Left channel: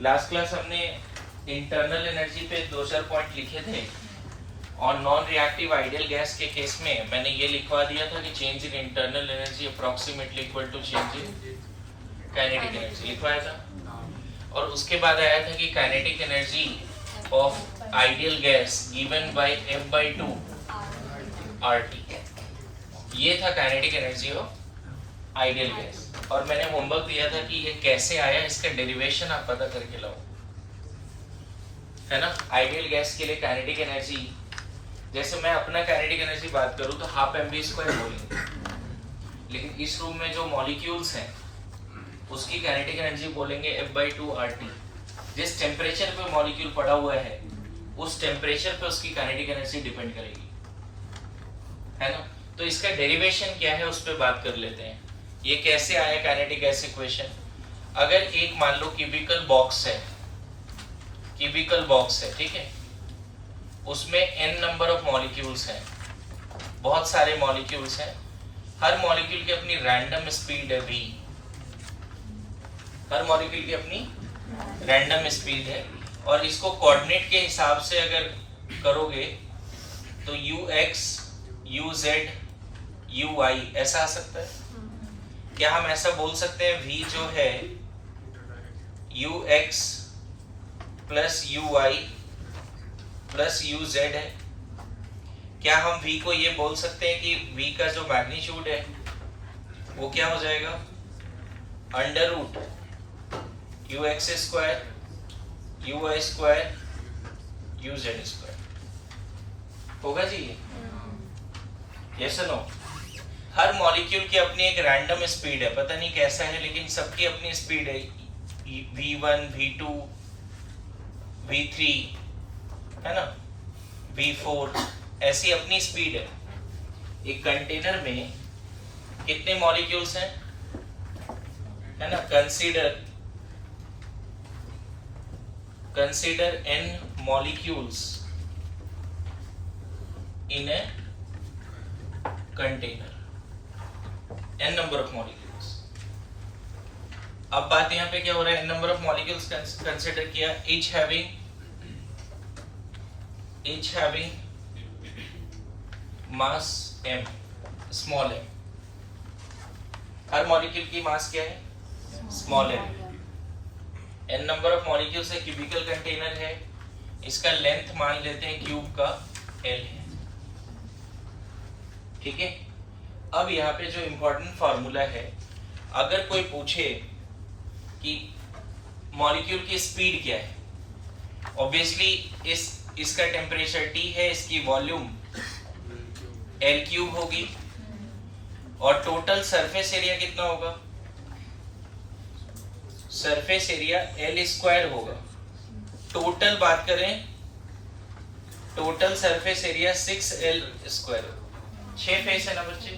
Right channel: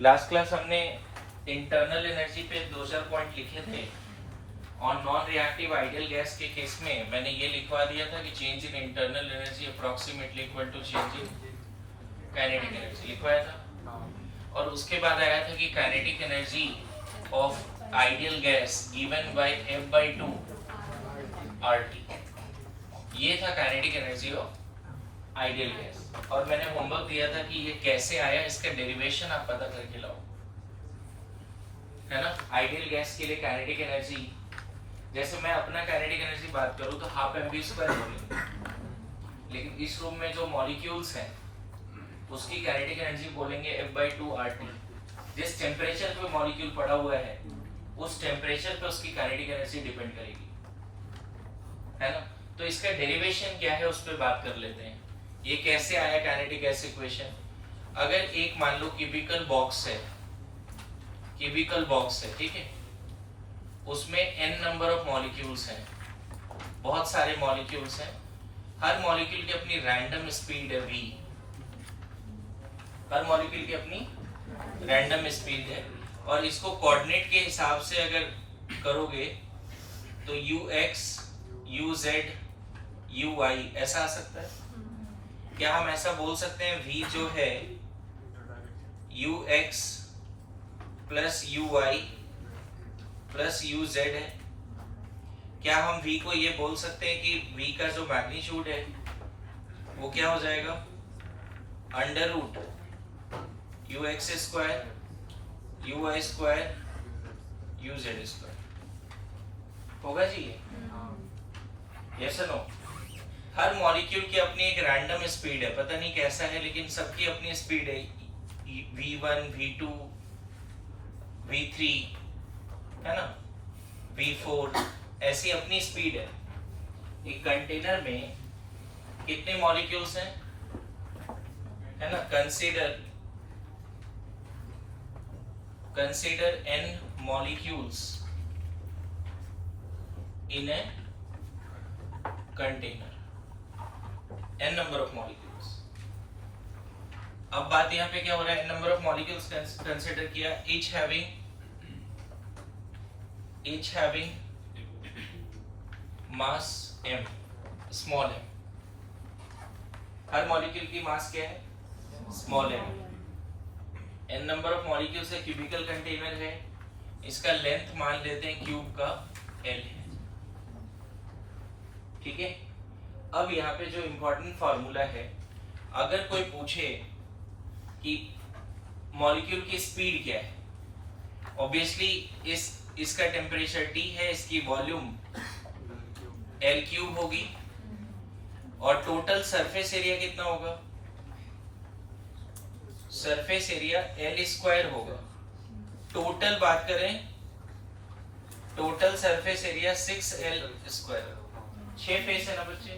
Last class हमने internal energy पे 2-4 point लिखे थे और नॉन रिएक्टिव आइडियल गैस के केस में मैंने ये लिखवा दिया था कि change in internal energy approximately equal to change in kinetic energy लिखवाया था। और उसके बाद आया था कि kinetic energy of ideal gas given by F/2 RT, ये था kinetic energy of ideal gas. और मैंने होमवर्क दिया था कि ये कैसे आया, इसका डेरिवेशन आप पता करके लाओ, है ना। आइडियल गैस के लिए काइनेटिक एनर्जी, जैसे मैं अपना काइनेटिक एनर्जी बात करूं तो हाफ mv² बोलेंगे, लेकिन इस रूम में जो मॉलिक्यूल्स हैं उसकी काइनेटिक एनर्जी बोलेंगे F/2 RT। जिस टेम्परेचर पे मॉलिक्यूल पड़ा हुआ है उस टेम्परेचर पे उसकी काइनेटिक एनर्जी डिपेंड करेगी, है ना। तो इसका डेरिवेशन क्या है उस पर बात कर लेते हैं। ये कैसे आया काइनेटिक गैस इक्वेशन। अगर एक मान लो क्यूबिकल बॉक्स है, ठीक है, उसमें n नंबर ऑफ मॉलिक्यूल्स हैं, बहुत सारे मॉलिक्यूल्स हैं, हर मॉलिक्यूल की अपनी रैंडम स्पीड है v, हर मॉलिक्यूल की अपनी रैंडम स्पीड है। और इसको कोऑर्डिनेट के हिसाब से अगर करोगे तो ux uz uy ऐसा आ सकता है। क्या हम ऐसा बोल सकते हैं v जो है ux plus uy plus uz है। क्या हम v को ये बोल सकते हैं कि v का जो मैग्नीट्यूड है वो क्या हो जाएगा, under root ux² uy² uz² होगा जी ये, यस नो। हर मॉलिक्यूल की अपनी एक रैंडम स्पीड है, पता नहीं कैसा है लेकिन सबकी अपनी स्पीड है, v1 v2 v3 है ना, v4 ऐसी अपनी स्पीड है। एक कंटेनर में कितने मॉलिक्यूल्स हैं, है ना। Consider n molecules in a container, n number of molecules। अब बात यहाँ पे क्या हो रहा है, n number of molecules consider किया, each having mass m, small m। हर मॉलिक्यूल की मास क्या है, small m। n number of molecules है, क्यूबिकल कंटेनर है, इसका लेंथ मान लेते हैं क्यूब का l है, ठीक है। अब यहाँ पे जो इंपॉर्टेंट फार्मूला है, अगर कोई पूछे कि मॉलिक्यूल की स्पीड क्या है, ऑब्वियसली इसका टेम्परेचर T है, इसकी वॉल्यूम L³ होगी और टोटल सरफेस एरिया कितना होगा, सरफेस एरिया L² होगा। टोटल बात करें, total surface area 6L²। 6 face है ना बच्चे,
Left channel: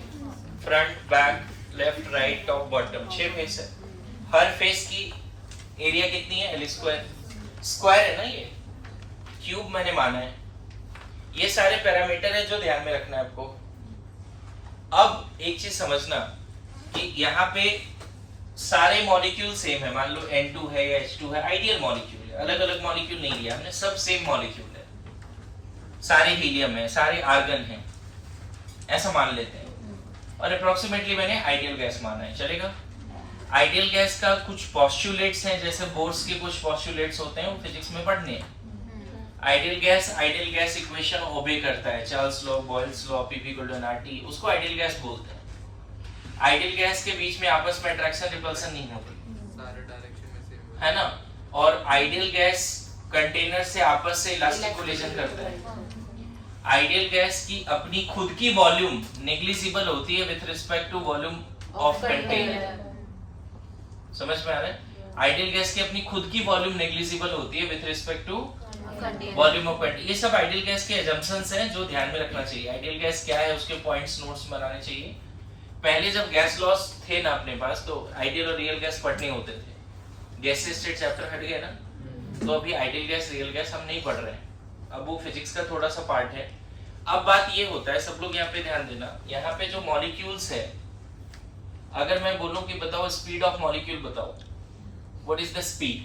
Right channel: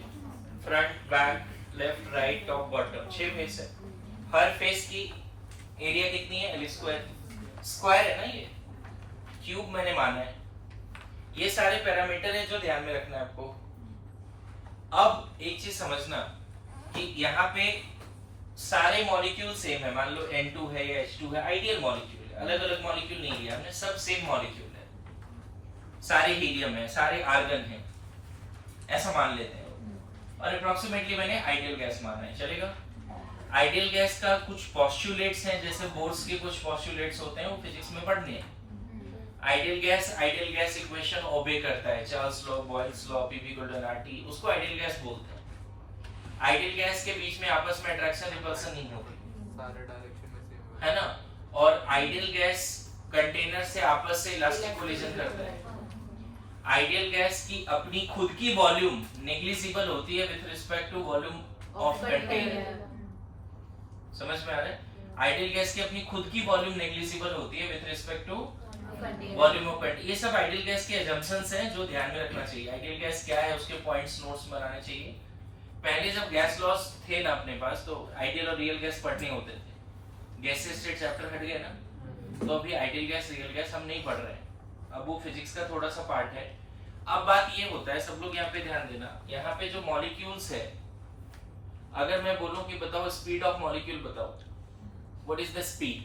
front back left right top bottom, 6 face है। हर फेस की एरिया कितनी है, L²। स्क्वायर है ना, ये क्यूब मैंने माना है। ये सारे पैरामीटर है जो ध्यान में रखना है आपको। अब एक चीज समझना कि यहाँ पे सारे मॉलिक्यूल सेम है, मान लो N2 है या H2 है, आइडियल मॉलिक्यूल है, अलग अलग मॉलिक्यूल नहीं लिया हमने, सब सेम मॉलिक्यूल है, सारे हीलियम है, सारे आर्गन है, ऐसा मान लेते हैं। और अप्रोक्सीमेटली मैंने आइडियल गैस माना है, चलेगा। आइडियल गैस का कुछ पोस्टुलेट्स हैं, जैसे बोर्स के कुछ पोस्टुलेट्स होते हैं, वो फिजिक्स में पढ़ने हैं। आइडियल गैस इक्वेशन ओबे करता है, Charles law, Boyle's law, P = RT, उसको आइडियल गैस बोलते हैं। आइडियल गैस के बीच में आपस में अट्रैक्शन रिपल्सन नहीं होती, सारे डायरेक्शन में सेम है ना। और आइडियल गैस कंटेनर से आपस से इलास्टिक कोलिजन करता है। आइडियल गैस की अपनी खुद की वॉल्यूम नेग्लिजिबल होती है with respect to volume of container, समझ में आ रहा है। आइडियल गैस की अपनी खुद की वॉल्यूम नेग्लिजिबल होती है with respect to volume of container. ये सब आइडियल गैस के अजम्पशंस हैं जो ध्यान में रखना चाहिए। आइडियल गैस क्या है उसके पॉइंट्स नोट्स बनाने चाहिए। पहले जब गैस लॉस थे ना अपने पास, तो आइडियल और रियल गैस पढ़ने होते थे, गैसेस स्टेट चैप्टर हट गया ना, तो अभी आइडियल गैस रियल गैस हम नहीं पढ़ रहे हैं, अब वो फिजिक्स का थोड़ा सा पार्ट है। अब बात ये होता है, सब लोग यहाँ पे ध्यान देना, यहाँ पे जो मॉलिक्यूल्स है, अगर मैं बोलूं कि बताओ स्पीड ऑफ मॉलिक्यूल बताओ, व्हाट इज द स्पीड,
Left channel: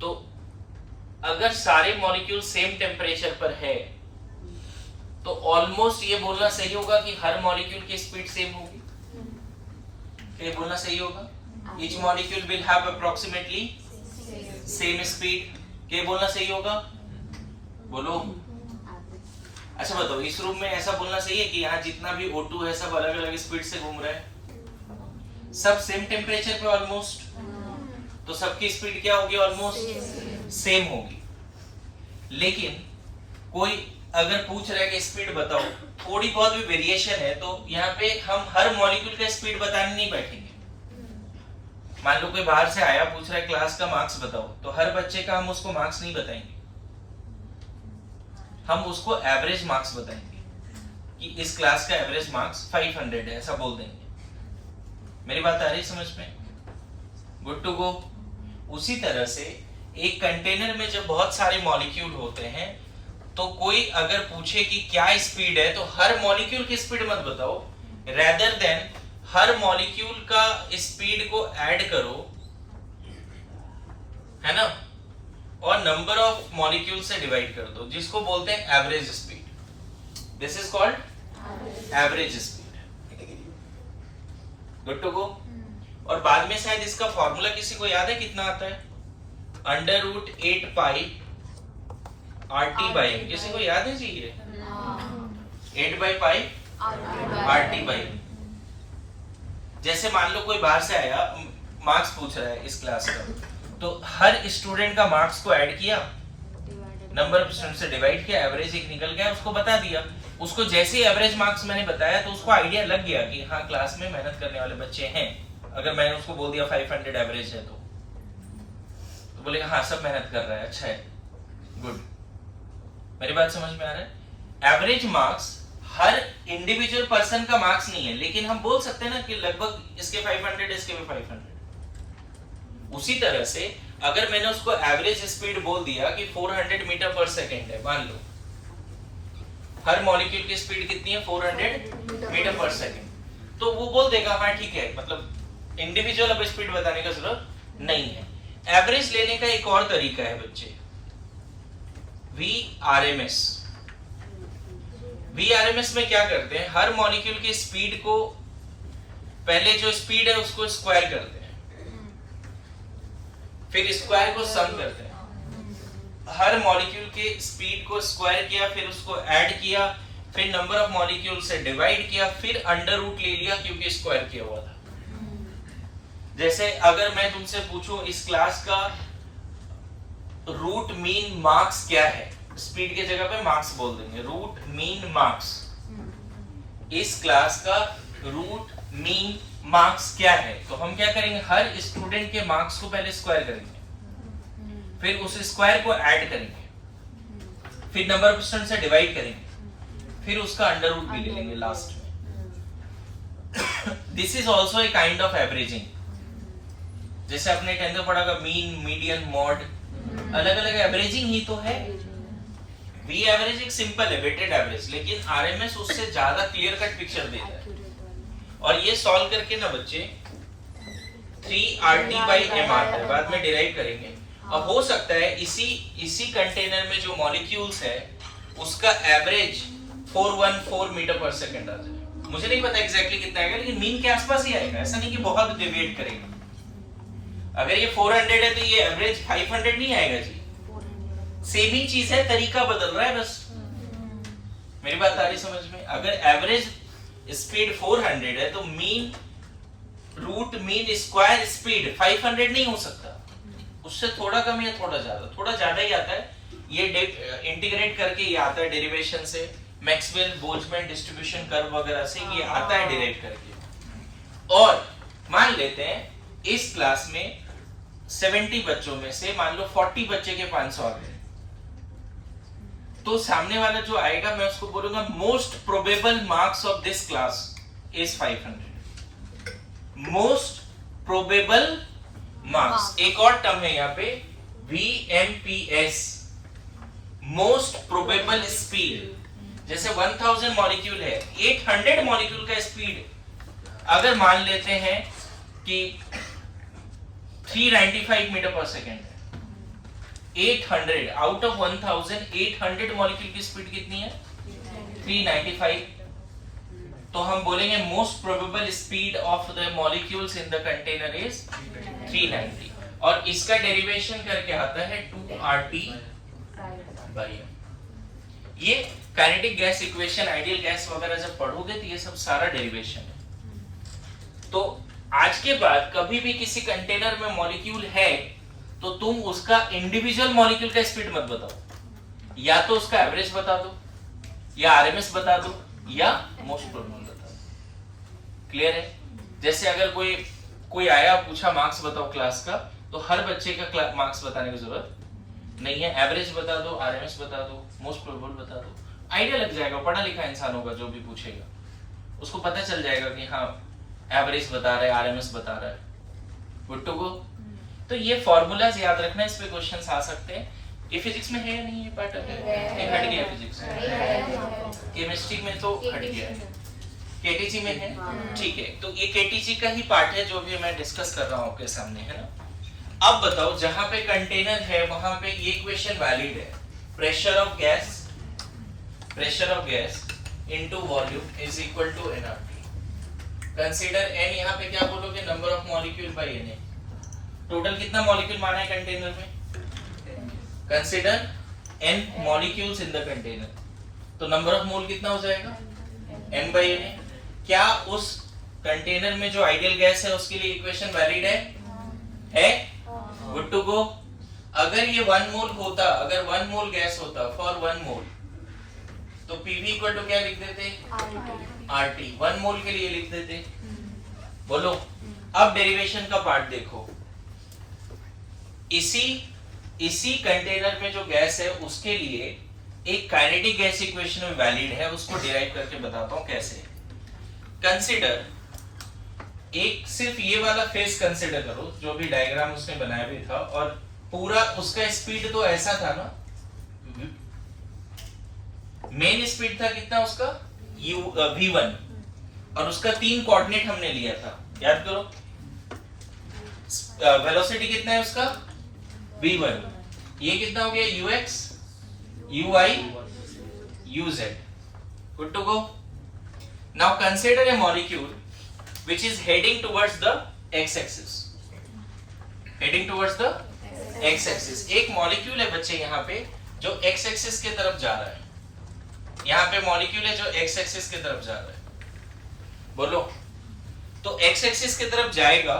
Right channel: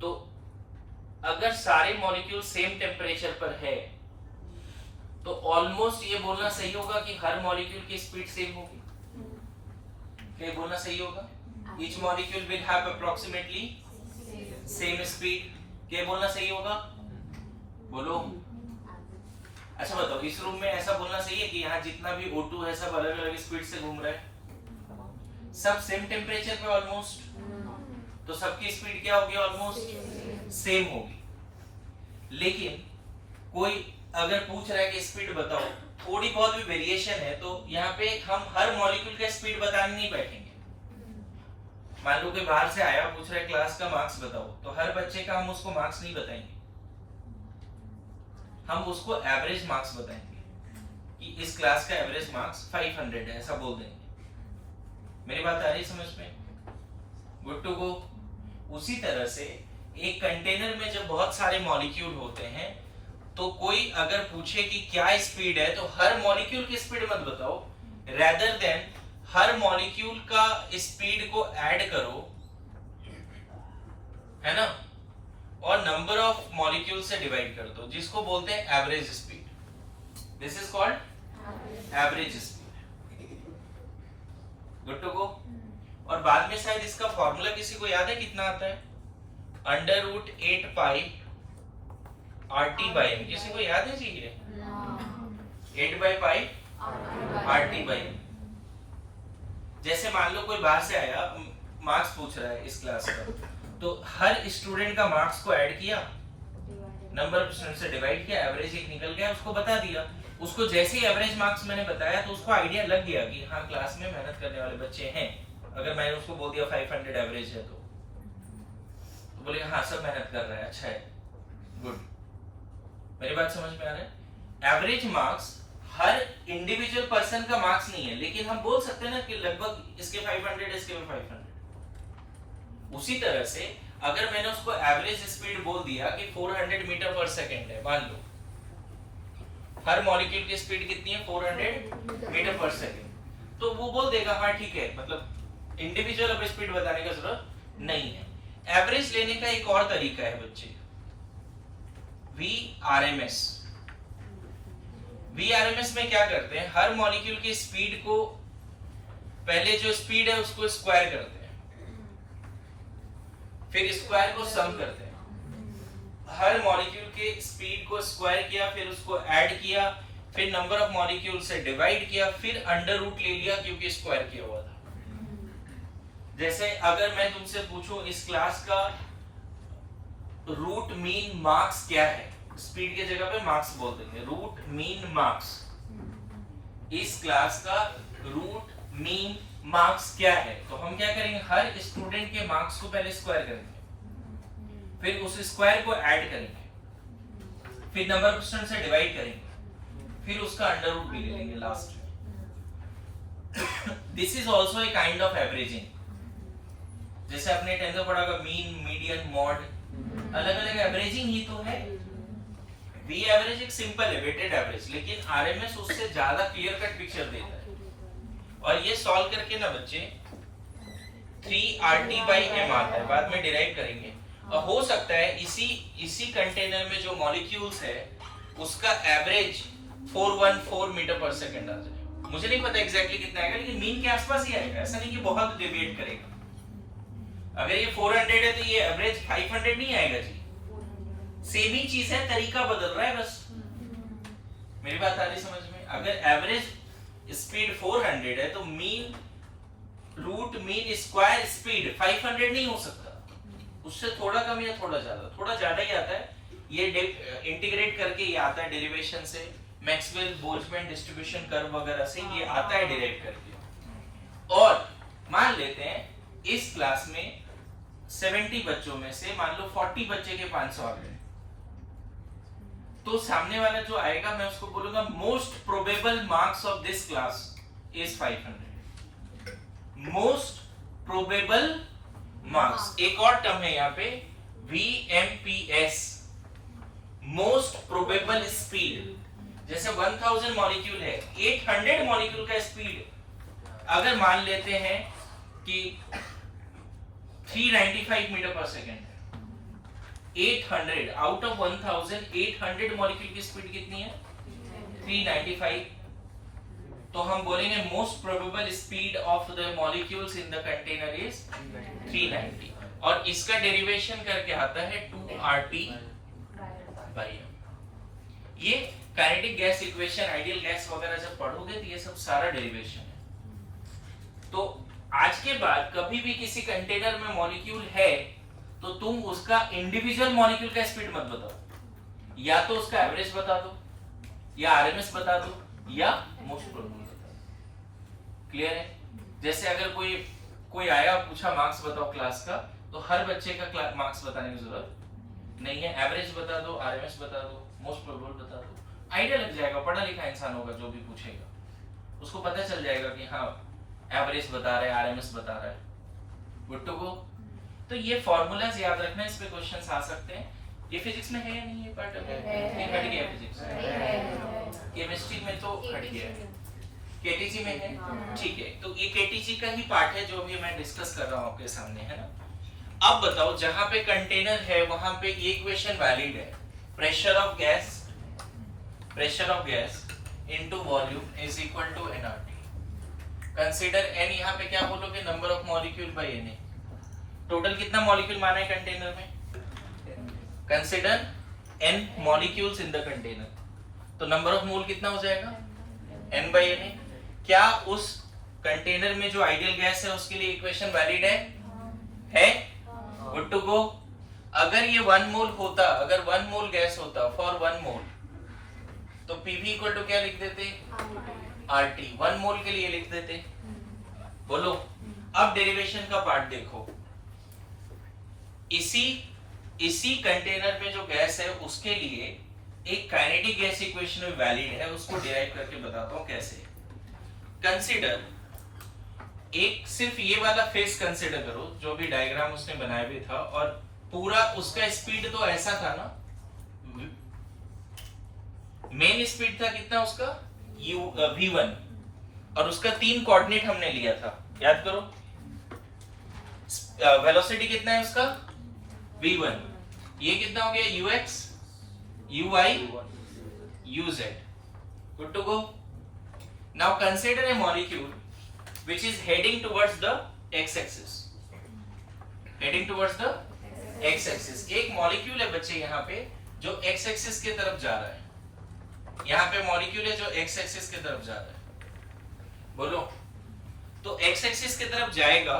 तो अगर सारे मॉलिक्यूल सेम टेम्परेचर पर है तो ऑलमोस्ट ये बोलना सही होगा कि हर मॉलिक्यूल की स्पीड सेम होगी। ये बोलना सही होगा, each molecule will have approximately same speed. ये बोलना सही होगा, बोलो। अच्छा बताओ, इस रूम में ऐसा बोलना सही है कि यहाँ जितना भी O2 है सब अलग अलग स्पीड से घूम रहा है, सब सेम टेम्परेचर पे ऑलमोस्ट, तो सबकी स्पीड क्या होगी? ऑलमोस्ट सेम होगी। लेकिन कोई अगर पूछ रहा है कि स्पीड बताओ, थोड़ी बहुत भी वेरिएशन है तो यहाँ पे हम हर मॉलिक्यूल का स्पीड बताने नहीं बैठेंगे। मान लो कोई बाहर से आया पूछ रहा है क्लास का मार्क्स बताओ, तो हर बच्चे का हम उसको मार्क्स नहीं बताएंगे, हम उसको एवरेज मार्क्स बताएंगे कि इस क्लास का एवरेज मार्क्स 500 है, ऐसा बोल देंगे। मेरी बात आ रही समझ में? Good to go. उसी तरह से एक कंटेनर में जब बहुत सारे मॉलिक्यूल होते हैं तो कोई अगर पूछे कि क्या स्पीड है तो हर मॉलिक्यूल की स्पीड मत बताओ, रेदर देन हर मॉलिक्यूल का स्पीड को ऐड करो, है ना, और नंबर ऑफ मॉलिक्यूल से डिवाइड कर दो, जिसको बोलते हैं average speed. This is called average speed. Good to go. और बाद में शायद इसका फॉर्मूला किसी को याद है कितना आता है? √8 पाई RT बाई M। किसी को याद है जी ये? 8 by pi RT by M। जैसे मान लो कोई बाहर से आया, मार्क्स पूछ रहा है इस क्लास का, तो हर स्टूडेंट का मार्क्स को ऐड किया, नंबर ऑफ स्टूडेंट से डिवाइड किया, एवरेज एक निकल गया, उसको बता दिया। उसको जैसे ही एवरेज मार्क्स मैंने बताया तो उसको आइडिया लग गया कि हाँ क्लास में मेहनत करने वाले बच्चे हैं। अगर मैंने उसको बोल दिया 500 एवरेज है तो बोलेगा हाँ सब मेहनत कर रहा है, अच्छा है, गुड। मेरी बात समझ में आ रहा है? एवरेज मार्क्स हर इंडिविजुअल पर्सन का मार्क्स नहीं है, लेकिन हम बोल सकते हैं ना कि लगभग इसके 500, इसके भी 500। उसी तरह से अगर मैंने उसको एवरेज स्पीड बोल दिया कि 400 मीटर पर सेकेंड है, मान लो हर मॉलिक्यूल की स्पीड कितनी है? 400 मीटर पर सेकेंड, तो वो बोल देगा हाँ ठीक है, मतलब इंडिविजुअल अब स्पीड बताने का जरूरत नहीं है। एवरेज लेने का एक और तरीका है बच्चे, VRMS। VRMS में क्या करते हैं, हर मॉलिक्यूल की स्पीड को पहले जो स्पीड है उसको स्क्वायर करते हैं, फिर स्क्वायर को सम करते हैं। हर मॉलिक्यूल के स्पीड को स्क्वायर किया, फिर उसको ऐड किया, फिर नंबर ऑफ मॉलिक्यूल से डिवाइड किया, फिर अंडर रूट ले लिया क्योंकि स्क्वायर किया हुआ था। जैसे अगर मैं तुमसे पूछूं इस क्लास का रूट मीन मार्क्स क्या है, स्पीड के जगह पे मार्क्स बोल देंगे, रूट मीन मार्क्स। इस क्लास का रूट मीन मार्क्स क्या है, तो हम क्या करेंगे, हर स्टूडेंट के मार्क्स को पहले स्क्वायर करेंगे, फिर उस स्क्वायर को ऐड करेंगे, फिर नंबर ऑफ स्टूडेंट से डिवाइड करेंगे, फिर उसका अंडर रूट भी ले लेंगे लास्ट में। This is also a kind of averaging. जैसे आपने 10th में पढ़ा मीन, मीडियन, मॉड, अलग अलग एवरेजिंग ही तो है। वी एवरेज एक सिंपल है, वेटेड एवरेज, लेकिन आरएमएस उससे ज्यादा क्लियर कट पिक्चर देता है। और ये सॉल्व करके ना बच्चे 3RT/m आता है, बाद में डिराइव करेंगे। और हो सकता है इसी कंटेनर में जो मॉलिक्यूल्स है उसका एवरेज 414 मीटर पर सेकंड आ जाए। मुझे नहीं पता एग्जैक्टली कितना आएगा, लेकिन मीन के आसपास ही आएगा, ऐसा नहीं कि बहुत डेविएट करेंगे। अगर ये 400 है तो ये एवरेज 500 नहीं आएगा जी, सेम ही चीज है, तरीका बदल रहा है बस। मेरी बात आ रही समझ में? अगर एवरेज स्पीड 400 है तो mean root mean square speed 500 नहीं हो सकता, उससे थोड़ा कम या थोड़ा ज्यादा ही आता है। ये इंटीग्रेट करके ये आता है डेरिवेशन से, मैक्सवेल बोल्ट्जमैन डिस्ट्रीब्यूशन कर्व वगैरह से ये आता है डिराइव करके। और मान लेते हैं इस क्लास में 70 बच्चों में से मान लो 40 बच्चे के 500 आ गए, तो सामने वाला जो आएगा मैं उसको बोलूंगा most probable marks of this class is 500। Most probable marks, एक और टर्म है यहाँ पे VMPS, मोस्ट प्रोबेबल स्पीड। जैसे 1000 मॉलिक्यूल है, 800 मॉलिक्यूल का स्पीड अगर मान लेते हैं कि 395 मीटर पर सेकेंड, 800 आउट ऑफ 1800 मॉलिक्यूल की स्पीड कितनी है 395। तो हम बोलेंगे most probable speed of the molecules in the container is 390 और इसका डेरिवेशन करके आता है 2RT बाय ये kinetic gas equation ideal gas वगैरह जब पढ़ोगे तो ये सब सारा डेरिवेशन है। तो आज के बाद कभी भी किसी कंटेनर में मॉलिक्यूल है तो तुम उसका इंडिविजुअल मॉलिक्यूल का स्पीड मत बताओ, या तो उसका एवरेज बता दो या आरएमएस बता दो या मोस्ट प्रोबेबल बता दो। क्लियर है? जैसे अगर कोई आया पूछा मार्क्स बताओ क्लास का, तो हर बच्चे का मार्क्स बताने की जरूरत नहीं है, एवरेज बता दो, आरएमएस बता दो, मोस्ट प्रोबेबल बता दो, आइडिया लग जाएगा। पढ़ा लिखा इंसान होगा जो भी पूछेगा उसको पता चल जाएगा कि हाँ एवरेज बता रहा है, आरएमएस बता रहा है। Good to go. तो ये फॉर्मूलाज याद रखना, इस पे क्वेश्चंस आ सकते हैं। ये फिजिक्स में है या नहीं? ये पार्ट है, ये हट गया फिजिक्स में, केमिस्ट्री में तो हट गया है, केटीजी में है, ठीक है। तो ये केटीजी का ही पार्ट है जो भी मैं डिस्कस कर रहा हूँ आपके सामने, है ना। अब बताओ जहां पे कंटेनर है वहां पे ये इक्वेशन वैलिड है, pressure of gas into volume is equal to nRT। Consider n, यहां पे क्या बोलोगे, number of molecule by na। Total कितना मॉलिक्यूल माना है कंटेनर में? Consider n molecules in the container, तो नंबर ऑफ मोल कितना हो जाएगा n बाय na। क्या उस कंटेनर में जो आइडियल गैस है उसके लिए इक्वेशन वैलिड है? Good to go. अगर ये 1 मोल होता, अगर 1 मोल गैस होता फॉर 1 मोल, तो PV इक्वल टू क्या लिख देते? RT। 1 मोल के लिए लिख देते। बोलो अब डेरिवेशन का पार्ट देखो। इसी कंटेनर में जो गैस है उसके लिए एक काइनेटिक गैस इक्वेशन में वैलिड है, उसको डिराइव करके बताता हूं कैसे। कंसीडर एक सिर्फ ये वाला फेस कंसीडर करो जो भी डायग्राम उसने बनाया भी था, और पूरा उसका स्पीड तो ऐसा था ना, मेन स्पीड था कितना उसका v1, और उसका 3 कोऑर्डिनेट हमने लिया था, याद करो। वेलोसिटी कितना है उसका v1, ये कितना हो गया ux, uy, uz। Good to go. Now consider a molecule which is heading towards the x-axis, एक मॉलिक्यूल है बच्चे यहाँ पे जो x-axis की तरफ जा रहा है, यहाँ पे मॉलिक्यूल है जो x-axis की तरफ जा रहा है। बोलो तो x-axis की तरफ जाएगा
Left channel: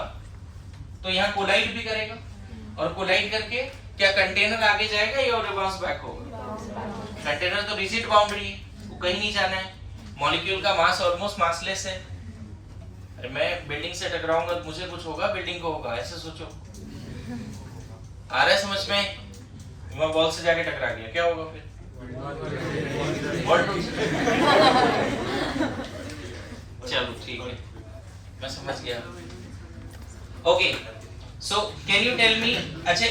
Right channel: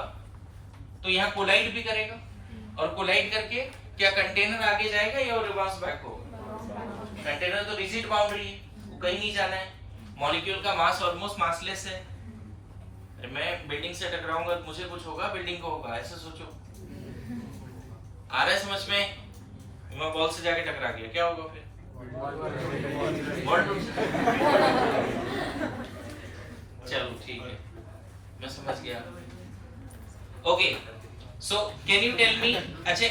तो यहाँ कोलाइड भी करेगा, और कोलाइड करके क्या कंटेनर आगे जाएगा या रिवर्स बैक होगा? कंटेनर तो रिजिड बाउंड्री है, वो कहीं नहीं जाना है। मॉलिक्यूल का मास ऑलमोस्ट मासलेस है। अरे मैं बिल्डिंग से टकराऊंगा तो मुझे कुछ होगा, बिल्डिंग को होगा, ऐसे सोचो। आ रहा है समझ में? मैं बॉल से जाके टकरा गया, क्या होगा फिर? बॉल टूट। चलो ठीक है, मैं समझ गया। Okay, so can you tell me, अच्छा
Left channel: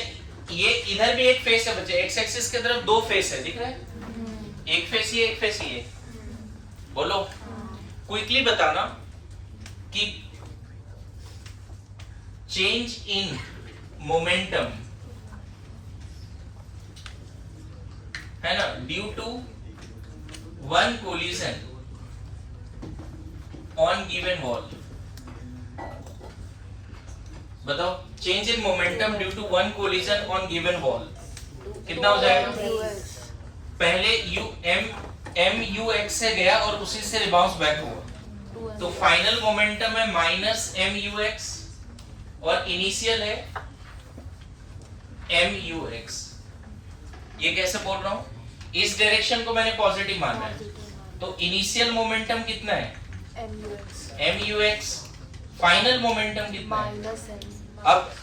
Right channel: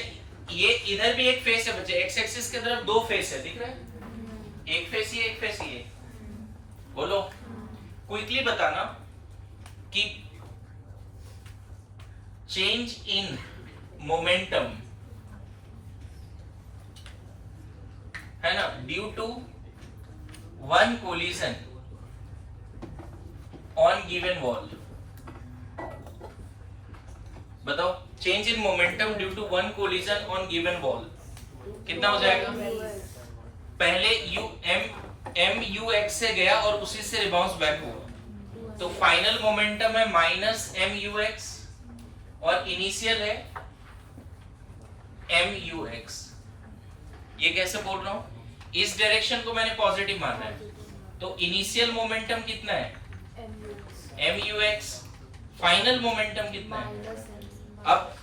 ये इधर भी एक फेस है बच्चे, एक्स एक्सिस की तरफ 2 फेस है, दिख रहा है? एक फेस ये, एक फेस ये। बोलो क्विकली बताना कि चेंज इन मोमेंटम है ना, due to 1 collision on given wall. बताओ change in momentum due to 1 collision on given wall कितना हो जाएगा? पहले m ux से गया और उसी से रिबाउंस बैक हुआ, तो फाइनल मोमेंटम है -mux और इनिशियल है mux। ये कैसे बोल रहा हूं? इस डायरेक्शन को मैंने पॉजिटिव माना है, तो इनिशियल मोमेंटम कितना है mux, फाइनल मोमेंटम कितना है? अब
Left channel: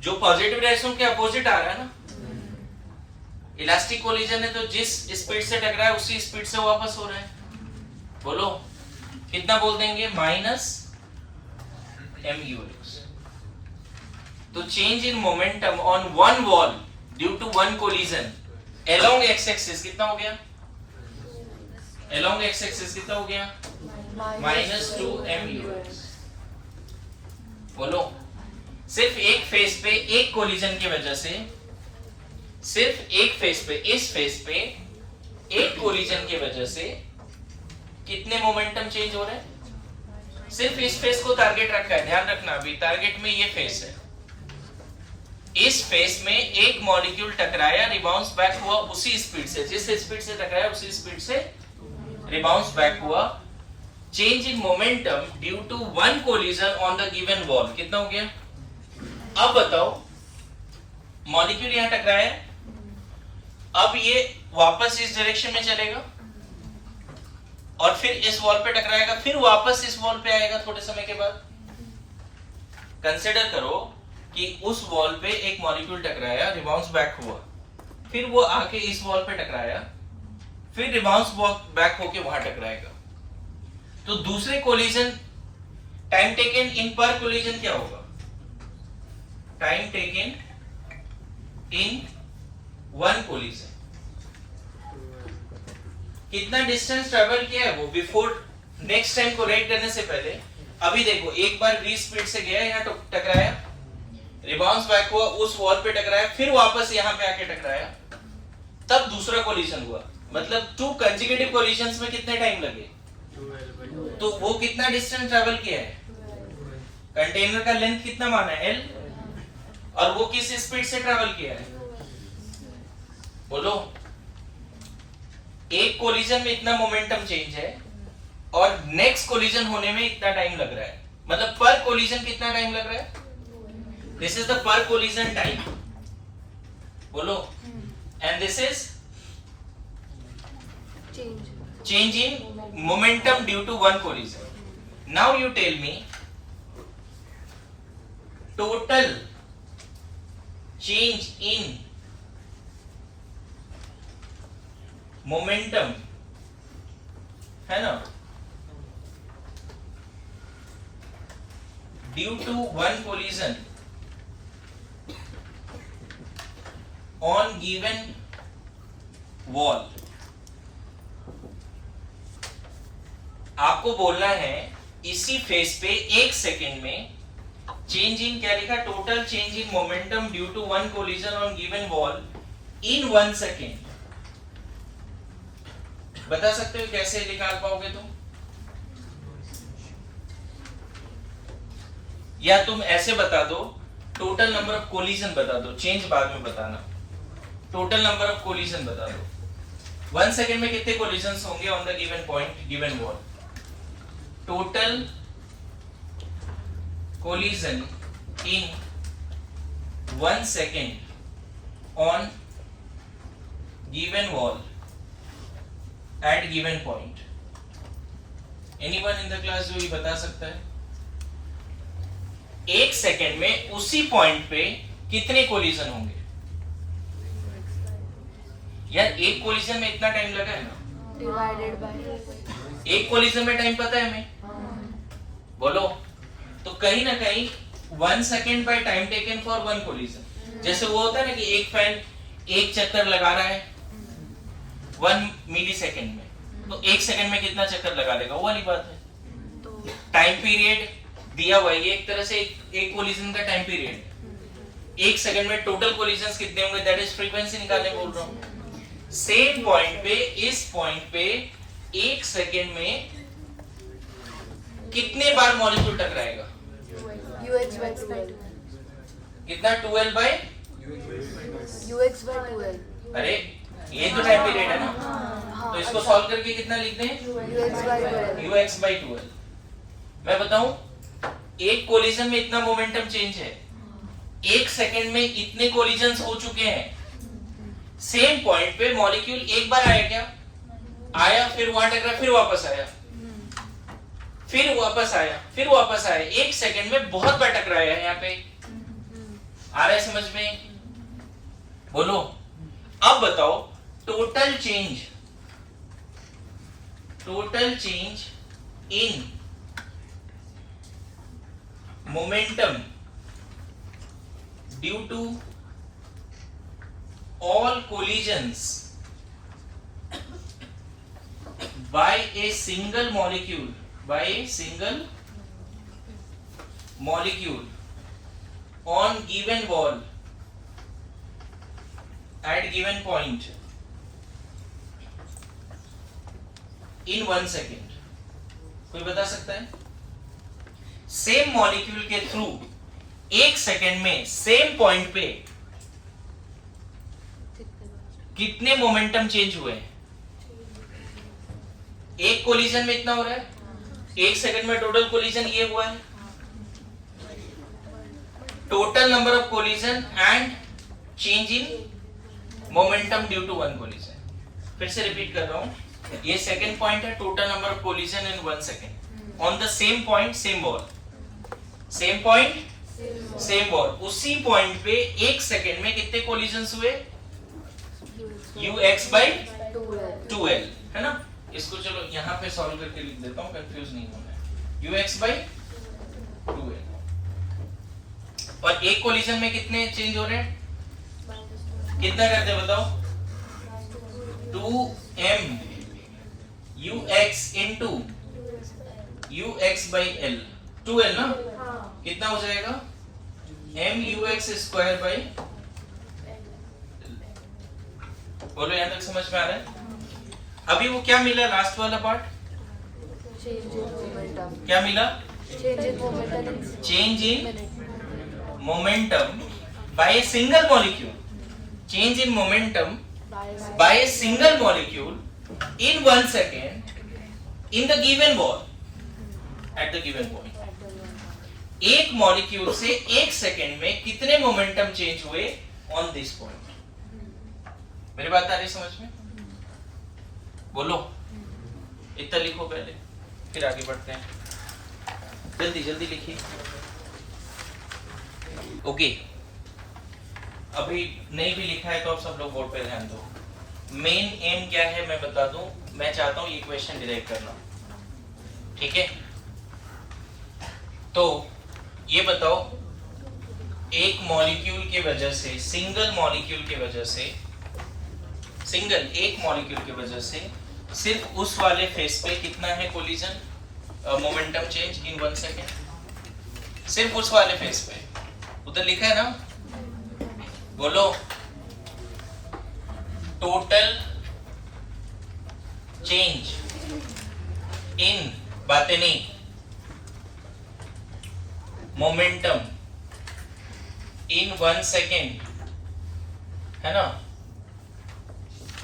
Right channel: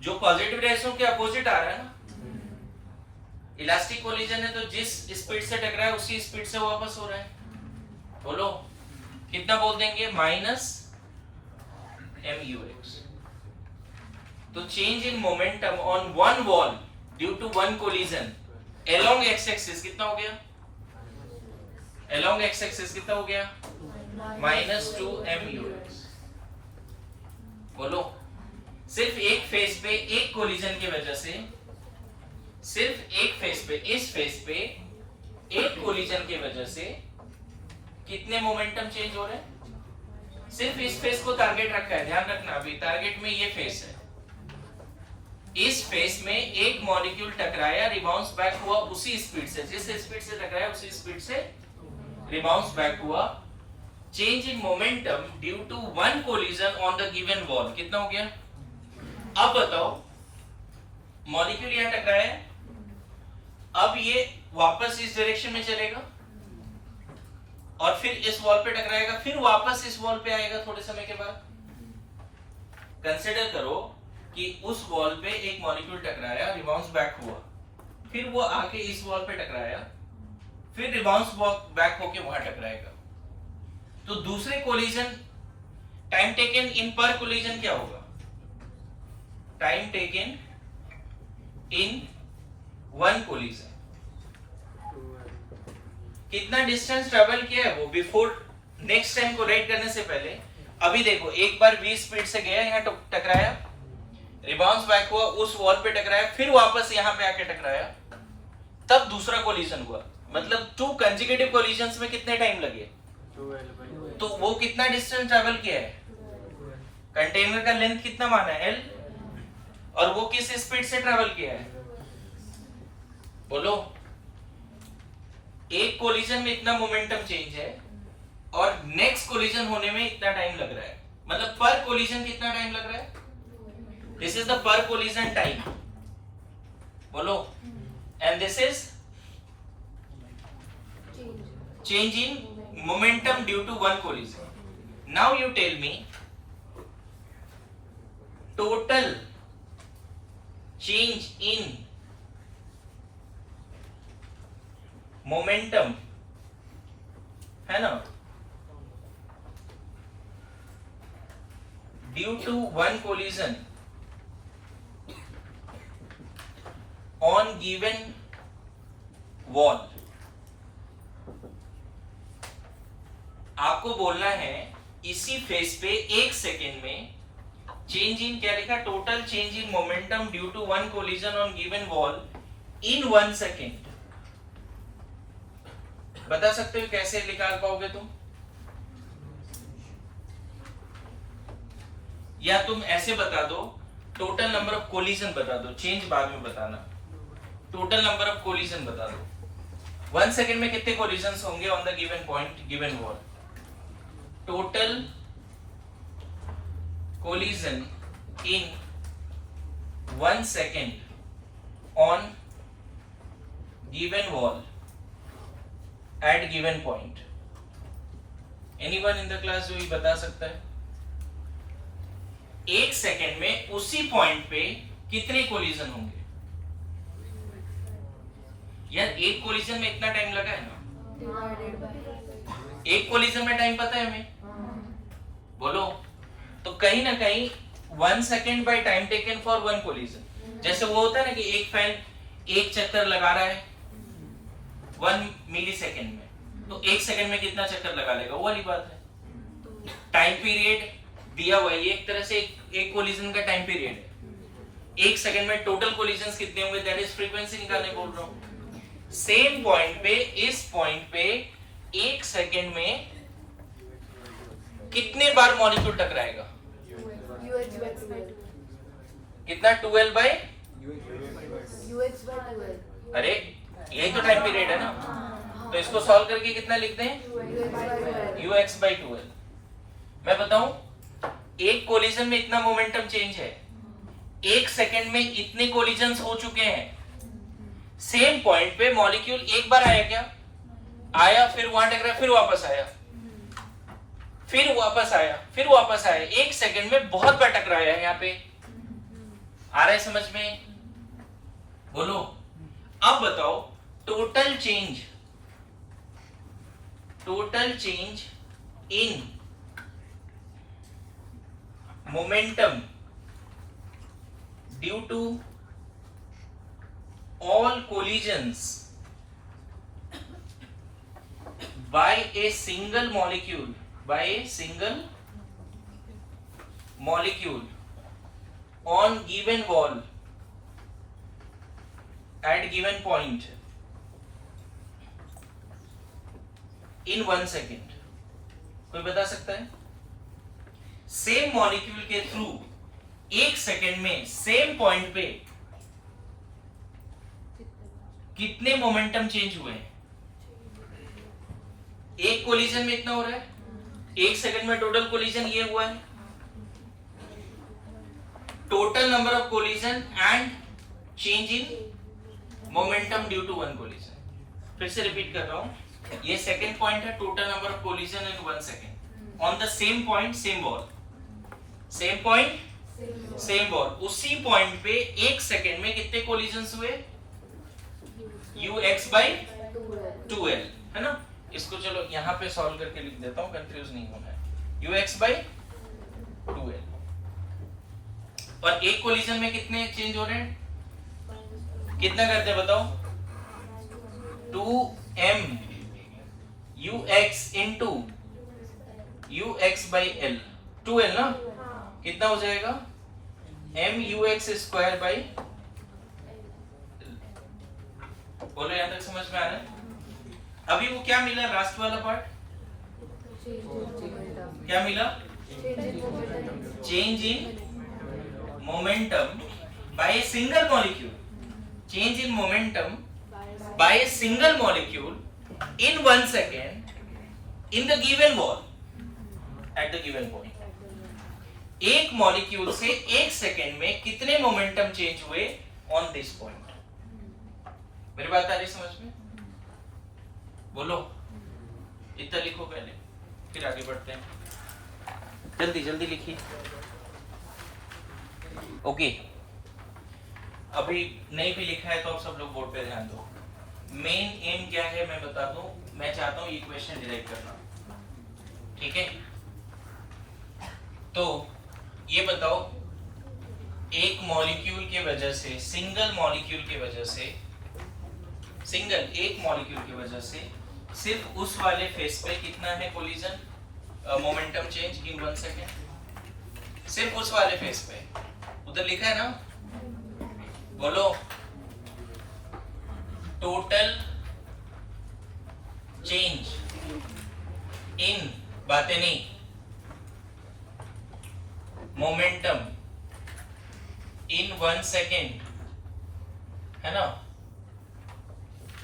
जो पॉजिटिव डायरेक्शन के अपोजिट आ रहा है ना, इलास्टिक कोलिजन है तो जिस स्पीड से टकरा है उसी स्पीड से वापस हो रहा है। बोलो कितना बोल देंगे? -mux। तो change in momentum on 1 wall due to 1 collision along x axis कितना हो गया? अलोंग x एक्सिस कितना हो गया? -2mux। बोलो सिर्फ एक फेस पे एक कोलिजन की वजह से सिर्फ एक फेस पे, इस फेस पे एक कोलिजन की वजह से कितने मोमेंटम चेंज हो रहे हैं? सिर्फ इस फेस को टारगेट रखा है, ध्यान रखना, अभी टारगेट में ये फेस है। इस फेस में एक मॉलिक्यूल टकराया, रिबाउंस बैक हुआ उसी स्पीड से, जिस स्पीड से टकराया उसी स्पीड से रिबाउंस बैक हुआ। Change in momentum due to one collision on the given wall कितना हो गया? अब बताओ, मॉलिक्यूल यहां टकराया, अब ये वापस इस डायरेक्शन में चलेगा और फिर इस वॉल पे टकराएगा, फिर वापस इस वॉल पे आएगा थोड़े समय के बाद। कंसीडर करो कि उस वॉल पे एक मॉलिक्यूल टकराया, रिबाउंस बैक हुआ, फिर वो आके इस वॉल पे टकराया, फिर रिबाउंस बैक होके वहां टकराएगा। तो दूसरे कोलिजन, टाइम टेकन इन पर कोलिजन क्या होगा? Time taken in one collision, कितना डिस्टेंस ट्रेवल किया है वो बिफोर नेक्स्ट टाइम कोलाइड करने से पहले। अभी देखो, एक बार v स्पीड से गया, यहाँ टकराया, रिबाउंस बैक हुआ, उस वॉल पे टकराया, फिर वापस यहाँ पे आके टकराया, तब दूसरा कोलिजन हुआ। मतलब टू कंसेक्यूटिव कोलिजन्स में कितने टाइम लगे? तो वो कितना डिस्टेंस ट्रेवल किया है? कंटेनर का लेंथ कितना माना है? L, और वो किस स्पीड से ट्रेवल किया है? बोलो। एक कोलिजन में इतना मोमेंटम चेंज है और नेक्स्ट कोलिजन होने में इतना टाइम लग रहा है, मतलब पर कोलिजन कितना टाइम लग रहा है? This is the per collision time, बोलो। And this is change in momentum due to one collision. Now you tell me total change in momentum है ना, due to one collision on given wall. आपको बोलना है इसी face पे एक second में चेंज इन, क्या लिखा? Total change in momentum due to one collision on given wall in 1 second. बता सकते हो कैसे निकाल पाओगे तुम? या तुम ऐसे बता दो, टोटल नंबर ऑफ कोलिजन बता दो, चेंज बाद में बताना। टोटल नंबर ऑफ कोलिजन बता दो, 1 सेकेंड में कितने कोलिजन्स होंगे on the given point, given wall. Total collision in 1 second on given wall at given point. Anyone in the class जो ये बता सकता है? एक सेकेंड में उसी पॉइंट पे कितने कोलिजन होंगे? यार एक कोलिजन में इतना टाइम लगा है ना, डिवाइडेड बाय एक कोलिजन में टाइम पता है हमें, बोलो। तो कहीं ना कहीं 1 second by time taken for one collision. जैसे वो होता है ना कि एक फैन एक चक्कर लगा रहा है 1 मिली सेकेंड में, तो 1 सेकेंड में कितना चक्कर लगा लेगा, वो वाली बात है। टाइम पीरियड दिया हुआ है, एक तरह से एक कोलिजन का टाइम पीरियड। 1 सेकेंड में टोटल कोलिजन्स कितने होंगे, दैट इज फ्रीक्वेंसी निकालने बोल रहा हूं। सेम पॉइंट पे, इस पॉइंट पे 1 सेकेंड में कितने बार मॉलिक्यूल टकराएगा? UX by 2L कितना? 2L bye UX by 2L। अरे ये तो टाइम पीरियड है ना, तो इसको सॉल्व करके कितना लिखते हैं? UX by 2L। UX by 2L। मैं बताऊं, एक कोलिजन में इतना मोमेंटम चेंज है, 1 सेकेंड में इतने कोलिजन्स हो चुके हैं। सेम पॉइंट पे मॉलिक्यूल एक बार आया क्या? आया, फिर वहां टकराया, फिर वापस आया, फिर वापस आया, फिर वापस आया। 1 सेकेंड में बहुत बार टकराया है यहाँ पे। आ रहा है समझ में? बोलो। अब बताओ total change in momentum due to all collisions by a single molecule, on given wall at given point in 1 second? कोई बता सकता है? सेम मॉलिक्यूल के थ्रू 1 सेकेंड में सेम पॉइंट पे कितने मोमेंटम चेंज हुए? एक कोलिजन में इतना हो रहा है, 1 सेकेंड में टोटल कोलिजन ये हुआ है. Total number of collision and change in momentum due to one collision. फिर से रिपीट कर रहा हूं, ये सेकंड पॉइंट है, total number of collision in 1 second on the same point same ball. Same point same ball, उसी point पे 1 second में कितने कोलिजन्स हुए? ux by 2l, है ना. इसको चलो यहाँ पे सॉल्व करके लिख देता हूँ, कंफ्यूज नहीं होना है. ux by 2l. और एक कोलिजन में कितने चेंज हो रहे हैं? कितना करते हैं बताओ? 2m ux into ux by l. 2l ना, कितना हो जाएगा? m ux square by. बोलो यहाँ तक समझ में आ रहा है? अभी वो क्या मिला लास्ट वाला पार्ट? क्या मिला? Change in momentum by a single molecule. Change in momentum by a single molecule in 1 second in the given wall at the given point. एक मॉलिक्यूल से 1 सेकेंड में कितने मोमेंटम चेंज हुए ऑन दिस पॉइंट? मेरी बात आ रही समझ में? बोलो, इतना लिखो पहले, फिर आगे बढ़ते हैं. जल्दी जल्दी लिखिए. ओके, अभी नहीं भी लिखा है तो आप सब लोग बोर्ड पे ध्यान दो. मेन एम क्या है मैं बता दूं. मैं चाहता हूं ये क्वेश्चन डिराइव करना, ठीक है? तो ये बताओ, एक मॉलिक्यूल के वजह से, सिंगल मॉलिक्यूल के वजह से, सिंगल एक मॉलिक्यूल की वजह से सिर्फ उस वाले फेस पे कितना है collision momentum change in 1 second? सिर्फ उस वाले फेस पे. उधर लिखा है ना, बोलो. टोटल चेंज इन, बातें नहीं, मोमेंटम इन 1 सेकेंड, है ना,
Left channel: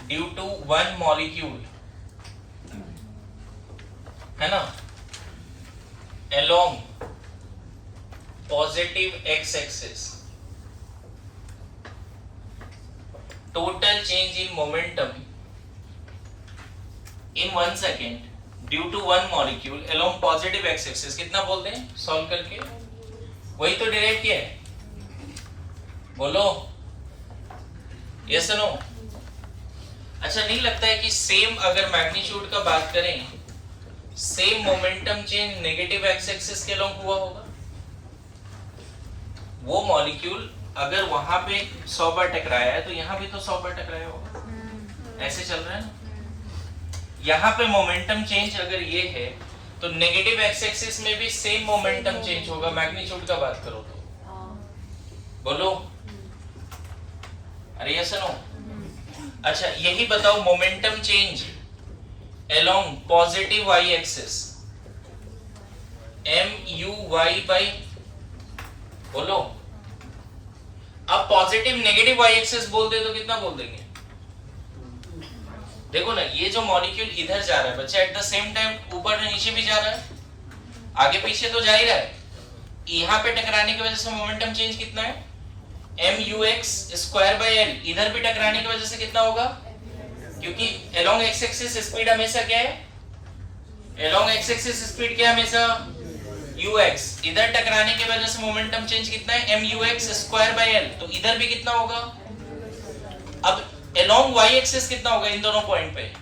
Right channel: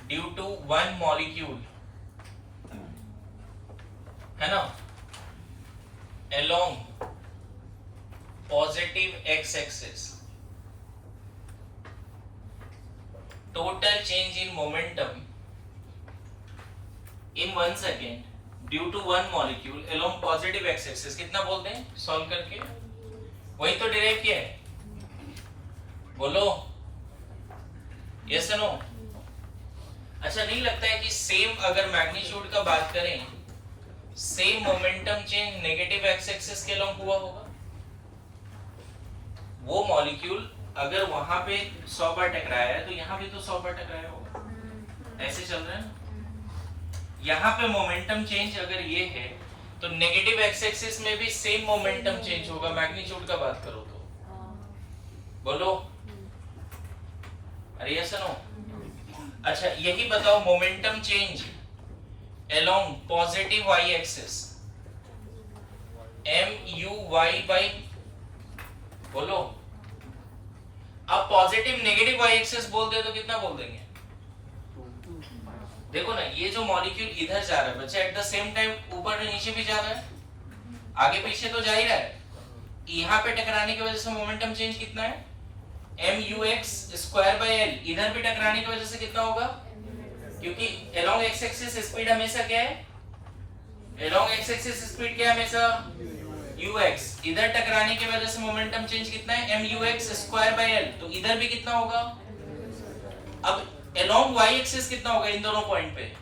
ड्यू टू वन मॉलिक्यूल, है ना, along positive x axis. Total change in momentum in 1 second due to one molecule along positive x axis. कितना बोलते हैं सॉल्व करके? वही तो डेराइव किया है. बोलो यस नो. अच्छा, नहीं लगता है कि सेम अगर मैग्नीट्यूड का बात करें, same momentum change negative x axis के अलोंग हुआ होगा? वो मॉलिक्यूल अगर वहां पे 100 बार टकराया है तो यहाँ भी तो 100 बार टकराया होगा. ऐसे चल रहा है ना. यहाँ पे मोमेंटम चेंज अगर ये है तो नेगेटिव एक्स एक्सिस में भी सेम मोमेंटम चेंज होगा. मैग्नीट्यूड का बात करो तो बोलो, अरे यस नो. अच्छा, यही बताओ, momentum change along positive y axis MUY by, बोलो. अब पॉजिटिव नेगेटिव y एक्सिस बोल दे तो कितना बोल देंगे? देखो ना, ये जो मॉलिक्यूल इधर जा रहा है बच्चा, एट द सेम टाइम ऊपर और नीचे भी जा रहा है, आगे पीछे तो जा ही रहा है. यहाँ पे टकराने की वजह से मोमेंटम चेंज कितना है? MUX square by L. इधर भी टकराने की वजह से कितना होगा? क्योंकि along x axis स्पीड हमेशा क्या है? along x axis स्पीड क्या है हमेशा? ux. इधर टकराने की वजह से मोमेंटम चेंज कितना है? MUX square by L. तो इधर भी कितना होगा? अब along y axis कितना होगा इन दोनों पॉइंट पे?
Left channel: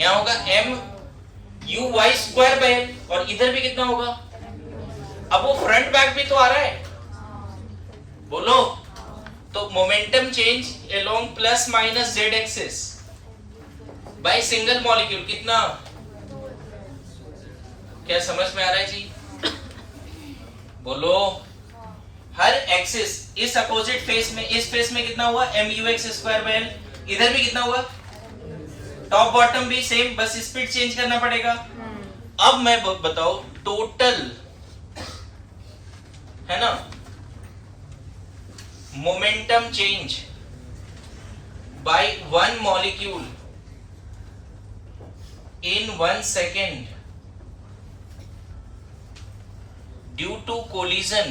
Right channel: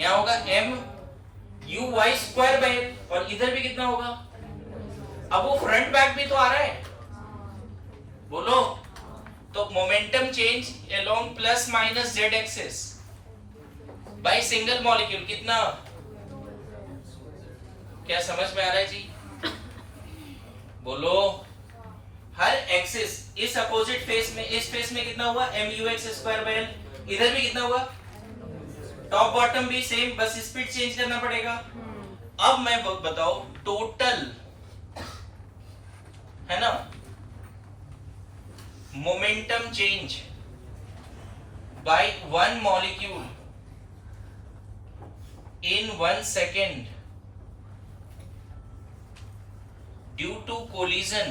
यहाँ होगा MUY स्क्वायर बाय L. और इधर भी कितना होगा? अब वो फ्रंट बैक भी तो आ रहा है, बोलो. तो momentum change along plus minus z axis by single molecule कितना? क्या समझ में आ रहा है जी? बोलो. हर एक्सिस इस अपोजिट फेस में, इस फेस में कितना हुआ mu(x²/l), इधर भी कितना हुआ, टॉप बॉटम भी सेम, बस स्पीड चेंज करना पड़ेगा। अब मैं बताओ टोटल है ना momentum change by one molecule in 1 second due to collision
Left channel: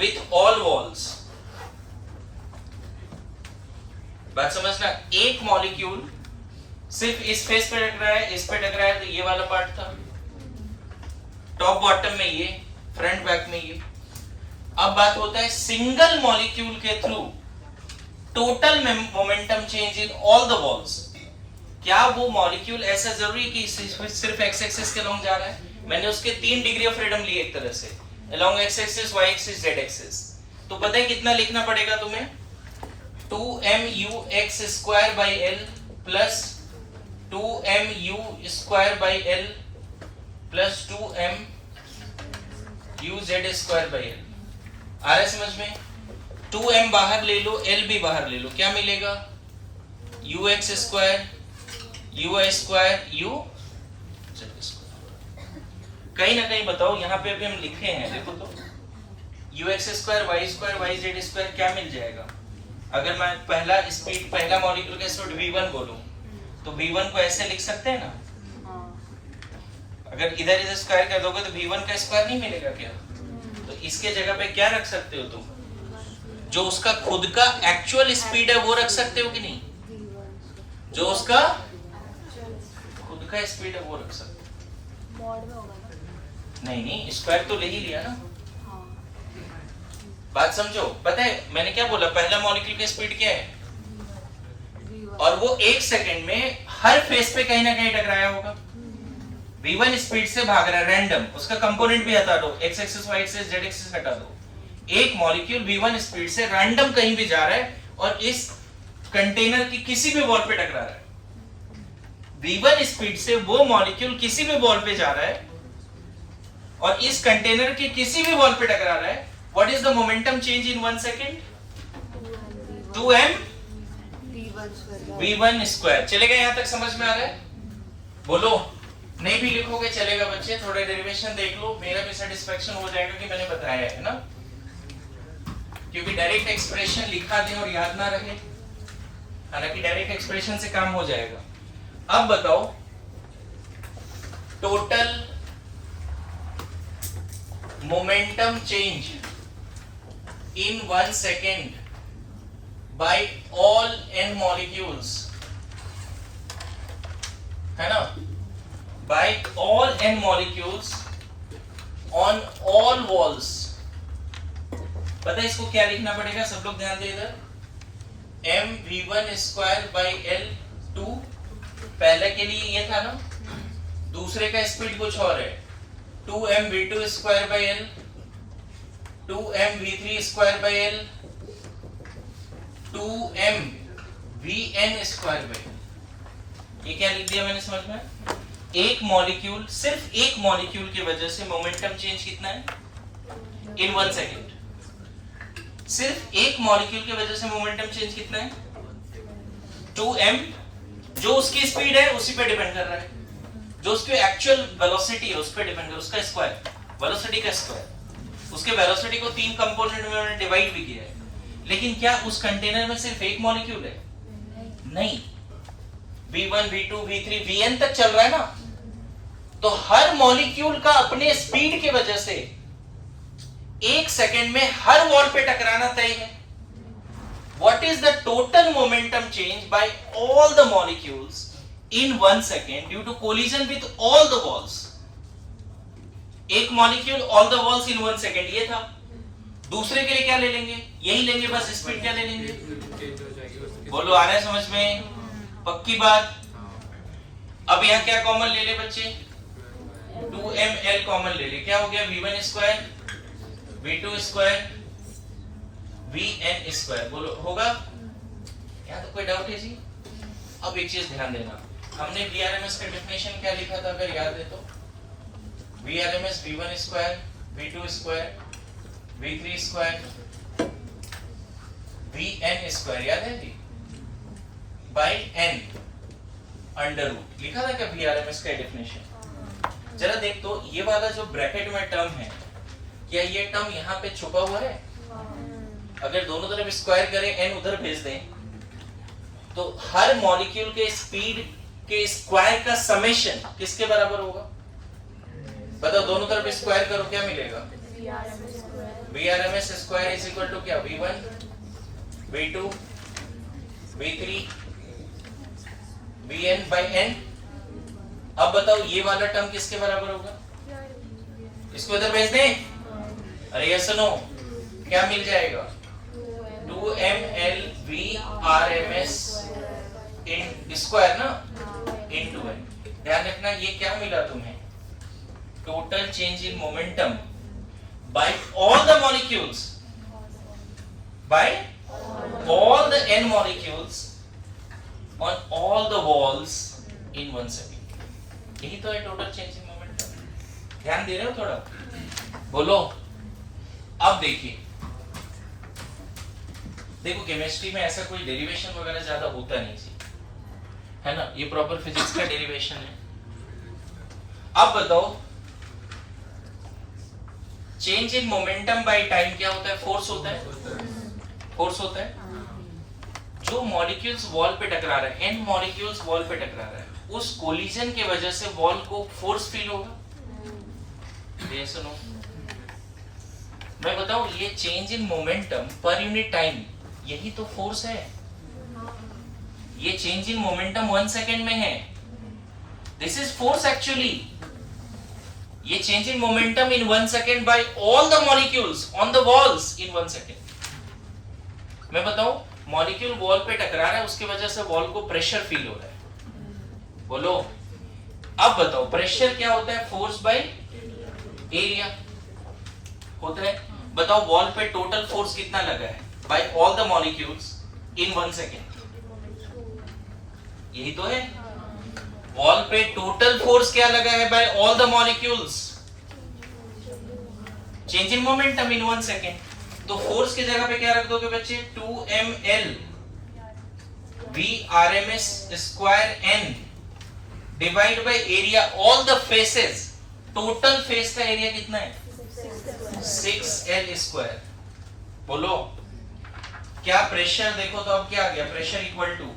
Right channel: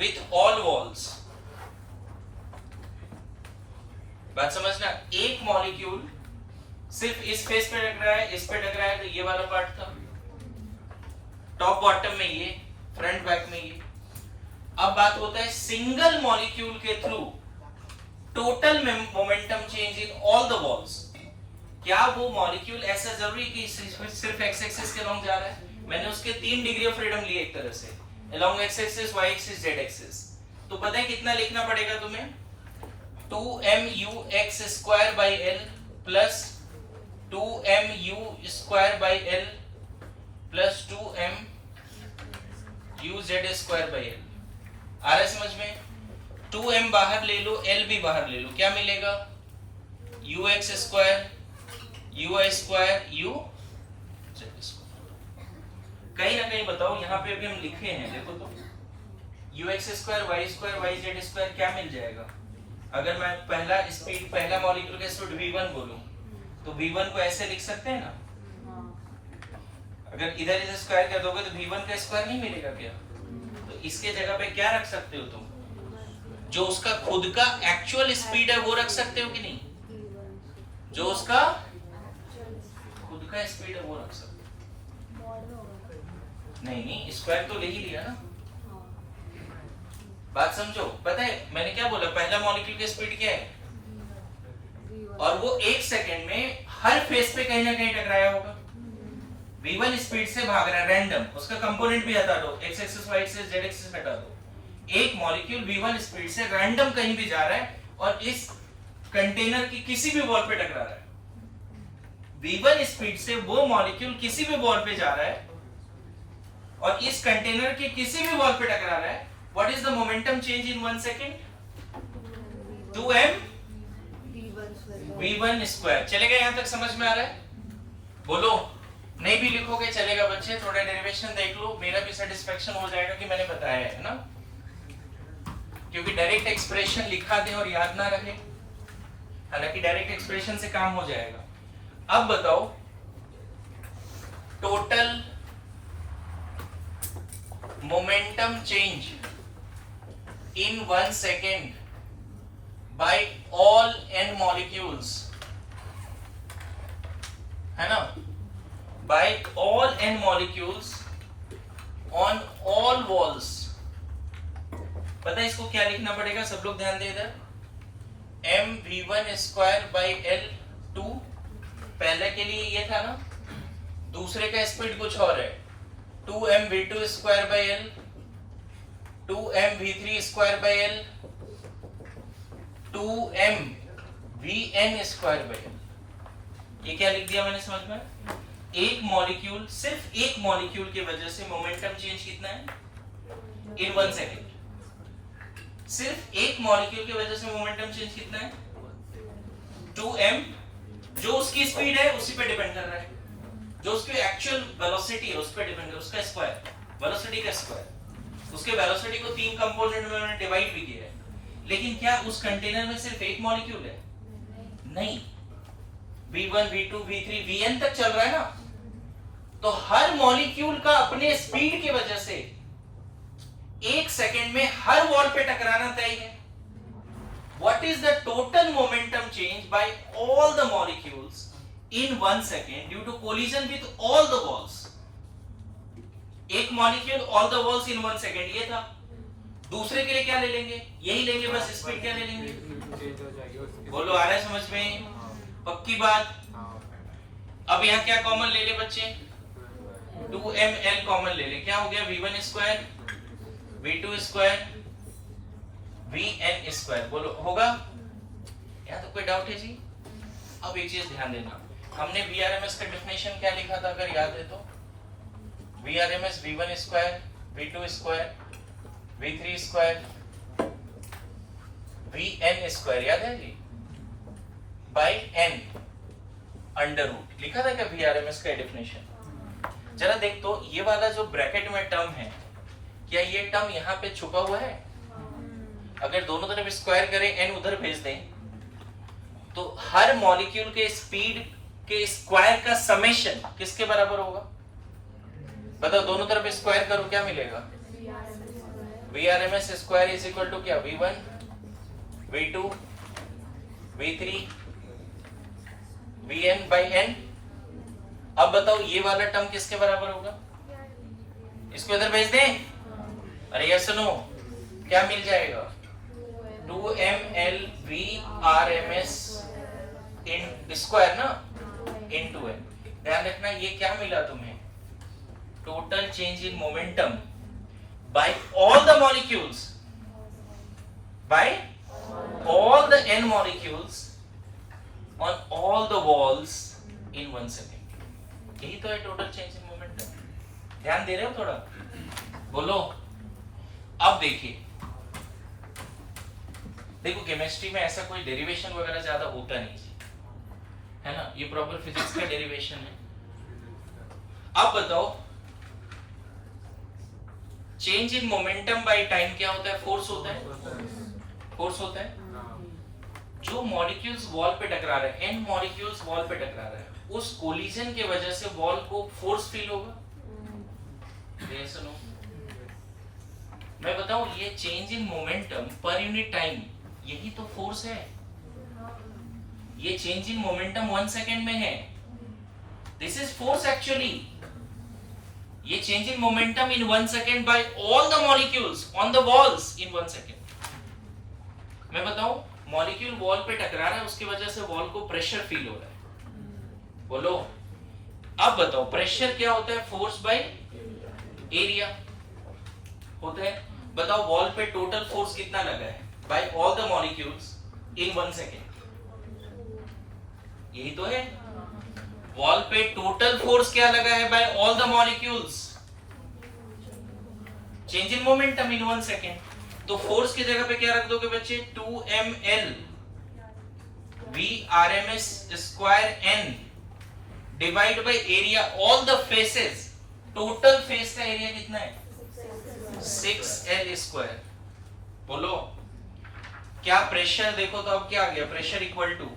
with all walls। बात समझना, एक मॉलिक्यूल सिर्फ इस फेस पे टकरा है, इस पे टकरा है, तो ये वाला पार्ट था, टॉप बॉटम में ये, फ्रंट बैक में ये। अब बात होता है सिंगल मॉलिक्यूल के through total momentum change in all the walls. क्या वो मॉलिक्यूल ऐसा जरूरी है कि सिर्फ एक्स एक्सिस के लॉन्ग जा रहा है? मैंने उसके 3 डिग्री ऑफ फ्रीडम लिए एक तरह से, along x axis, y axis, z axis. तो पता है कितना लिखना पड़ेगा तुम्हें? 2mu(x²/l plus 2mu(2)/l plus 2mu(z²/l। आ रहा है समझ में? 2m बाहर ले लो, l भी बाहर ले लो, क्या मिलेगा? ux², uy², uz²। कहीं ना कहीं बताओ, यहाँ पे अभी हम लिखे हैं, देखो तो ux², y² yz² क्या मिल जाएगा? अगर मैं पहला स्पीड, पहला मॉलिक्यूल का स्पीड v1 बोलूं, तो v1 को ऐसे लिख सकते हैं ना? अगर इधर इधर स्क्वायर कर दोगे तो v1 का स्क्वायर नहीं मिलेगा क्या? तो इसके जगह पे क्या रख सकते हो तुम? जो उसका खुद का एक्चुअल स्पीड है वो रख सकते हो कि नहीं? जो उसका खुद का स्पीड है वो रख सकते हो। नहीं, स्क्वायर तो ले ही लिया ना। बात समझो, पता है मैंने क्या बोला? पहला मॉलिक्यूल की स्पीड क्या है? और वो 1 सेकंड में हर फेस पे कहीं ना कहीं टकराया होगा। v1 स्पीड से भाग रहा है रैंडम, उसका कंपोनेंट भी हटा दो, x axis, y axis, z axis हटा दो। एक मॉलिक्यूल v1 स्पीड से रैंडम कहीं भी जा रहा है और इस कंटेनर की किसी भी वॉल पे टकरा रहा है। v1 स्पीड से वो मॉलिक्यूल किसी भी वॉल पे जा रहा है और इस कंटेनर की किसी भी वॉल पे टकरा रहा है। What is the momentum change in 1 second? 2m v1²। चलेगा? यहां तक समझ में आ रहा है? बोलो। नहीं भी लिखोगे चलेगा बच्चे, थोड़ा डेरिवेशन देख लो, मेरा भी सेटिस्फेक्शन हो जाएगा कि मैंने बताया है ना। क्योंकि डायरेक्ट एक्सप्रेशन लिखा दें और याद ना रहे, हालांकि डायरेक्ट एक्सप्रेशन से काम हो जाएगा। अब बताओ total momentum change in 1 second by all n molecules, है ना? By all n molecules on all walls. पता है इसको क्या लिखना पड़ेगा? सब लोग ध्यान दे इधर। mv1²/l 2, पहले के लिए ये था ना, दूसरे का स्पीड कुछ और है, 2mv2²/l 2mv3²/l 2mvn²/l। ये क्या लिख दिया मैंने समझ में? एक मॉलिक्यूल, सिर्फ एक मॉलिक्यूल की वजह से मोमेंटम चेंज कितना है इन 1 सेकेंड? सिर्फ एक मॉलिक्यूल की वजह से मोमेंटम चेंज कितना है? 2m। जो उसकी स्पीड है उसी पे डिपेंड कर रहा है, जो उसकी एक्चुअल वेलोसिटी है उस पे डिपेंड कर, उसका स्क्वायर, वेलोसिटी का स्क्वायर। उसके वेलोसिटी को 3 कंपोनेंट में उन्होंने डिवाइड भी किया है। लेकिन क्या उस कंटेनर में सिर्फ एक मॉलिक्यूल है? नहीं, v1 v2 v3 vn तक चल रहा है ना। तो हर मॉलिक्यूल का अपने स्पीड की वजह से 1 सेकंड में हर वॉल पे टकराना तय है। What is the total momentum change by all the molecules in 1 second due to collision with all the walls? एक molecule all the walls in 1 second ये था। दूसरे के लिए क्या ले लेंगे? यही लेंगे, बस स्पीड क्या ले लेंगे? बोलो, आ रहा है समझ में? पक्की बात। अब यहाँ क्या कॉमन ले ले बच्चे? 2ml कॉमन ले ले, क्या हो गया? v1² v2² vn²। बोलो, होगा? यहाँ तो कोई डाउट है जी? अब एक चीज ध्यान देना, हमने VRMS का डेफिनेशन क्या लिखा था अगर याद है तो? VRMS v1² V2 square, V3 square, Vn square, याद है जी, बाय n अंडर रूट। लिखा था क्या VRMS का डेफिनेशन? जरा देख तो ये वाला जो ब्रैकेट में टर्म है, क्या ये टर्म यहाँ पे छुपा हुआ है? अगर दोनों तरफ स्क्वायर करें, n उधर भेज दें, तो हर मॉलिक्यूल के स्पीड के स्क्वायर का समेशन किसके बराबर होगा? बताओ, दोनों तरफ स्क्वायर करो, क्या मिलेगा? VRMS square is equal to क्या? V1 V2 V3 Vn by n। अब बताओ ये वाला टर्म किसके बराबर होगा? इसको इधर भेज दें? अरे ये सुनो, क्या मिल जाएगा? 2ml VRMS इन स्क्वायर ना, इनटू n। ध्यान रखना, ये क्या मिला तुम्हें? Total change in momentum by all the molecules, by all the n molecules on all the walls in 1 second। यही तो है टोटल चेंज इन मोमेंटम। ध्यान दे रहे हो थोड़ा? बोलो। अब देखिए, देखो केमिस्ट्री में ऐसा कोई डेरिवेशन वगैरह ज्यादा होता नहीं जी, है ना? ये प्रॉपर फिजिक्स का डेरिवेशन है। अब बताओ, change in momentum by time क्या होता है? फोर्स होता है, फोर्स होता है। जो मॉलिक्यूल्स वॉल पे टकरा रहे हैं, n मॉलिक्यूल्स वॉल पे टकरा रहे हैं, उस कोलिजन के वजह से वॉल को फोर्स फील होगा। ये सुनो, मैं बताऊं, ये change in momentum per unit time, यही तो फोर्स है। ये चेंज इन मोमेंटम 1 सेकेंड में है। This is force actually. ये change in momentum in 1 second by all the molecules on the walls in 1 second. मैं बताऊं, मॉलिक्यूल वॉल पे टकरा रहा है, उसकी वजह से वॉल को प्रेशर फील हो रहा है। बोलो। अब बताओ, प्रेशर क्या होता है? फोर्स बाय एरिया होता है। बताओ, वॉल पे टोटल फोर्स कितना लगा है by all the molecules in 1 second? यही तो है। वॉल पे टोटल फोर्स क्या लगा है by all the molecules? Change in momentum in 1 second. तो फोर्स की जगह पे क्या रख दोगे बच्चे? 2ml VRMS square n divide by area all the faces. Total face का एरिया कितना है? 6l square. बोलो, क्या प्रेशर देखो तो अब क्या आ गया? Pressure equal to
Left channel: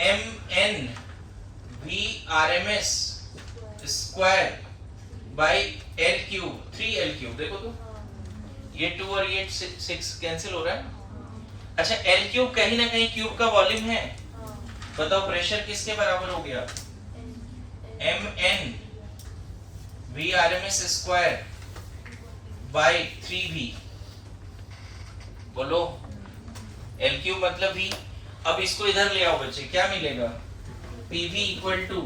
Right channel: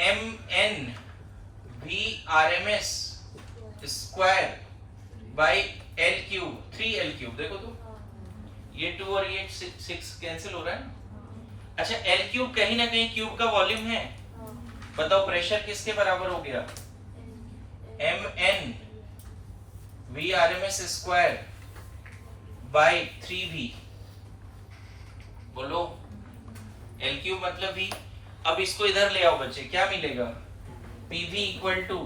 mn VRMS square by l cube, 3l cube. देखो तो, ये 2 और ये 6 कैंसिल हो रहा है। अच्छा, l क्यूब कहीं ना कहीं क्यूब का वॉल्यूम है। बताओ, प्रेशर किसके बराबर हो गया? mn VRMS square bye 3v। बोलो, l क्यूब मतलब v। अब इसको इधर ले आओ बच्चे, क्या मिलेगा? pv इक्वल टू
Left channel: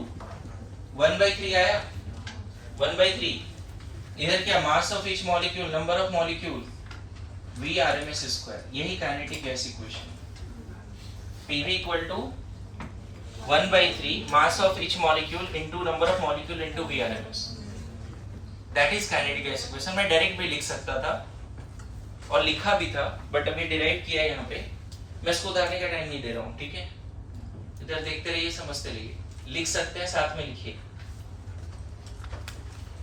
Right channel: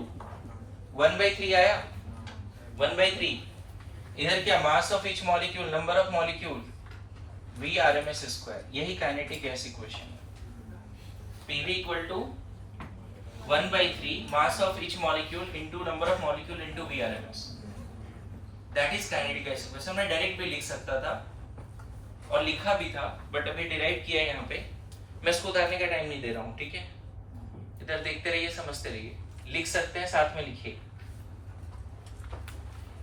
1/3 आया। 1/3 इधर क्या? Mass of each molecule, number of molecule, VRMS square. यही kinetic gas equation. pv equal to 1/3 mass of each molecule into number of molecule into VRMS। That is kinetic gas equation. मैं direct भी लिख सकता था और लिखा भी था, बट अभी डिराइव किया है यहाँ पे। मैं इसको उतारने का टाइम नहीं दे रहा हूँ, ठीक है? इधर देखते रहिए, समझते रहिए। लिख सकते हैं, साथ में लिखिए।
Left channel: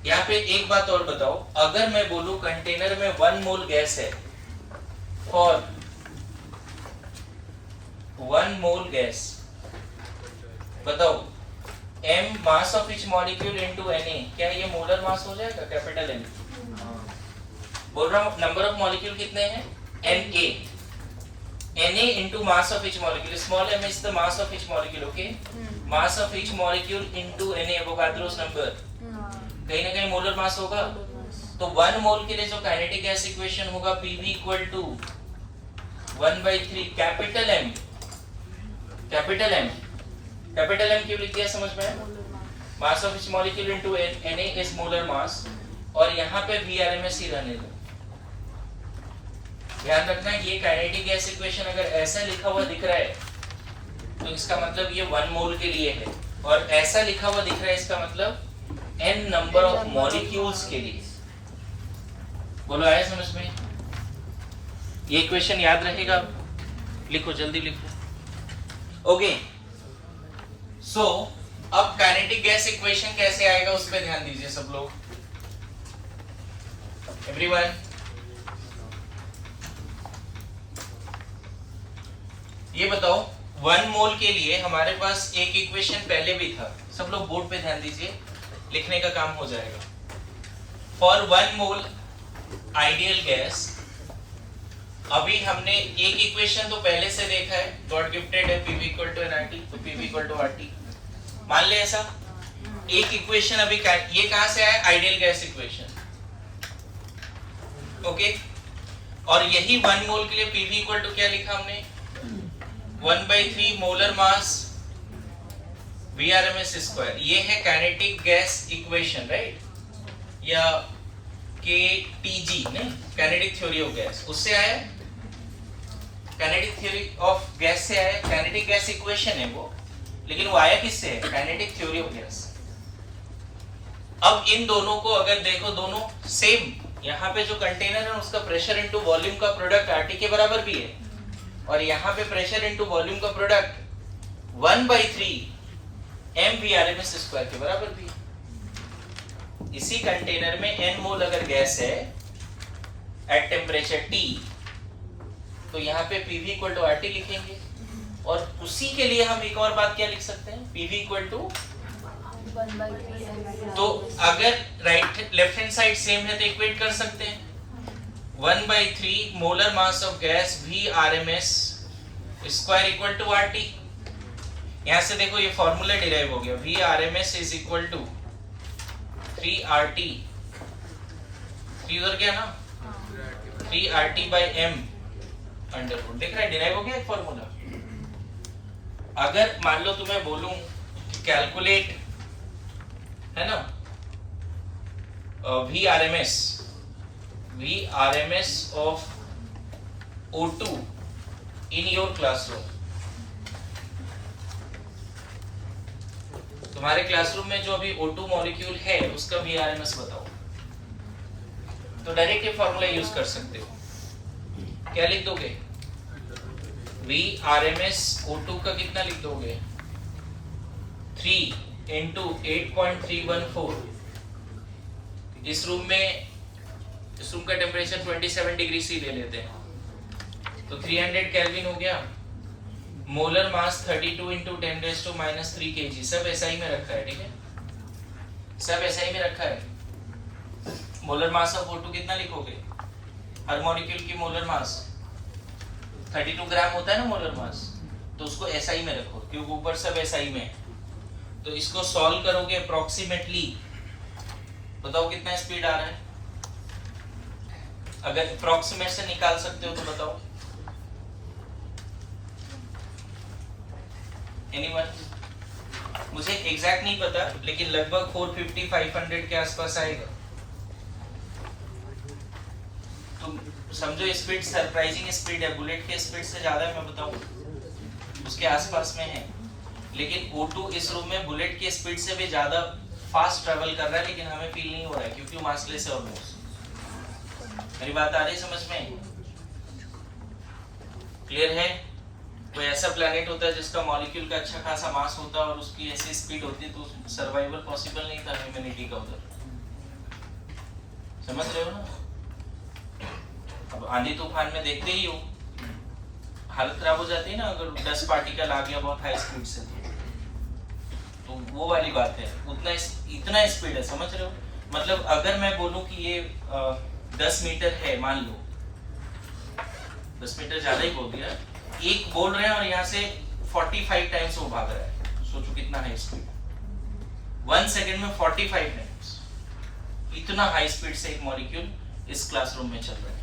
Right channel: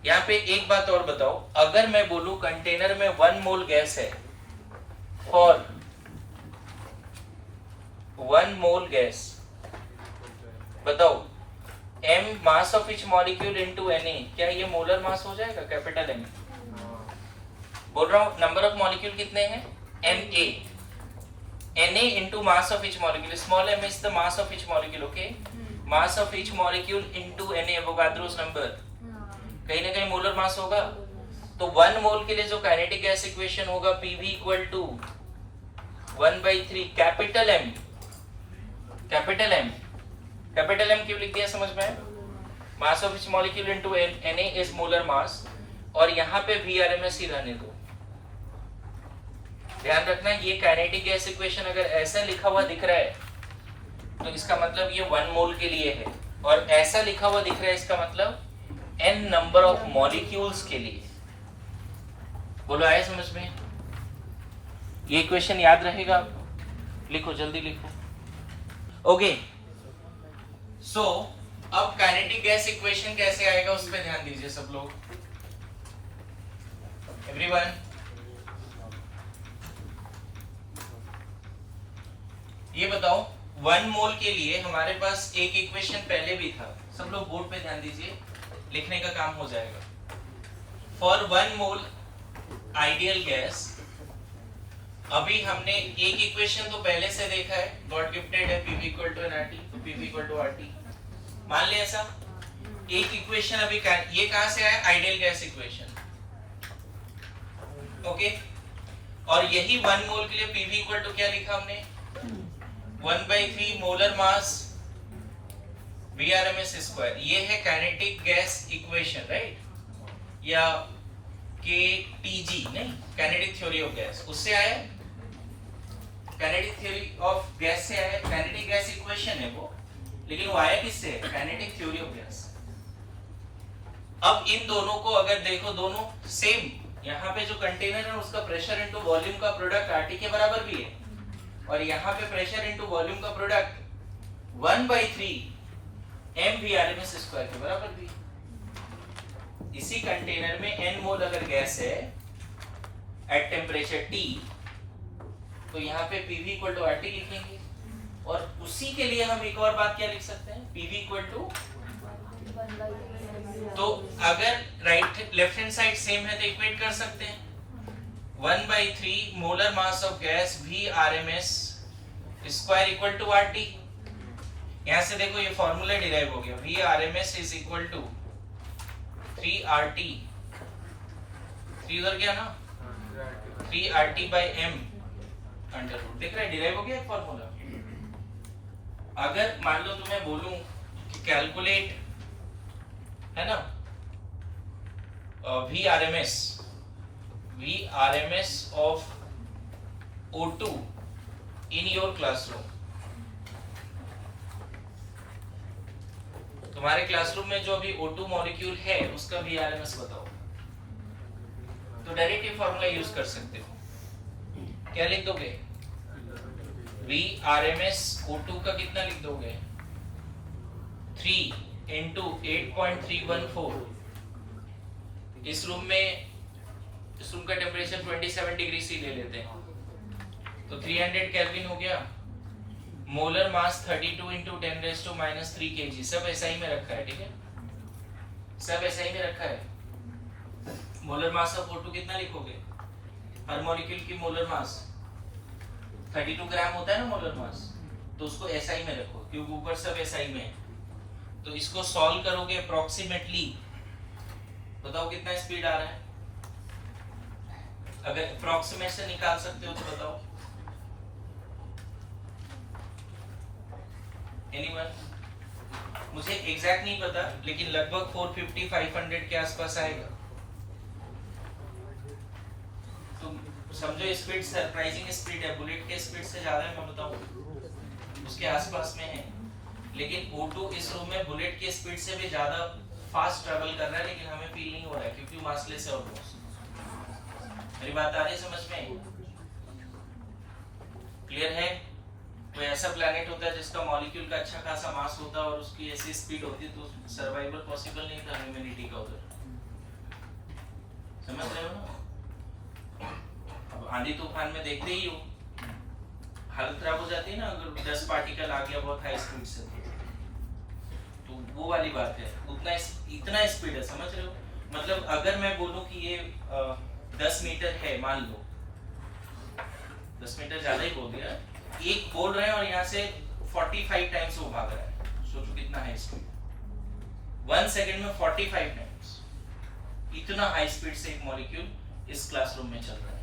यहाँ पे एक बात और बताओ, अगर मैं बोलूं कंटेनर में 1 मोल गैस है, फॉर 1 मोल गैस, बताओ m mass of each molecule into Na, क्या ये मोलर मास हो जाएगा? Capital M। बोल रहा हूं, नंबर ऑफ मॉलिक्यूल कितने हैं? Na into mass of each molecule. Small m is the mass of each molecule, okay? Mass of each molecule into Na, Avogadro's number. कहीं ना कहीं मोलर मास होगा। तो 1 मोल के लिए जो काइनेटिक गैस इक्वेशन होगा, Pv equal to 1/3 capital M। Capital M, capital M क्यों लिख दिया समझ में? Mass of each molecule into Na is molar mass, और यहाँ पे VRMS ही रहने दो। ध्यान रखना, ये काइनेटिक गैस इक्वेशन अगर ऐसा लिखा हुआ दिख रहा है तो इसका मतलब ये 1 मोल के लिए है, और ऐसा लिखा हुआ दिख रहा है इसका मतलब n नंबर ऑफ मॉलिक्यूल्स के लिए। बोलो आया समझ में? ये इक्वेशन याद रहेगा? लिखो जल्दी लिखो। ओके सो अब काइनेटिक गैस इक्वेशन कैसे आएगा उस पर ध्यान दीजिए सब लोग। एवरीवन ये बताओ 1 मोल के लिए हमारे पास एक इक्वेशन पहले भी था। सब लोग बोर्ड पे ध्यान दीजिए, लिखने का काम हो जाएगा। फॉर 1 मोल आइडियल गैस, अभी हमने एक इक्वेशन तो पहले से देखा है, गॉड गिफ्टेड है Pv इक्वल टू nRT, तो Pv इक्वल टू RT मान ले ऐसा। एक इक्वेशन अभी ये कहां से आया? Ideal gas equation. ओके और यही 1 मोल के लिए Pv इक्वल टू क्या लिखा हमने? 1/3 मोलर मास Vrms स्क्वायर। ये है काइनेटिक गैस इक्वेशन राइट, या KTG नहीं, काइनेटिक थ्योरी ऑफ गैस, उससे आया। काइनेटिक थ्योरी ऑफ गैस से आया। काइनेटिक गैस इक्वेशन है वो, लेकिन वो आया किससे? Kinetic theory of gas. अब इन दोनों को अगर देखो, दोनों सेम, यहाँ पे जो कंटेनर है उसका प्रेशर इनटू वॉल्यूम का प्रोडक्ट RT के बराबर भी है, और यहाँ पे प्रेशर इनटू वॉल्यूम का प्रोडक्ट 1/3 mVRms स्क्वायर के बराबर भी है। इसी कंटेनर में n मोल अगर गैस है एट टेम्परेचर T, तो यहाँ पे Pv इक्वल टू RT लिखेंगे, और उसी के लिए हम एक और बात क्या लिख सकते हैं? Pv इक्वल टू, तो अगर right left hand side same है तो इक्वेट कर सकते हैं। 1/3 molar mass of gas Vrms square equal to RT। यहाँ से देखो ये फॉर्मूला डिराइव हो गया, Vrms is equal to 3RT, 3 उधर गया ना, 3RT by m under root. देख रहा है डिराइव हो गया एक फॉर्मूला। अगर मान लो तुम्हें बोलूं कैलकुलेट, है ना, Vrms of O2 in your classroom, तुम्हारे क्लासरूम में जो अभी O2 मॉलिक्यूल है उसका Vrms बताओ, तो डायरेक्ट ये फॉर्मूला यूज कर सकते हो। क्या लिख दोगे? Vrms O2 का कितना लिख दोगे? 3 into 8.314। इस रूम का टेम्परेचर 27 डिग्री सी ले लेते हैं, तो 300 केल्विन हो गया। मोलर मास 32 into 10⁻³ kg, सब एसआई में रखा है, ठीक है, सब एसआई में रखा है। मोलर मास ऑफ O2 कितना लिखोगे? हर मॉलिक्यूल की मोलर मास 32 ग्राम होता है ना मोलर मास, तो उसको एसआई में रखो क्योंकि ऊपर सब एसआई में है। तो इसको सॉल्व करोगे अप्रोक्सीमेटली, बताओ कितना स्पीड आ रहा है? अगर अप्रोक्सीमेट से निकाल सकते हो तो बताओ। एनीवन? मुझे एग्जैक्ट नहीं पता, लेकिन लगभग 450-500 के आसपास आएगा। तो समझो स्पीड सरप्राइजिंग स्पीड है, बुलेट के स्पीड से ज्यादा है, मैं बताऊं उसके आसपास में है। लेकिन O2 इस रूम में बुलेट की स्पीड से भी ज्यादा फास्ट ट्रैवल कर रहा है, लेकिन हमें फील नहीं हो रहा है क्योंकि वो मासलेस है ऑलमोस्ट। मेरी बात आ रही है समझ में? क्लियर है? कोई ऐसा प्लैनेट होता है जिसका मॉलिक्यूल का अच्छा खासा मास होता है और उसकी ऐसी स्पीड होती है, तो सर्वाइवल पॉसिबल नहीं था ह्यूमैनिटी का उधर। समझ रहे हो ना? अब आंधी तूफान में देखते ही हो, हालत खराब हो जाती है ना अगर 10 पार्टिकल आ गया बहुत हाई स्पीड से, तो वो वाली बात है। इतना स्पीड है, समझ रहे हो? मतलब अगर मैं बोलूं कि ये 10 मीटर है, मान लो 10 मीटर ज्यादा ही बोल दिया, एक बोल रहे हैं और यहाँ से 45 टाइम्स वो भाग रहा है, सोचो कितना हाई स्पीड। 1 सेकंड में 45 टाइम्स, इतना हाई स्पीड से एक मॉलिक्यूल इस क्लासरूम में चल रहा है।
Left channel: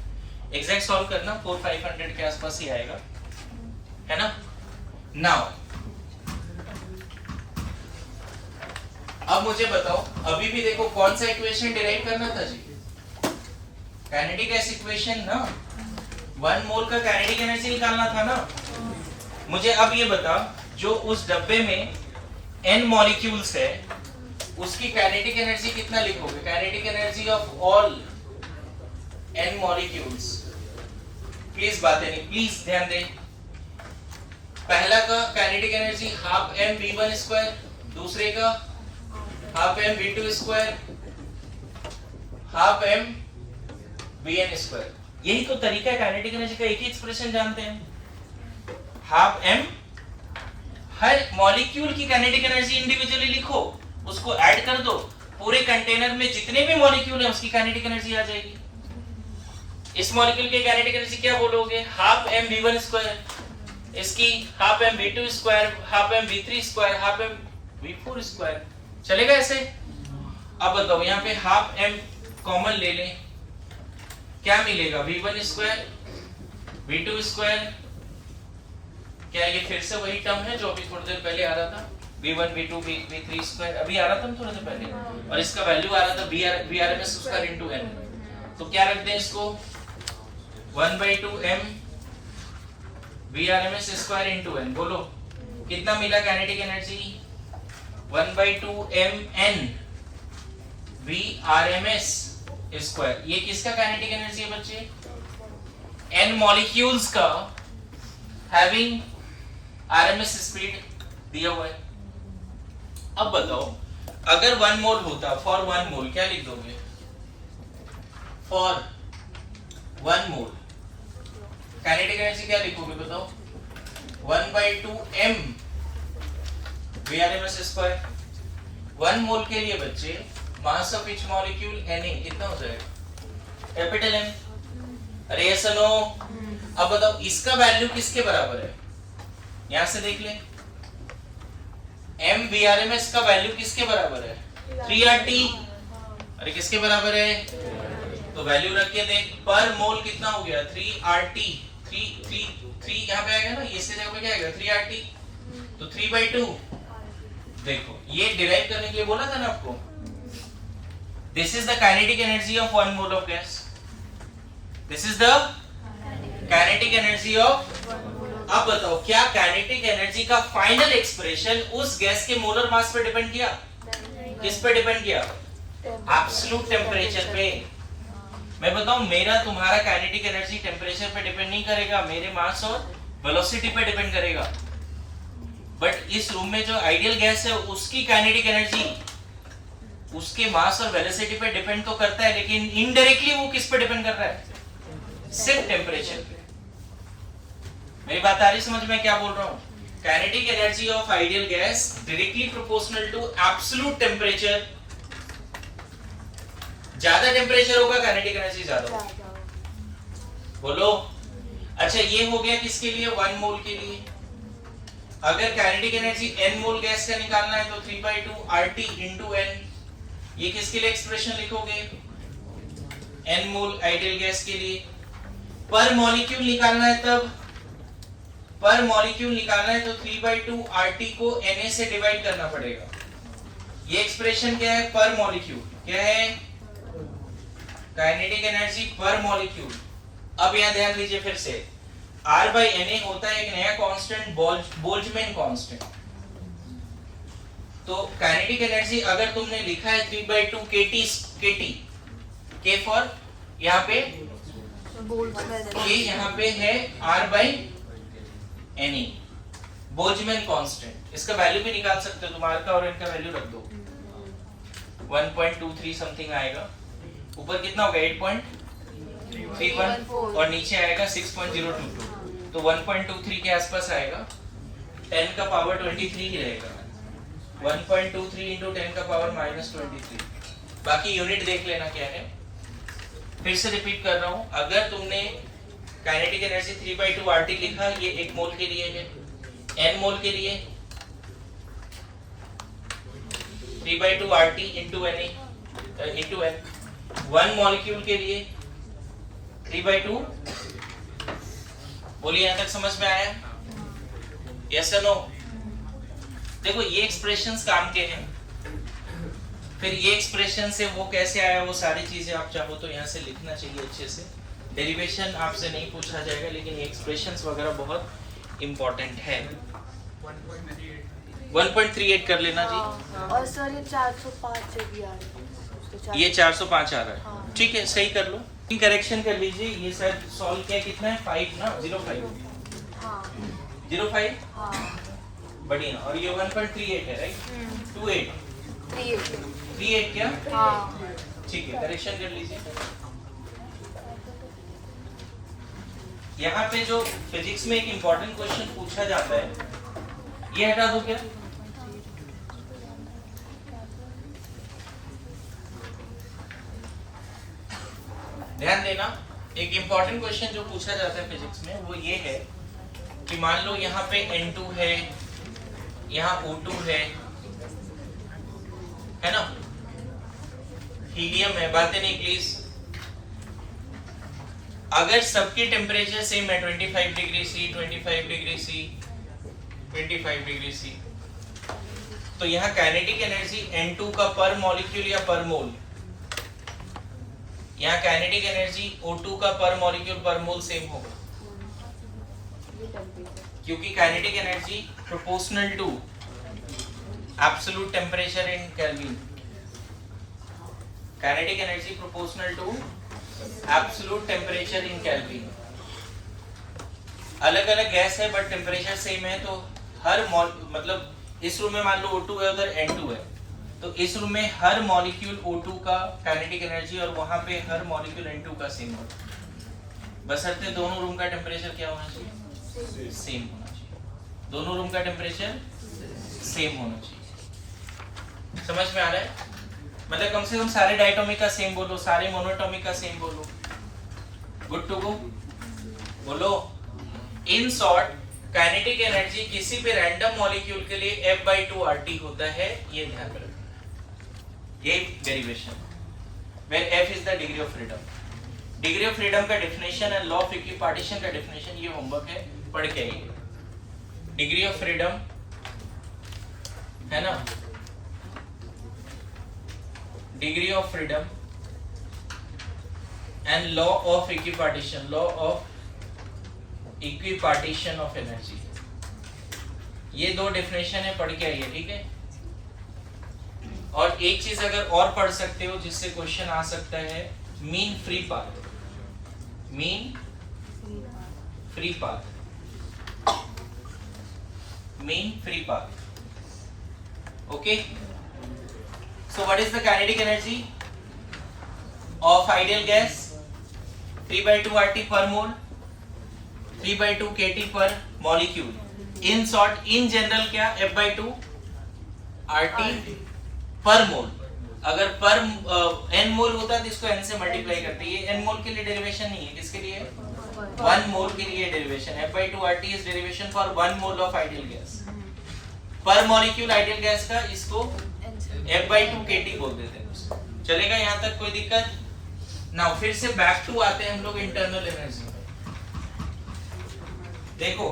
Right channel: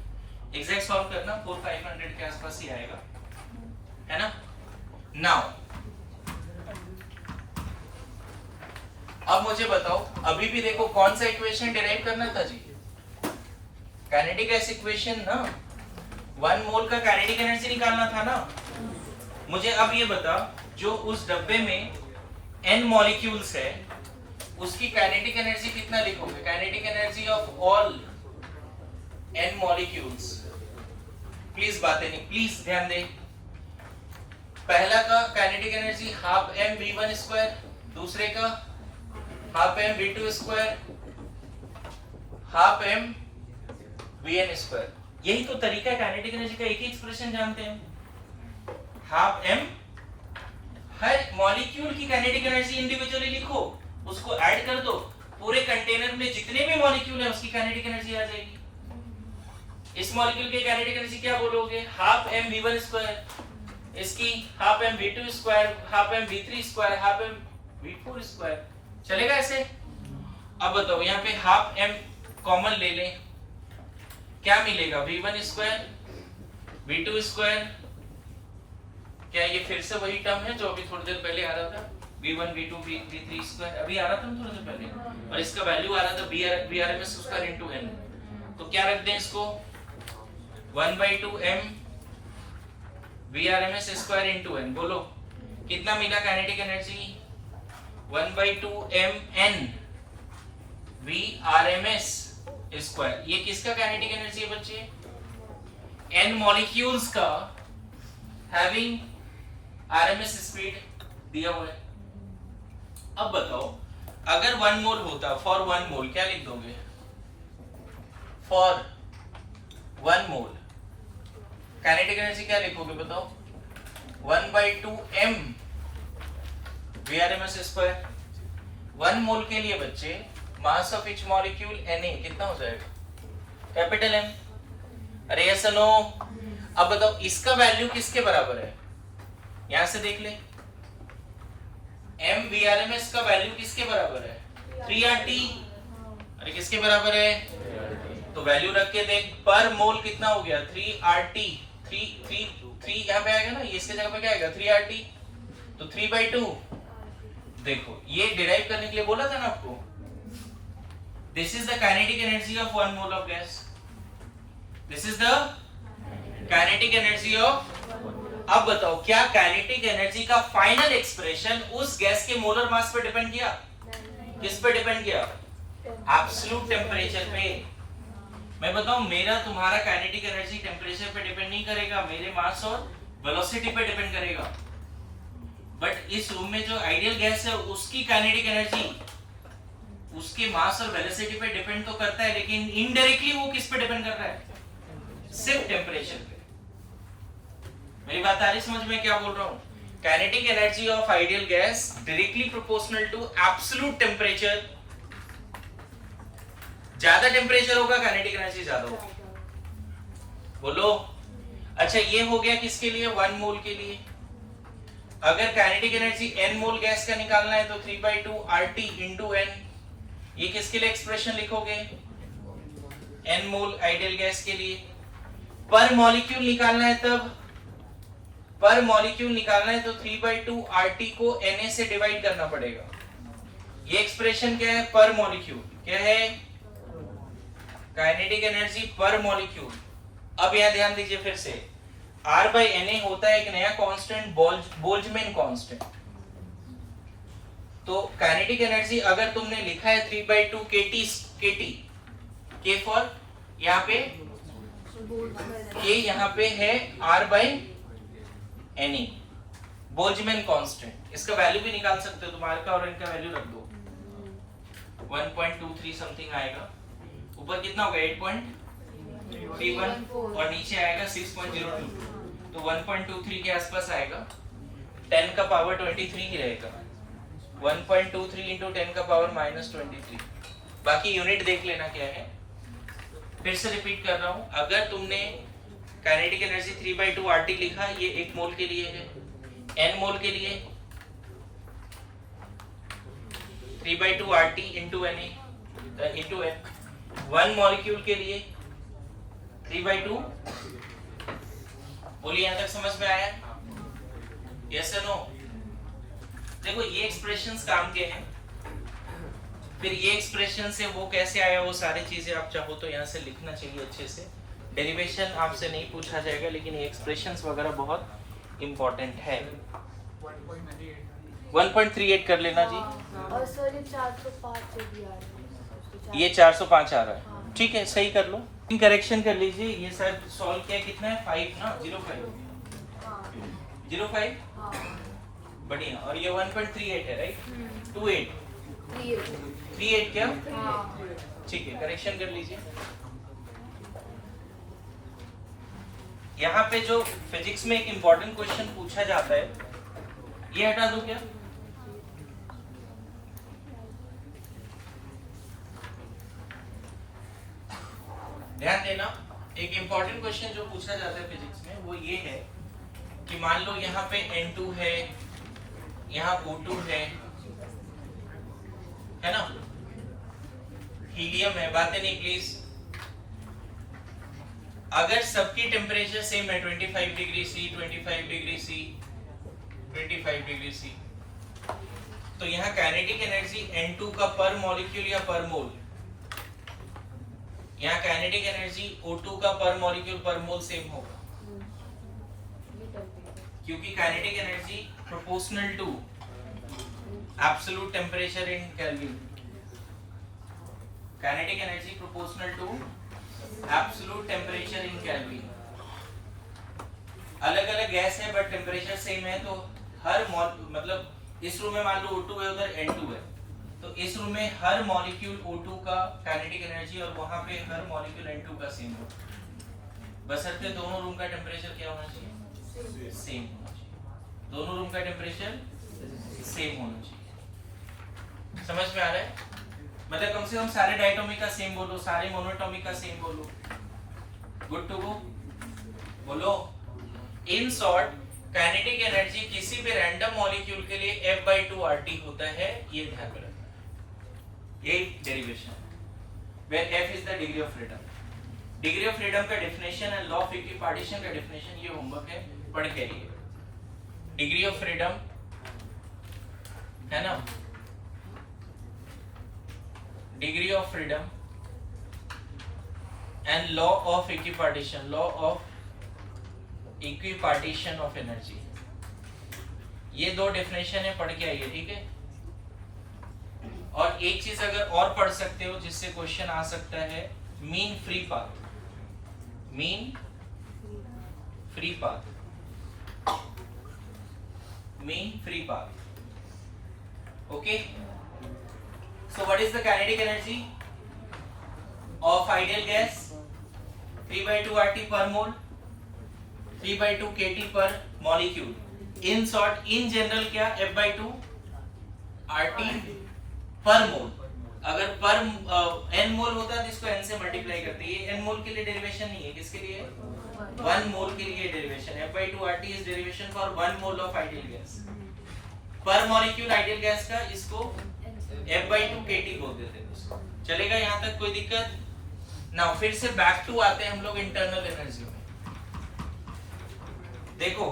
एग्जैक्ट सॉल्व करना 400-500 के आसपास ही आएगा, है ना? नाउ अब मुझे बताओ, अभी भी देखो कौन सा इक्वेशन डिराइव करना था जी? काइनेटिक गैस इक्वेशन ना, 1 मोल का काइनेटिक एनर्जी निकालना था ना। मुझे अब ये बता, जो उस डब्बे में n मॉलिक्यूल्स है उसकी काइनेटिक एनर्जी कितना लिखोगे? Kinetic energy of all n molecules. Please बातें नहीं, प्लीज ध्यान दें। पहला का kinetic energy half m v1 square, दूसरे का half m v2 square, half m vn square. यही तो तरीका है काइनेटिक एनर्जी का, एक ही एक्सप्रेशन जानते हैं। हाफ m, हर मॉलिक्यूल की काइनेटिक एनर्जी इंडिविजुअली लिखो, उसको ऐड कर दो, पूरे कंटेनर में जितने भी मॉलिक्यूल है उसकी काइनेटिक एनर्जी आ जाएगी। इस मॉलिक्यूल की काइनेटिक एनर्जी क्या बोलोगे? हाफ m v1 स्क्वायर, इसकी half m v2 square, half m v3 square, half m v4 square. चलेगा ऐसे? अब बताओ यहाँ पे हाफ m कॉमन ले लें, क्या मिलेगा? v1 square, v2 square. क्या ये फिर से वही टर्म है जो अभी थोड़ी देर पहले आ रहा था? v1 v2 v3 स्क्वायर अभी आ रहा था थोड़ी देर पहले, और इसका वैल्यू आ रहा था vrms स्क्वायर इनटू n। तो क्या रख दें इसको? 1/2 m vrms square into n। बोलो कितना मिला kinetic energy? 1/2 m n vrms square. ये किसका काइनेटिक एनर्जी है बच्चे? n मॉलिक्यूल्स का हैविंग RMS स्पीड दिया हुआ है। अब बताओ अगर 1 मोल होता, फॉर 1 मोल क्या लिख दोगे? फॉर 1 मोल काइनेटिक एनर्जी क्या लिखोगे बताओ? 1/2 m vrms स्क्वायर। 1 मोल के लिए बच्चे मास ऑफ ईच मॉलिक्यूल Na कितना हो जाएगा? Capital M। अरे यस नो? अब बताओ इसका वैल्यू किसके बराबर है? यहां से देख ले, m vrms का वैल्यू किसके बराबर है? 3RT। अरे किसके बराबर है? तो वैल्यू रख के देख, पर मोल कितना हो गया? 3RT। 3 यहाँ पे आएगा ना, इसके जगह पे क्या आएगा? 3RT। तो 3/2। देखो ये डिराइव करने के लिए बोला था ना आपको, this is the kinetic energy of 1 mole of gas, this is the kinetic energy of. अब बताओ क्या काइनेटिक एनर्जी का फाइनल एक्सप्रेशन उस गैस के मोलर मास पे डिपेंड किया? किस पे डिपेंड किया? एब्सोल्यूट टेम्परेचर पे। मैं बताऊं मेरा तुम्हारा काइनेटिक एनर्जी टेम्परेचर पे डिपेंड नहीं करेगा, मेरे मास और वेलोसिटी पे डिपेंड करेगा। बट इस रूम में जो आइडियल गैस है उसकी काइनेटिक एनर्जी उसके मास और वेलोसिटी पे डिपेंड तो करता है, लेकिन इनडायरेक्टली वो किस पे डिपेंड कर रहा है? सिर्फ टेम्परेचर पे। मेरी बात आ रही समझ में क्या बोल रहा हूँ? Kinetic energy of ideal gas directly proportional to absolute temperature. ज्यादा टेम्परेचर होगा काइनेटिक एनर्जी ज्यादा होगी। बोलो। अच्छा ये हो गया किसके लिए? 1 मोल के लिए। अगर काइनेटिक एनर्जी n मोल गैस का निकालना है तो 3/2 RT into n। ये किसके लिए एक्सप्रेशन लिखोगे? n मोल आइडियल गैस के लिए। पर मॉलिक्यूल निकालना है तब, पर मॉलिक्यूल निकालना है तो 3/2 RT को Na से डिवाइड करना पड़ेगा। ये एक्सप्रेशन क्या है? पर मॉलिक्यूल। क्या है? काइनेटिक एनर्जी पर मॉलिक्यूल। अब यहां ध्यान दीजिए फिर से, R/Na होता है एक नया कांस्टेंट, बोल्ट्जमैन कांस्टेंट। तो काइनेटिक एनर्जी अगर तुमने लिखा है 3/2 kT, K फॉर यहाँ पे, ये यहाँ पे है R/Na बोल्ट्जमैन कांस्टेंट। इसका वैल्यू भी निकाल सकते हो तुम, R का और N का वैल्यू रख दो, 1.23 समथिंग आएगा। ऊपर कितना होगा? 8.31 और नीचे आएगा 6.022, तो 1.23 के आसपास आएगा। 10 का पावर 23 ही रहेगा। 1.23 into 10 का पावर -23। बाकी यूनिट देख लेना क्या है। फिर से रिपीट कर रहा हूं, अगर तुमने काइनेटिक एनर्जी 3/2 RT लिखा, ये 1 मोल के लिए है। n मोल के लिए 3/2 RT into n। 1 मॉलिक्यूल के लिए 3/2। बोलिए यहां तक समझ में आया? यस या नो? देखो ये एक्सप्रेशंस काम के हैं। फिर ये एक्सप्रेशन से वो कैसे आया, वो सारी चीजें आप चाहो तो यहाँ से लिखना चाहिए अच्छे से। डेरिवेशन आपसे नहीं पूछा जाएगा, लेकिन ये एक्सप्रेशंस वगैरह बहुत इंपॉर्टेंट है। 1.38 कर लेना जी। और सर ये 405 से भी आ रहा है। ये 405 आ रहा है, ठीक है, सही कर लो। करेक्शन कर लीजिए, ये शायद सॉल्व किया कितना है 5 ना 05 हाँ 05 हाँ बढ़िया। और ये 1.38 है राइट 28 38 क्या हाँ ठीक है, करेक्शन कर लीजिए। यहाँ पे जो फिजिक्स में एक इम्पोर्टेंट क्वेश्चन पूछा जाता है, ये हटा दो क्या, ध्यान देना। एक इम्पोर्टेंट क्वेश्चन जो पूछा जाता है फिजिक्स में वो ये है कि मान लो यहाँ पे N2 है, यहाँ O2 है ना, हीलियम है, बातें नहीं प्लीज। अगर सबकी टेम्परेचर सेम है 25 degree C 25 degree C 25 degree C, तो यहाँ काइनेटिक एनर्जी N2 का पर मॉलिक्यूल या पर मोल, यहाँ काइनेटिक एनर्जी O2 का पर मॉलिक्यूल पर मोल सेम होगा, क्योंकि kinetic energy proportional to absolute temperature in kelvin, kinetic energy proportional to absolute temperature in kelvin. अलग अलग गैस है बट टेम्परेचर सेम है, तो हर मतलब इस रूम में मान लो O2 है, उधर N2 है, तो इस रूम में हर मॉलिक्यूल O2 का काइनेटिक एनर्जी और वहां पे हर मॉलिक्यूल N2 का सेम होगा, बशर्ते दोनों रूम का टेम्परेचर क्या होना चाहिए, सेम होना चाहिए, दोनों रूम का टेम्परेचर सेम होना चाहिए। समझ में आ रहा है, मतलब कम से कम सारे डायटोमिक का सेम बोलो, सारे मोनोटोमिक का सेम बोलो, गुड टू गो बोलो। इन शॉर्ट काइनेटिक एनर्जी किसी भी रैंडम मॉलिक्यूल के लिए F/2 RT होता है, ये ध्यान रखना, ये derivation, where F is the degree of freedom. Degree of freedom का definition and law of equipartition का डेफिनेशन ये होमवर्क है, पढ़ के आइए। डिग्री ऑफ फ्रीडम है ना, degree of freedom and law of equipartition, law of equipartition of energy, ये दो डेफिनेशन है, पढ़ के आइए ठीक है। और एक चीज अगर और पढ़ सकते हो जिससे क्वेश्चन आ सकता है, mean free path, mean free path, mean free path, okay. So what is the kinetic energy of ideal gas? 3/2 RT per mole, 3/2 kT per molecule. In short, in general क्या F/2 RT per mole। अगर पर n मोल होता है तो इसको n से multiply करते हैं, ये n मोल के लिए डेरिवेशन नहीं है, किसके लिए, 1 मोल के लिए derivation. F/2 RT is derivation for 1 mole of ideal gas। पर मॉलिक्यूल आइडियल गैस का इसको F/2 kT बोल देते हैं, चलेगा यहाँ तक, कोई दिक्कत ना। फिर से बैक टू आते हैं हम लोग इंटरनल एनर्जी में। देखो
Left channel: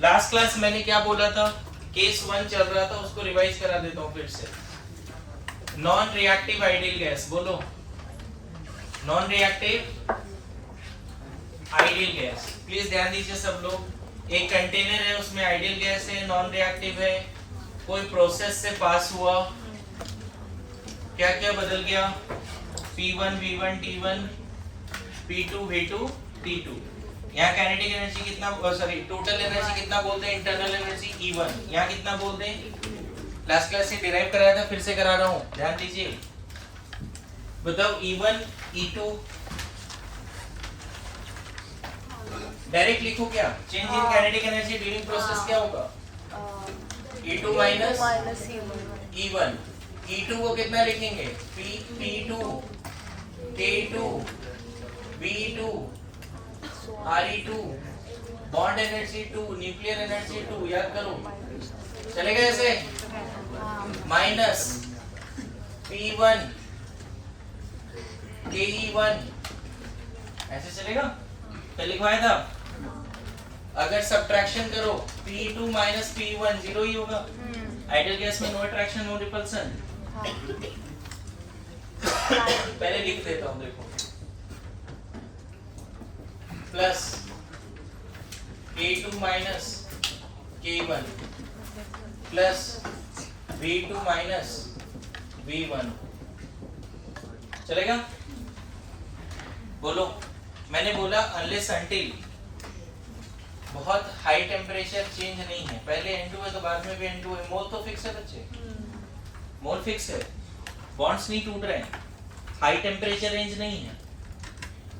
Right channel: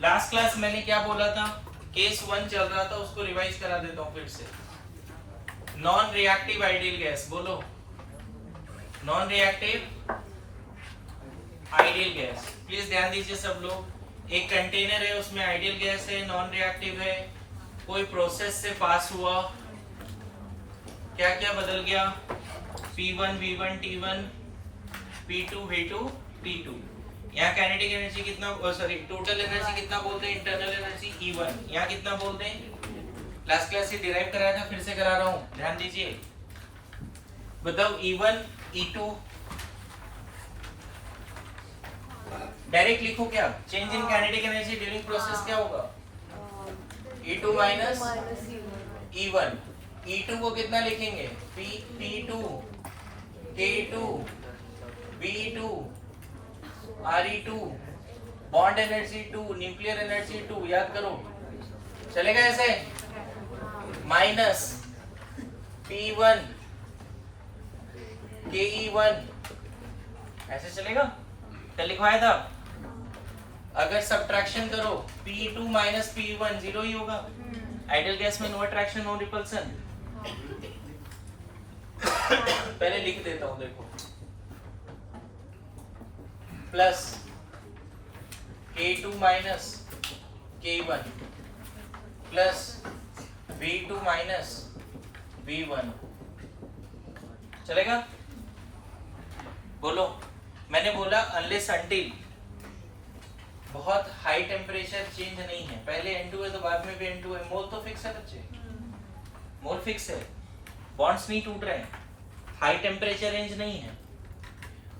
लास्ट क्लास मैंने क्या बोला था, केस 1 चल रहा था, उसको रिवाइज करा देता हूँ फिर से। नॉन रिएक्टिव आइडियल गैस, बोलो non reactive ideal gas, please ध्यान दीजिए सब लोग। एक कंटेनर है, उसमें आइडियल गैस है, नॉन रिएक्टिव है, कोई प्रोसेस से पास हुआ, क्या क्या बदल गया, P1 V1 T1 P2 V2 T2। यहाँ काइनेटिक एनर्जी कितना, सॉरी टोटल एनर्जी कितना बोलते हैं, इंटरनल एनर्जी E1, यहाँ कितना बोलते हैं, लास्ट क्लास से डिराइव कराया था, फिर से करा रहा हूँ, ध्यान दीजिए। बताओ E1 E2 डायरेक्ट लिखो क्या, change in kinetic energy during process क्या होगा, E2 माइनस E1। E2 को कितना लिखेंगे, P2 K2 B2 RE2, bond energy 2, nuclear energy 2, याद करो, चलेगा ऐसे, माइनस P1 KE1, ऐसे चलेगा, क्या लिखवाया था। अगर सब्ट्रैक्शन करो P2 माइनस P1 जीरो ही होगा, आइडियल गैस में नो अट्रैक्शन नो रिपल्सन। पहले लिख देता हूं, देखो plus K2 minus K1 plus V2 minus V1, चलेगा। बोलो, मैंने बोला अनलेस अनटिल बहुत हाई टेम्परेचर चेंज नहीं है, पहले N2 है तो बाद में भी N2 है, मोल तो फिक्स है बच्चे, मोल फिक्स है, बॉन्ड्स नहीं टूट रहे हैं, हाई टेम्परेचर रेंज नहीं है।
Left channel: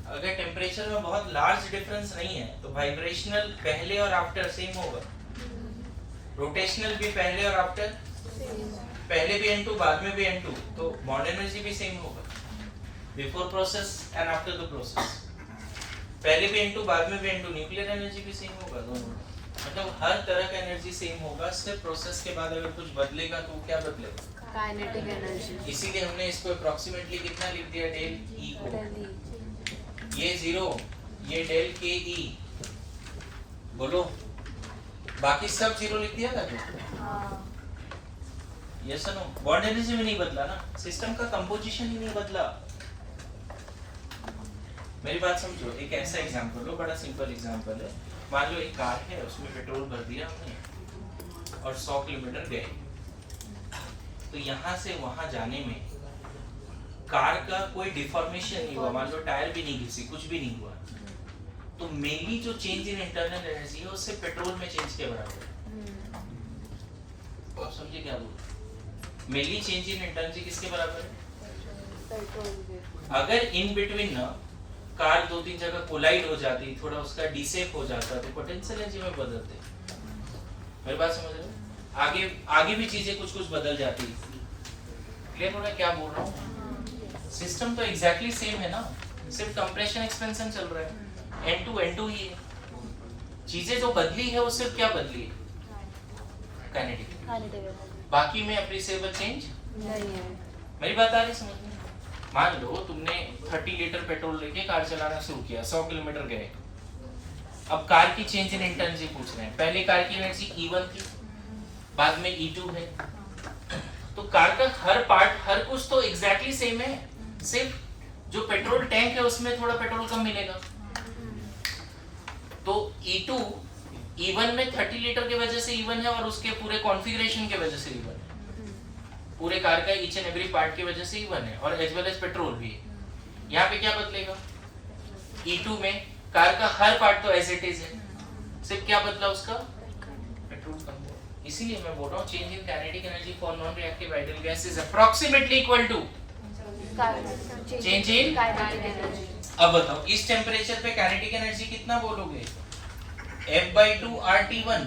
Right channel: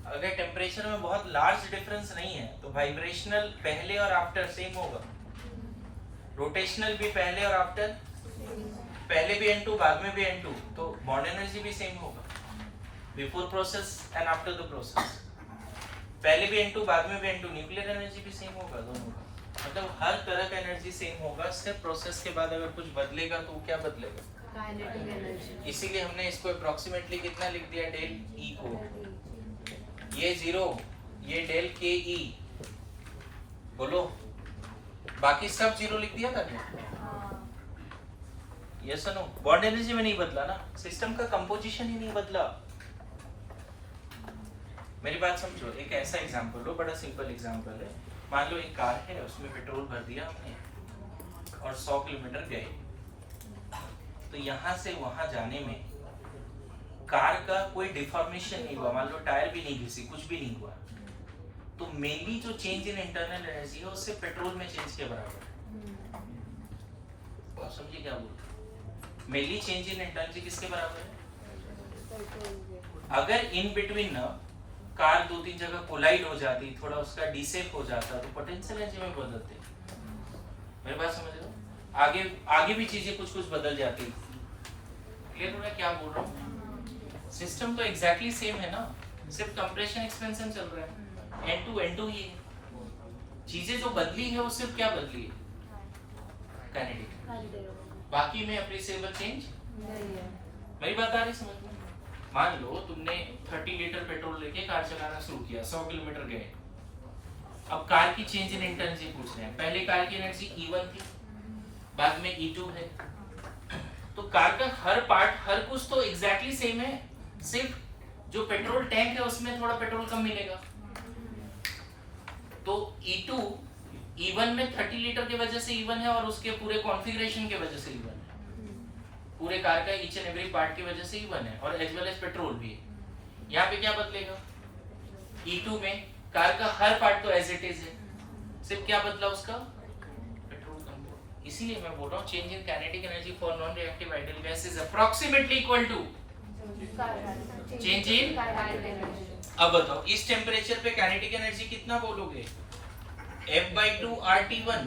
अगर टेम्परेचर में बहुत लार्ज डिफरेंस नहीं है तो वाइब्रेशनल पहले और आफ्टर सेम होगा, रोटेशनल भी पहले और आफ्टर, पहले भी N2 बाद में भी N2, तो बॉन्ड एनर्जी भी सेम होगा before process and after the process, पहले भी N2 बाद में भी N2, न्यूक्लियर एनर्जी भी सेम होगा दोनों का, मतलब हर तरह का एनर्जी सेम होगा, सिर्फ प्रोसेस के बाद अगर कुछ बदलेगा तो वो क्या बदलेगा, काइनेटिक एनर्जी। इसीलिए हमने इसको अप्रोक्सीमेटली कितना लिख दिया, डेल E को, ये 0, ये डेल के E, बोलो बाकी सब 0 लिख दिया था क्या, ये सुनो, बॉन्ड एनर्जी में नहीं बदला ना, सिस्टम का कंपोजिशन ही नहीं बदला। मेरी बात समझो, एक ऐसा एग्जांपल लो, बड़ा सिंपल एग्जांपल है, मान लो एक कार है, उसमें पेट्रोल भर दिया हमने और 100 किलोमीटर गए, तो यहाँ से वहां जाने में कार का कोई डिफॉर्मेशन नहीं हुआ, मान लो टायर भी नहीं घिसी, कुछ भी नहीं हुआ, तो मेनली जो चेंज इन इंटरनल एनर्जी है उससे पेट्रोल में चेंज के बराबर है। आप समझिए क्या बोल, मेनली चेंज इन इंटरनल किसके बराबर है, अगर इन बिटवीन ना कार 2-3 जगह कोलाइड हो जाती, थोड़ा उसका डिसेप हो जाता, तो पोटेंशियल एनर्जी में बदलते, मेरी बात समझ रहे हो, आगे आगे भी चीजें कुछ कुछ बदल जाती, क्लियर हो रहा है क्या बोल रहा हूँ, सिस्टम तो एग्जैक्टली सेम है ना, सिर्फ कंप्रेशन एक्सपेंशन चल रहा है, N2 ही है, चीजें जो बदली है वो सिर्फ क्या बदली है, काइनेटिक, बाकी में अप्रिशिएबल चेंज नहीं है। मेरी बात आ रही समझ में, मान लो तुमने 30 लीटर पेट्रोल लेके कार चलाना शुरू किया, 100 किलोमीटर गए, अब कार की चेंज इन एनर्जी पूछ रहे हैं, पहले कार की एनर्जी E1 थी, बाद में E2 है, तो कार का हर पार्ट हर कुछ तो एग्जैक्टली सेम है, सिर्फ जो पेट्रोल टैंक है उसमें थोड़ा पेट्रोल कम मिलेगा, तो E2 E1 में 30 लीटर की वजह से E1 है और उसके पूरे कॉन्फ़िगरेशन की वजह से E1 है, पूरे कार का ईच एंड एवरी पार्ट की वजह से E1 है, और एज वेल एज पेट्रोल भी है। यहाँ पे क्या बदलेगा, E2 में कार का हर पार्ट तो एज इट इज है, सिर्फ क्या बदला उसका, पेट्रोल कम हुआ, इसीलिए मैं बोल रहा हूँ change in kinetic energy for non reactive ideal gas is approximately equal to change in kinetic energy. अब बताओ इस टेम्परेचर पे काइनेटिक एनर्जी कितना बोलोगे, F/2 RT1,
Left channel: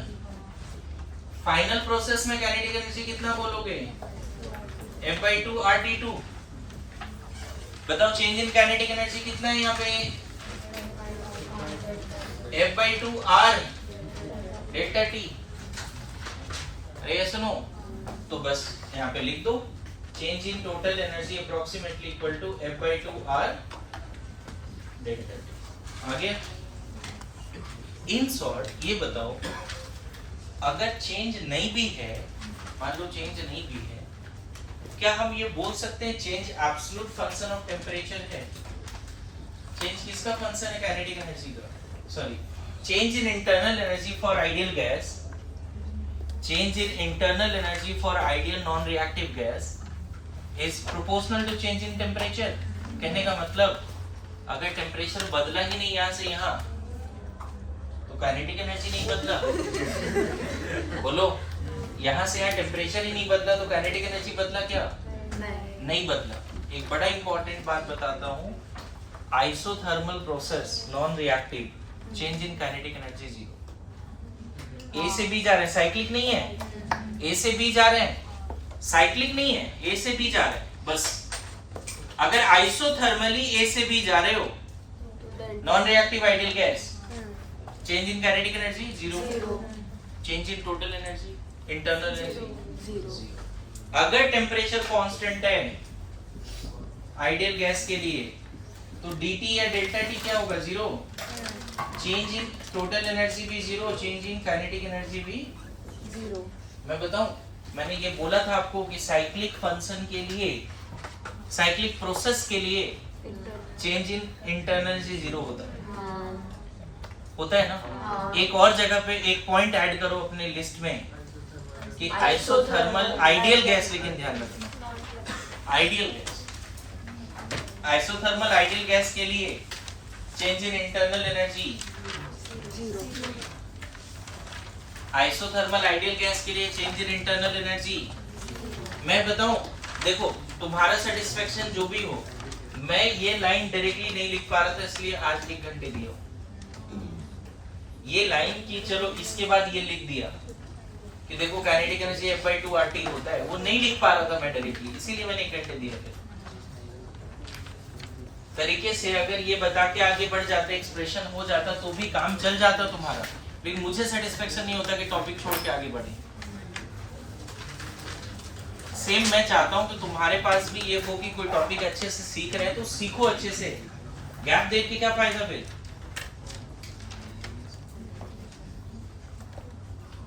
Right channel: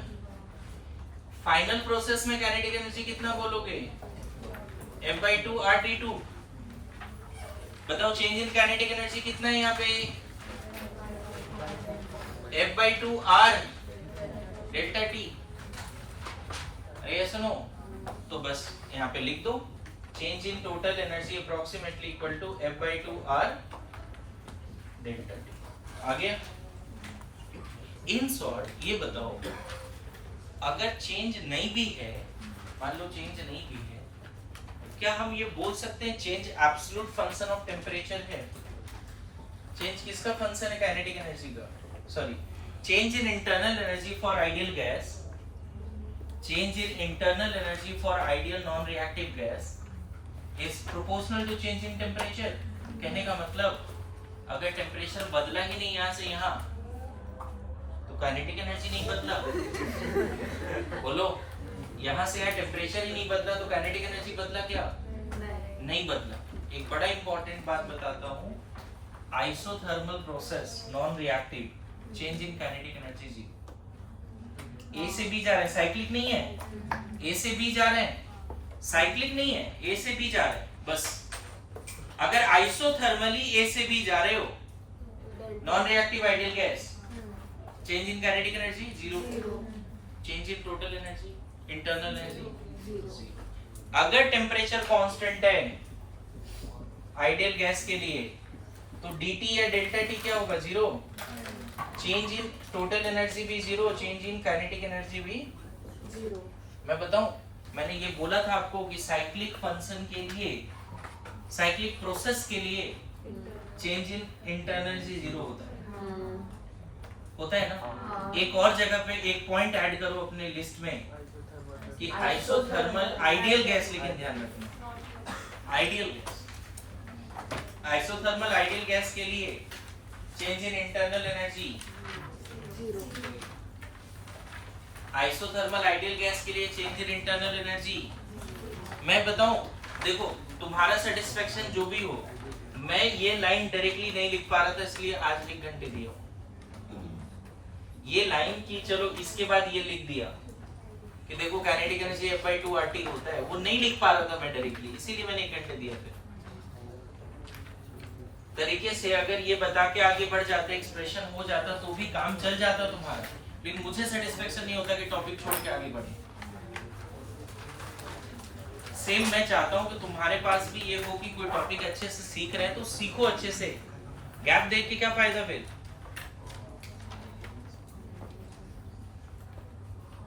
फाइनल प्रोसेस में काइनेटिक एनर्जी कितना बोलोगे, F/2 RT2, बताओ चेंज इन काइनेटिक एनर्जी कितना है यहाँ पे, F/2 R डेल्टा T, अरे ये सुनो, तो बस यहाँ पे लिख दो change in total energy approximately equal to F/2 R delta T। आगे इन शॉर्ट ये बताओ, अगर चेंज नहीं भी है, मान लो चेंज नहीं भी है, क्या हम ये बोल सकते हैं change absolute function of temperature है, चेंज किसका फंक्शन है, काइनेटिक एनर्जी का, sorry change in internal energy for ideal gas, change in internal energy for ideal non reactive gas is proportional to change in temperature. कहने का मतलब अगर temperature बदला ही नहीं यहाँ से यहाँ, तो काइनेटिक एनर्जी नहीं बदला, बोलो यहाँ से यहाँ टेम्परेचर ही नहीं बदला तो काइनेटिक एनर्जी बदला क्या, नहीं बदला। एक बड़ा इंपॉर्टेंट बात बताता हूँ, isothermal process non reactive, change in kinetic energy 0, ए से बी जा रहे हैं, साइक्लिक नहीं है, ए से बी जा रहे हैं, साइक्लिक नहीं है, ए से बी जा रहे हैं, बस अगर आइसोथर्मली ए से बी जा रहे हो, non reactive ideal gas, change in kinetic energy 0, change in total energy internal energy 0। अगर टेम्परेचर कांस्टेंट है आइडियल गैस के लिए, तो dt या डेल्टा t क्या होगा, 0, चेंज इन टोटल एनर्जी भी 0, चेंज इन काइनेटिक एनर्जी भी 0। मैं बताऊं, मैंने ये बोला था आपको कि साइक्लिक फंक्शन के लिए, साइक्लिक प्रोसेस के लिए चेंज इन इंटरनल एनर्जी 0 होता है, होता है ना। एक और जगह पे एक पॉइंट ऐड करो अपने लिस्ट में कि आइसोथर्मल आइडियल गैस, लेकिन ध्यान रखना ideal gas, isothermal ideal gas के लिए change in internal energy isothermal ideal gas के लिए चेंज इन इंटरनल एनर्जी। मैं बताऊं, देखो तुम्हारा सेटिस्फेक्शन जो भी हो, मैं ये लाइन डायरेक्टली नहीं लिख पा रहा था इसलिए आज 1 घंटे दिया। ये लाइन की चलो इसके बाद ये लिख दिया कि देखो काइनेटिक एनर्जी F/2 RT होता है, वो नहीं लिख पा रहा था मैं डायरेक्टली, इसीलिए मैंने 1 घंटे दिया। फिर तरीके से अगर ये बता के आगे बढ़ जाते, एक्सप्रेशन हो जाता तो भी काम चल जाता तुम्हारा, लेकिन मुझे सेटिस्फेक्शन नहीं होता कि टॉपिक छोड़ के आगे बढ़े। सेम मैं चाहता हूं कि तुम्हारे पास भी ये हो कि कोई टॉपिक अच्छे से सीख रहे हैं तो सीखो अच्छे से, गैप देख के क्या फायदा। फिर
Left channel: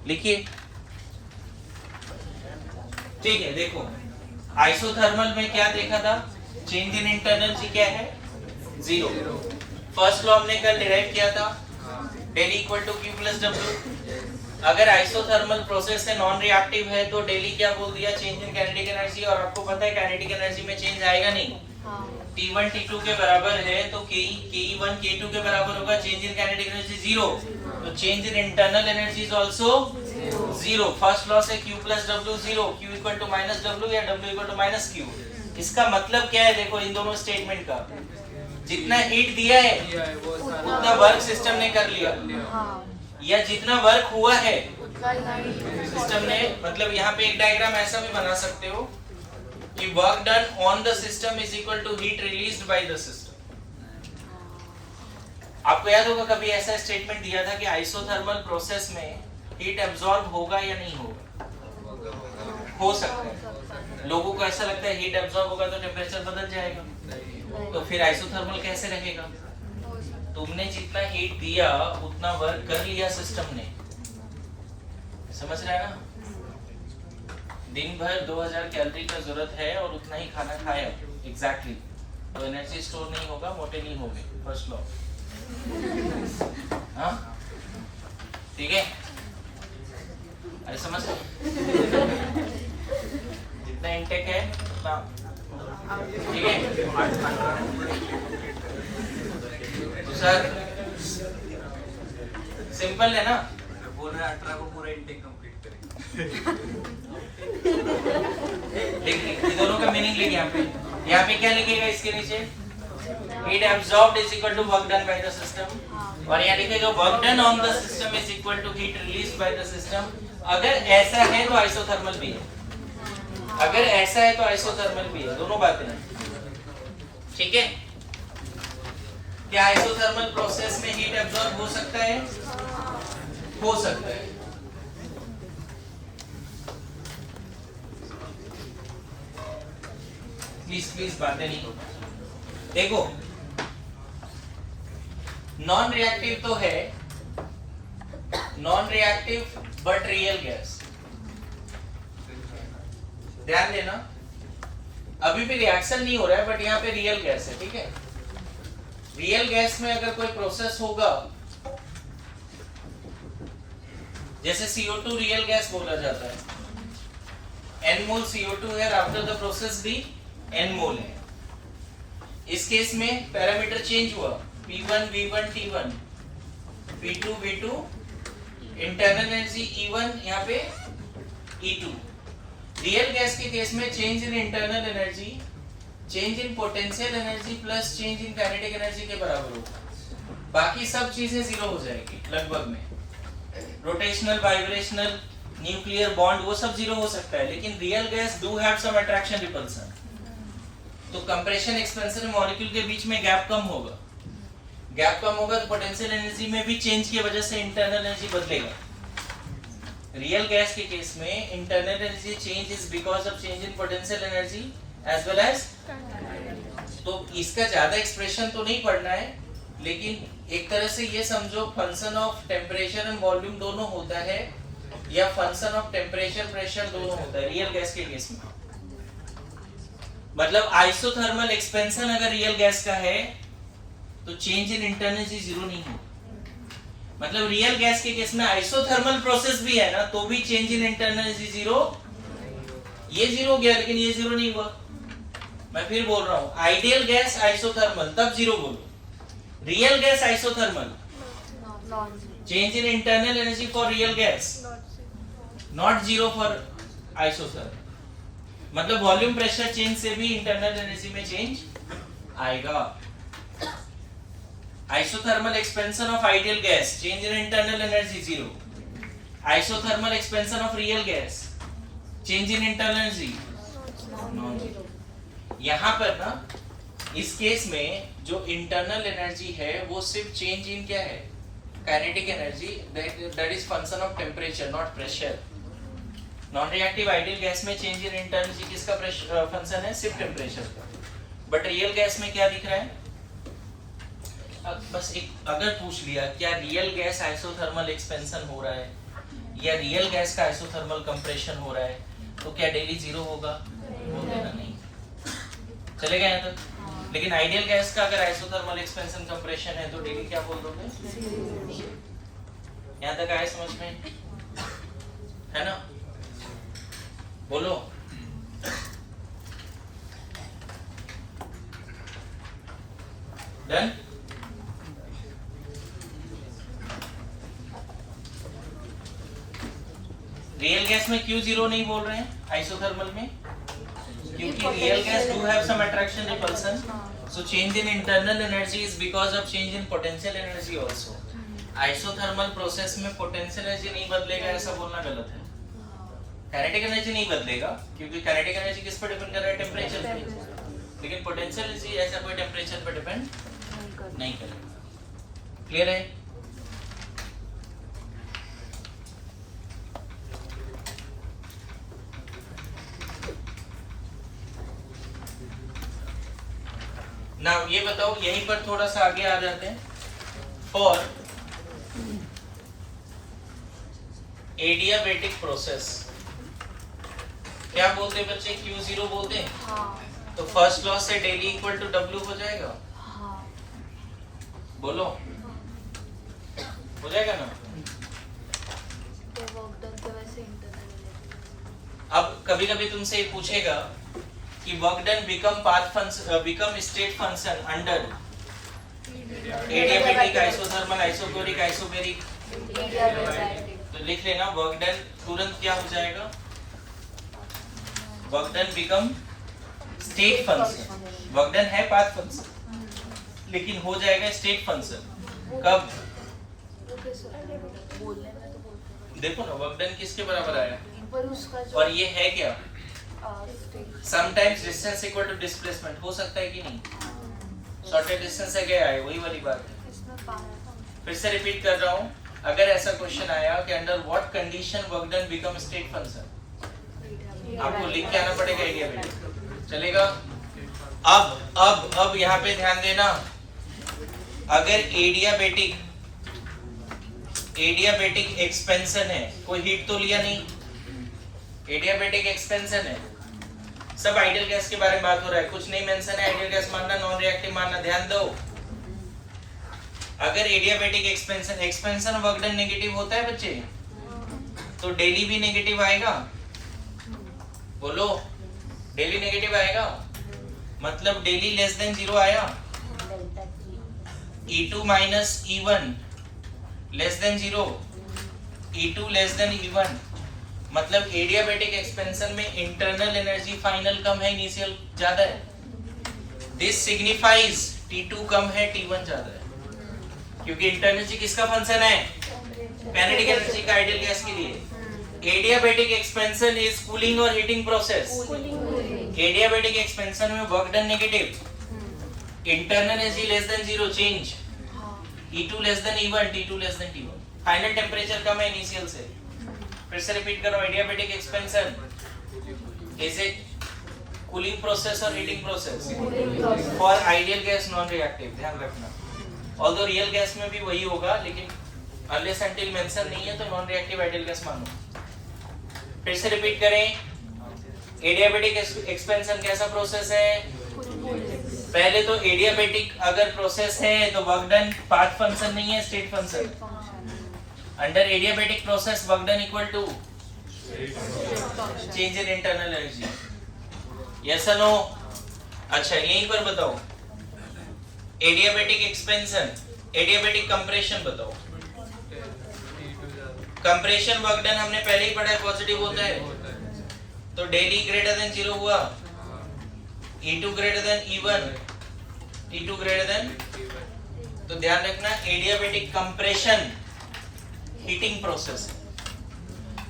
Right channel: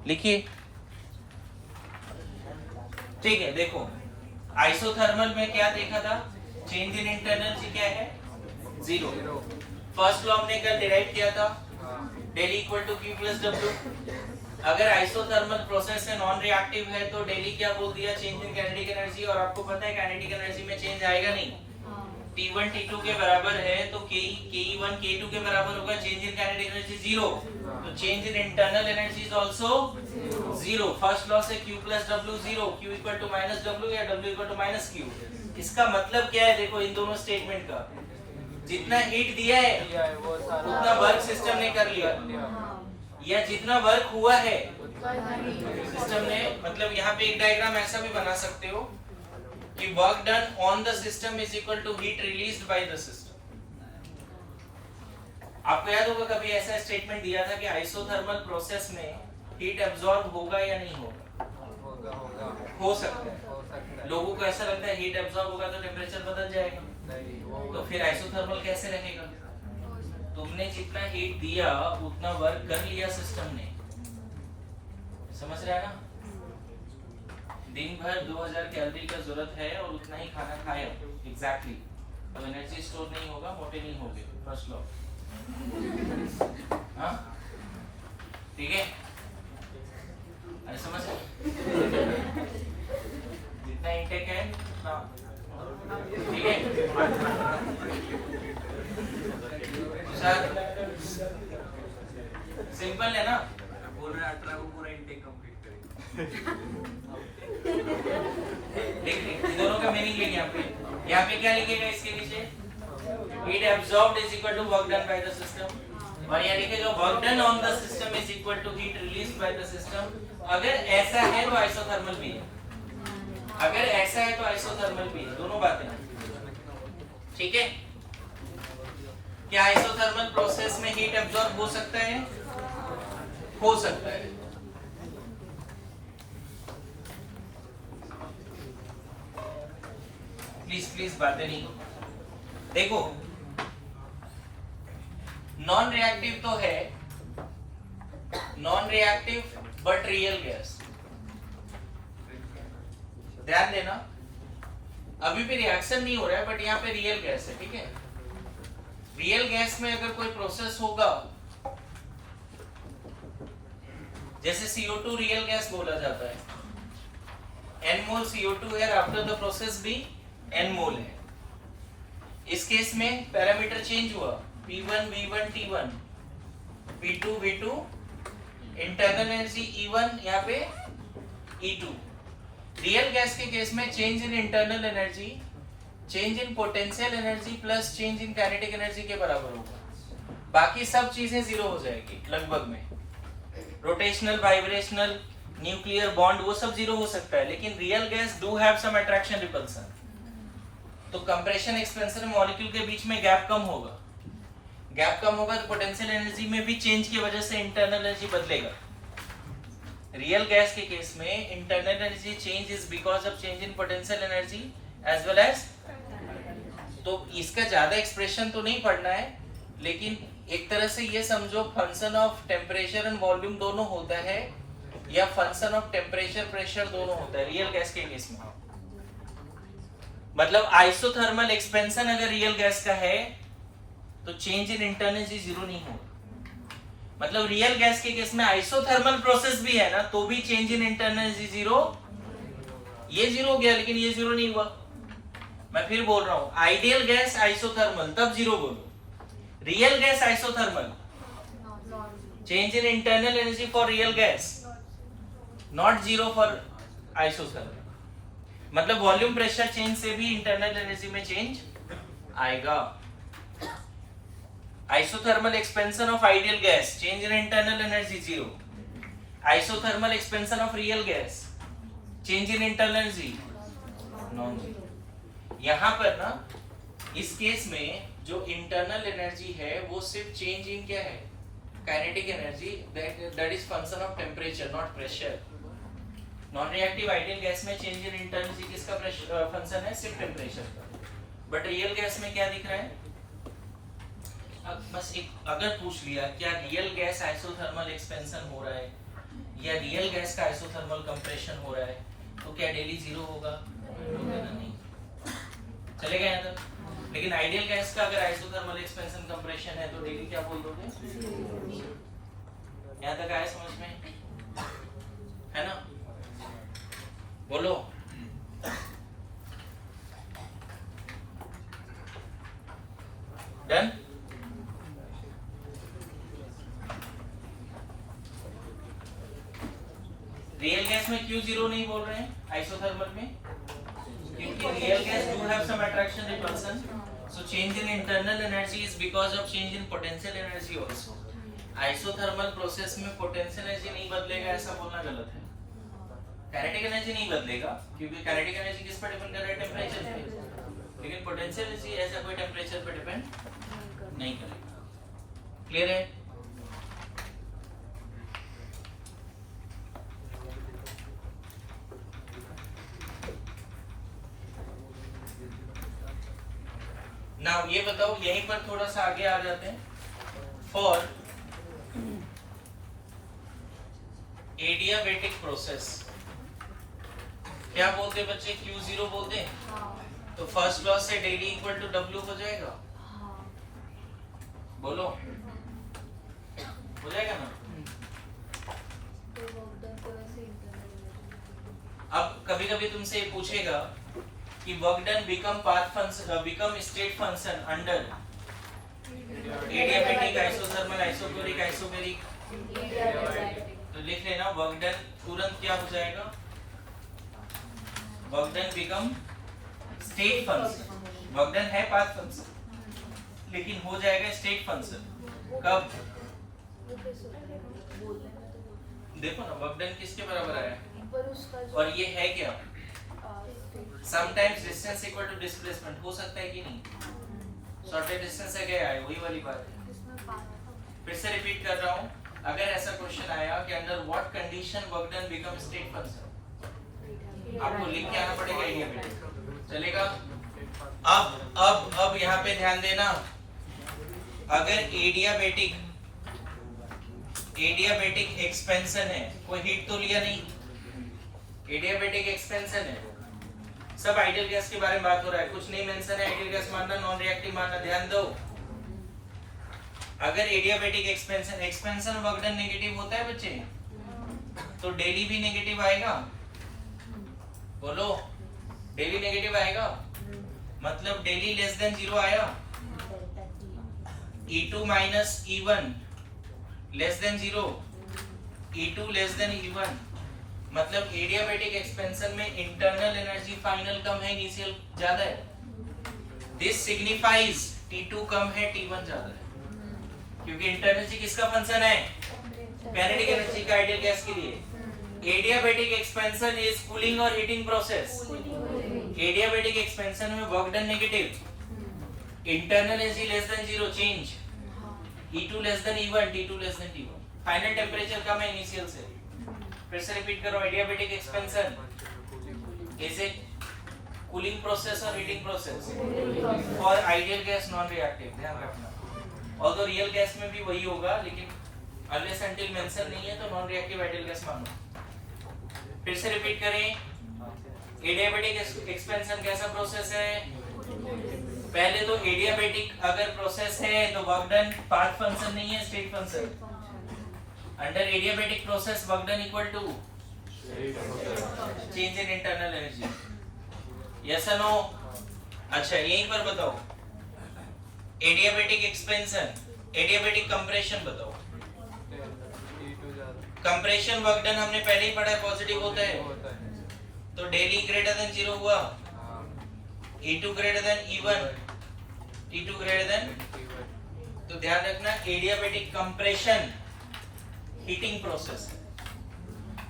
लिखिए, ठीक है। देखो आइसोथर्मल में क्या देखा था, चेंज इन इंटरनल एनर्जी क्या है, 0। फर्स्ट लॉ हमने कल डिराइव किया था, del equal to Q plus W। अगर आइसोथर्मल प्रोसेस से नॉन रिएक्टिव है तो डेली क्या बोल दिया, चेंज इन काइनेटिक एनर्जी। और आपको पता है काइनेटिक एनर्जी में चेंज आएगा नहीं, T1 T2 के बराबर है तो Ke1 K2 के बराबर होगा, चेंज इन काइनेटिक एनर्जी 0। तो change in internal energy is also 0। First law से Q plus W 0, Q equal to minus W या W equal to minus Q। इसका मतलब क्या है, देखो इन दोनों स्टेटमेंट का, जितना हीट दिया है उतना वर्क सिस्टम ने कर लिया, या जितना वर्क हुआ है सिस्टम ने, मतलब यहाँ पे एक डायग्राम ऐसा भी बना सकते हो कि work done on the system is equal to heat released by the system. आपको याद होगा कभी ऐसा स्टेटमेंट दिया था कि आइसोथर्मल प्रोसेस में हीट एब्जॉर्ब होगा या नहीं होगा, हो सकता है। लोगों को ऐसा लगता है हीट एब्जॉर्ब होगा तो टेम्परेचर बदल जाएगा, तो फिर आइसोथर्मल कैसे रहेगा। तुमने जितना हीट दिया उतना वर्क कर लिया सिस्टम ने, समझ रहे हैं ना। दिन भर 2000 कैलोरी का जरूरत है और उतना ही खाना खाया एग्जैक्टली, तो एनर्जी स्टोर नहीं होगा, मोटे नहीं होगे, फर्स्ट लॉ। हाँ ठीक है, अरे समझ जितना इंटेक है उतना, ठीक है। तो सर सिंपल है ना, बोल रहे 18 को पूरा इंटेक कंप्लीट करेंगे। लिख ये दोनों का मीनिंग लिख यहाँ पे क्या लिखेगा इसके नीचे, heat absorbed is equal to work done by the system, और यहाँ लिखेगा work done on the system is equal to heat released by the system. अगर ऐसा है तो आइसोथर्मल भी है, अगर ऐसा है तो आइसोथर्मल भी है, दोनों बातें हैं, ठीक है। क्या आइसोथर्मल प्रोसेस में हीट एब्जॉर्ब हो सकता है, हो सकता है। प्लीज बातें नहीं, देखो नॉन रिएक्टिव तो है, non reactive but real gas, ध्यान देना। अभी भी रिएक्शन नहीं हो रहा है बट यहाँ पे रियल गैस है, ठीक है। रियल गैस में अगर कोई प्रोसेस होगा, जैसे CO2 रियल गैस बोला जाता है, n मोल CO2 है, आफ्टर द प्रोसेस भी n मोल है। इस केस में पैरामीटर चेंज हुआ, P1 V1 T1, P2 V2, internal energy E1 यहाँ पे E2। रियल गैस के केस में change in internal energy change in potential energy plus change in kinetic energy के बराबर होगा, बाकी सब चीजें जीरो हो जाएगी लगभग में। रोटेशनल, वाइब्रेशनल, न्यूक्लियर बॉन्ड वो सब जीरो हो सकता है, लेकिन real gas do have some attraction repulsion. तो कंप्रेशन एक्सपेंशन मॉलिक्यूल के बीच में गैप कम होगा, गैप कम होगा तो पोटेंशियल एनर्जी में भी चेंज की वजह से इंटरनल एनर्जी बदलेगा। रियल गैस के केस में internal energy change is because of change in potential energy as well as, तो इसका ज्यादा एक्सप्रेशन तो नहीं पढ़ना है, लेकिन एक तरह से ये समझो function of temperature and volume दोनों होता है, या फंक्शन ऑफ टेम्परेचर प्रेशर दोनों होता है रियल गैस के केस में। मतलब आइसोथर्मल एक्सपेंशन अगर रियल गैस का है तो change in internal energy zero नहीं होगा। मतलब रियल गैस के केस में आइसोथर्मल प्रोसेस भी है ना तो भी change in internal energy zero, ये जीरो हो गया लेकिन ये जीरो नहीं हुआ। मैं फिर बोल रहा हूं, आइडियल गैस आइसोथर्मल तब जीरो बोलो, real gas isothermal, change in internal energy for real gas, not zero for isothermal. मतलब वॉल्यूम प्रेशर चेंज से भी इंटरनल एनर्जी में चेंज आएगा। Isothermal expansion of ideal gas, change in internal energy zero. Isothermal expansion of real gas, change in internal energy non zero. यहां पर ना इस case में जो इंटरनल एनर्जी है वो सिर्फ चेंज इन क्या है, kinetic energy, that is function of temperature not pressure. Non reactive ideal gas में चेंज इन इंटरनल एनर्जी किसका फंक्शन है, सिर्फ टेम्परेचर का। बट रियल गैस में क्या दिख रहा है, बस एक अगर पूछ लिया क्या रियल गैस आइसोथर्मल एक्सपेंशन हो रहा है या रियल गैस का आइसोथर्मल कंप्रेशन हो रहा है, तो क्या डेली जीरो होगा, नहीं चलेगा यहाँ तक। लेकिन आइडियल गैस का अगर आइसोथर्मल एक्सपेंशन कंप्रेशन है तो डेली क्या बोल दोगे, यहाँ तक आए समझ में, है ना? बोलो। डन। रियल गैस में क्यों जीरो नहीं बोल रहे हैं आइसोथर्मल में, क्योंकि real gas do have some attraction repulsion, so change in internal energy is because of change in potential energy also. Isothermal process में पोटेंशियल एनर्जी नहीं बदलेगा ऐसा बोलना गलत है। काइनेटिक एनर्जी नहीं बदलेगा क्योंकि काइनेटिक एनर्जी किस पर डिपेंड कर रहा है, टेम्परेचर पे, लेकिन पोटेंशियल एनर्जी ऐसा कोई टेम्परेचर पर डिपेंड नहीं करेगा। क्लियर है? ना ये बताओ, यहीं पर थोड़ा सा आगे आ जाते हैं। फॉर एडियाबेटिक प्रोसेस क्या बोलते बच्चे, Q0 बोलते हैं। हाँ। तो फर्स्ट लॉ से डेली इक्वल टू W हो जाएगा। हाँ। बोलो हो जाएगा ना। अब कभी कभी तुमसे ये पूछेगा कि work done become state function under adiabatic isothermal isochoric isobaric, तो लिख लेना वर्क डन तुरंत क्या हो जाएगा, work done become state function. Work done है पाथ फंक्शन लेकिन हो जाएगा स्टेट फंक्शन कब, देखो ना वर्क डन किसके बराबर आया, और ये है क्या, sometimes distance equal to displacement हो सकता है कि नहीं, शॉर्टेड डिस्टेंस है क्या है, वही वाली बात है। फिर से रिपीट कर रहा हूँ, अगर ऐसा क्वेश्चन आया कि under what condition work done become state function, आपको लिख के आना पड़ेगा एरिया में, चलेगा। अब यहाँ पे ध्यान देना, अगर एडियाबेटिक एक्सपेंशन है, कोई हीट तो लिया नहीं, एडियाबेटिक एक्सपेंशन है, सब आइडियल गैस के बारे में बात हो रहा है, कुछ नहीं मेंशन है आइडियल गैस मानना नॉन रिएक्टिव मानना, ध्यान दो। अगर adiabatic expansion work done negative होता है बच्चे, तो डेली भी नेगेटिव आएगा, बोलो डेली नेगेटिव आएगा, मतलब डेली लेस देन जीरो आया, E2 minus E1 less than zero, E2 less than E1, मतलब एडियाबेटिक एक्सपेंशन में इंटरनल एनर्जी फाइनल कम है, इनिशियल ज्यादा है। दिस सिग्निफाइज T2 कम है, T1 ज्यादा है, क्योंकि इंटरनल एनर्जी किसका फंक्शन है, काइनेटिक एनर्जी का आइडियल गैस के लिए। एडियाबेटिक एक्सपेंशन इज कूलिंग और हीटिंग प्रोसेस। एडियाबेटिक एक्सपेंशन में work done negative, internal energy less than zero, change E2 less than E1, T2 less than T1, final temperature कम है initial से। फिर से रिपीट करो, adiabatic expansion is a cooling process और heating process for ideal gas non reactive, ध्यान रखना। Although real gas में भी वही होगा, लेकिन अनलेस अनटिल मेंशन नहीं है तो नॉन रिएक्टिव आइडियल गैस मानो। फिर से रिपीट करें, एडियाबेटिक एक्सपेंशन कैसा प्रोसेस है, पहले तो एडियाबेटिक अगर प्रोसेस है तो वर्क डन पाथ फंक्शन नहीं है, state function. Under adiabatic process work done equal to change in internal energy, yes और नो। अच्छा यहीं पर बताओ, एडियाबैटिक एक्सपेंशन, एडियाबैटिक कंप्रेशन बताओ। कंप्रेशन वर्क डन हमने पहले ही पढ़ा है, पॉजिटिव होता है। तो डेली ग्रेटर देन 0 हुआ, E2 greater than E1, T2 greater than. तो ध्यान रखना एडियाबैटिक कंप्रेशन हीटिंग प्रोसेस।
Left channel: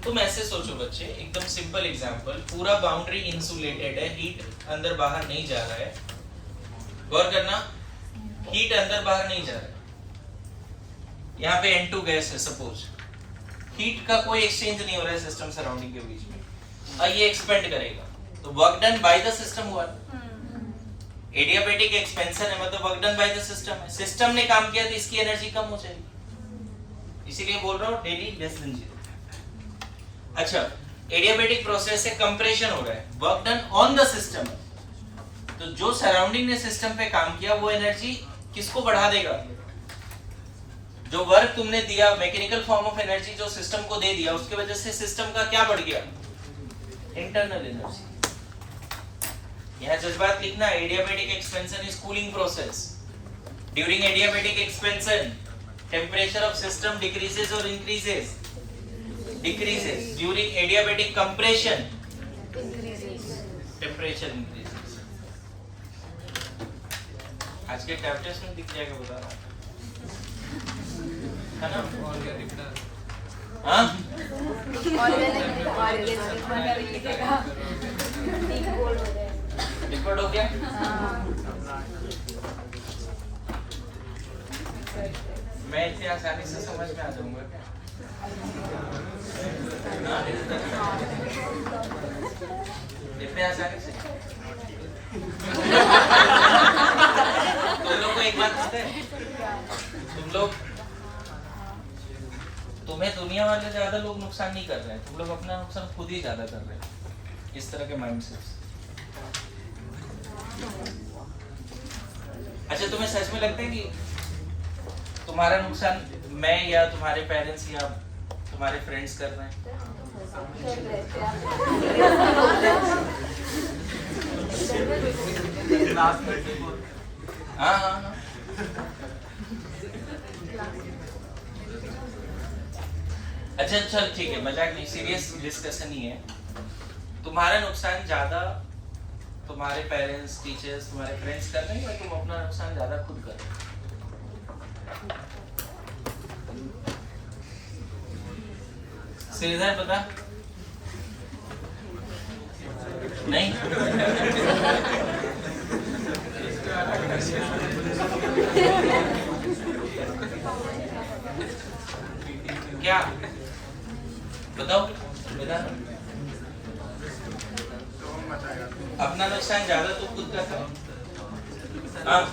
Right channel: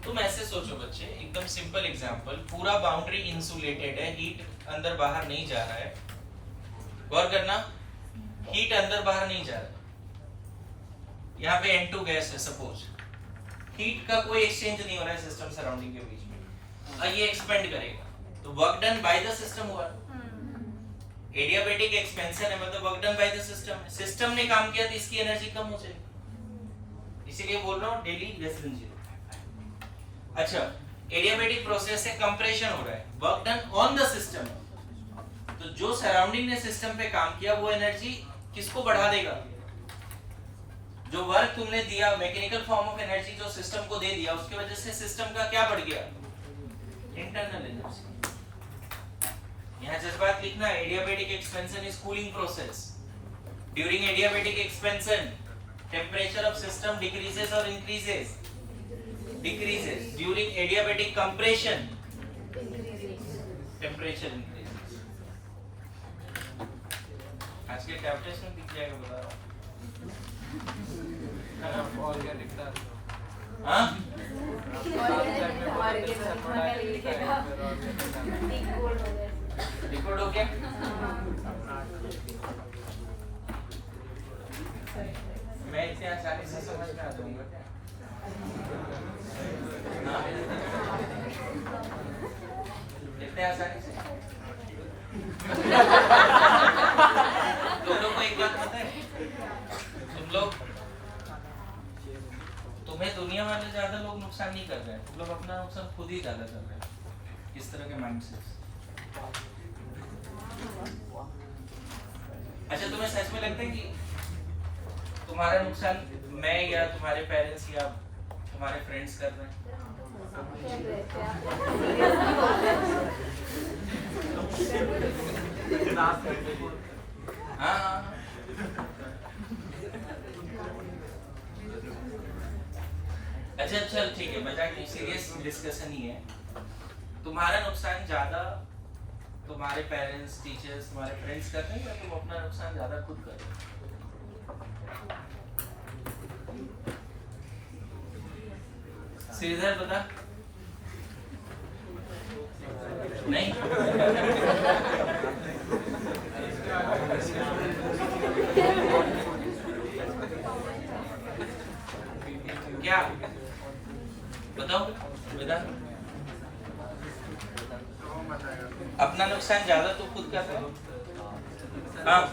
तुम ऐसे सोचो बच्चे, एकदम सिंपल एग्जांपल, पूरा बाउंड्री इंसुलेटेड है, हीट अंदर बाहर नहीं जा रहा है। गौर करना, हीट अंदर बाहर नहीं जा रहा है। यहाँ पे N2 गैस है सपोज, हीट का कोई एक्सचेंज नहीं हो रहा है सिस्टम सराउंडिंग के बीच में, और ये एक्सपेंड करेगा, तो work done by the system हुआ। एडियाबैटिक एक्सपेंशन है मतलब work done by the system है। सिस्टम ने काम किया तो इसकी एनर्जी कम हो जाएगी, इसीलिए बोल रहा हूँ डेली लेस देन 0। अच्छा, एडियाबैटिक प्रोसेस से कंप्रेशन हो रहा है, work done on the system. तो जो सराउंडिंग ने सिस्टम पे काम किया वो एनर्जी किसको बढ़ा देगा? जो वर्क तुमने दिया, मैकेनिकल फॉर्म ऑफ एनर्जी जो सिस्टम को दे दिया, उसकी वजह से सिस्टम का क्या बढ़ गया? Internal energy. यहाँ जज्बात लिखना, adiabatic expansion is cooling process. During adiabatic expansion temperature of system decreases और increases? Decreases. During adiabatic compression, temperature increases. आज के टैब टेस्ट में दिख जाएगा, बता रहा है ना? हाँ? रिकॉर्ड हो गया? मैं इतनी आसानी से समझ में आ जाऊंगा क्या? इतने आसानी से? तुम लोग को एक बात पता है, तुम्हें दुनिया वाले ज्यादा लोग नुकसान नहीं कर रहे हैं, तुम लोग अपना नुकसान खुद ही ज्यादा कर रहे हैं इस तरह के माइंडसेट। अच्छा, तुम्हें सच में लगता है कि तुम्हारा नुकसान मैं या तुम्हारे पेरेंट्स या तुम्हारे फ्रेंड्स कर रहे हैं? हाँ हाँ हाँ। अच्छा अच्छा ठीक है, मजाक नहीं, सीरियस डिस्कशन ही है। तुम्हारा नुकसान ज्यादा तुम्हारे पेरेंट्स, टीचर्स, तुम्हारे फ्रेंड्स कर रहे हैं या तुम अपना नुकसान ज्यादा खुद कर रहे हो? सीधा बता। नहीं क्या बताओ वेदांत? अपना नुकसान ज्यादा तो खुद का करो। हाँ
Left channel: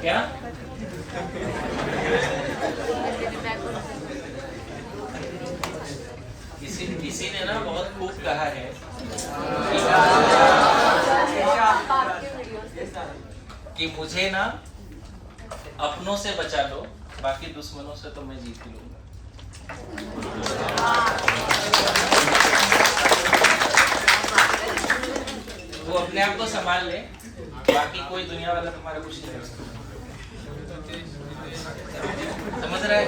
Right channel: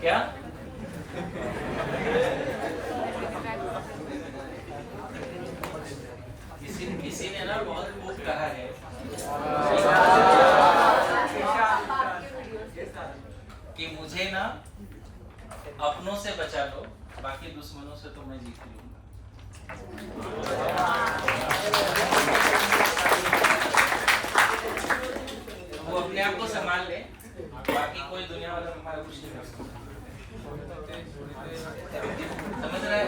क्या? किसी ने ना बहुत खूब कहा है कि मुझे ना अपनों से बचा लो, बाकी दुश्मनों से तो मैं जीत लूंगा। वो अपने आप को संभाल ले, बाकी कोई दुनिया वाला हमारा कुछ नहीं कर सकता। समझ रहा है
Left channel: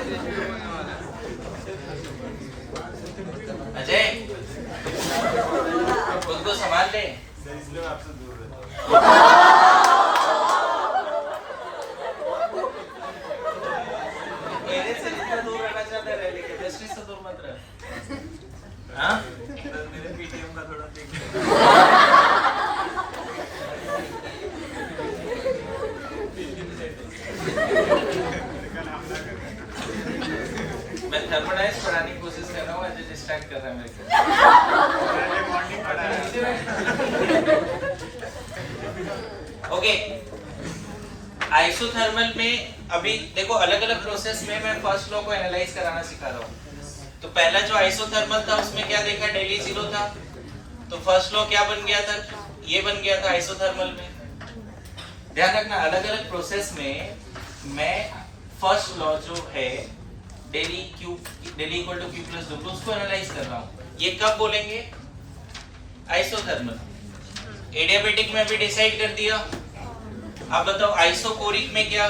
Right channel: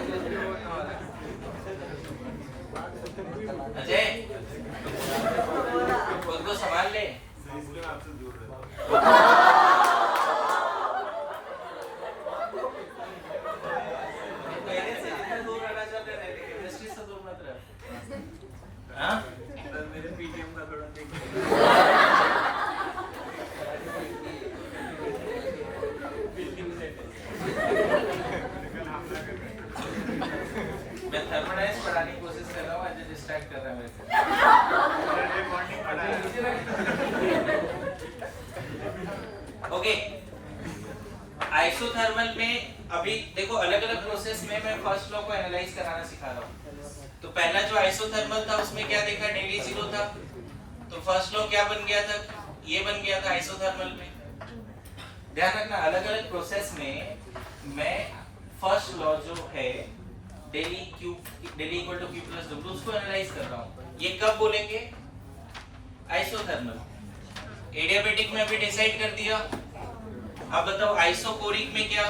अजय? खुद को संभाल ले। आपसे दूर मेरे से जितना दूर रहना चाहता है, लेकिन केमिस्ट्री से दूर मत रह। हाँ? मेरे पीटीएम का थोड़ा देख। मैं थर्मोडायनेमिक्स पढ़ाने की कोशिश कर रहा हूँ, अजय डिस्ट्रैक्ट कर रहा है मेरे को। मैंने बॉन्डिंग पढ़ा है। ओके, आइसोथर्मल में अभी देखो अलग अलग प्रोसेस में मैं फर्स्ट लॉ को एनालाइज कराना सिखा रहा हूँ। तो पहला जो आइसोथर्मल था उसमें क्या देखा? डेली 0 था, तो फर्स्ट लॉ क्या बन गया था? ये बन गया था आइसोथर्मल में। ध्यान रखना, अलग अलग प्रोसेस में मैं फर्स्ट लॉ जो है del E equal to Q plus 2, तो उसको एनालाइज कर रहा हूँ। ये कब बोलेंगे? आइसोथर्मल। एडियाबैटिक में भी डिसाइड कर दिया, अब बताओ आइसोकोरिक में क्या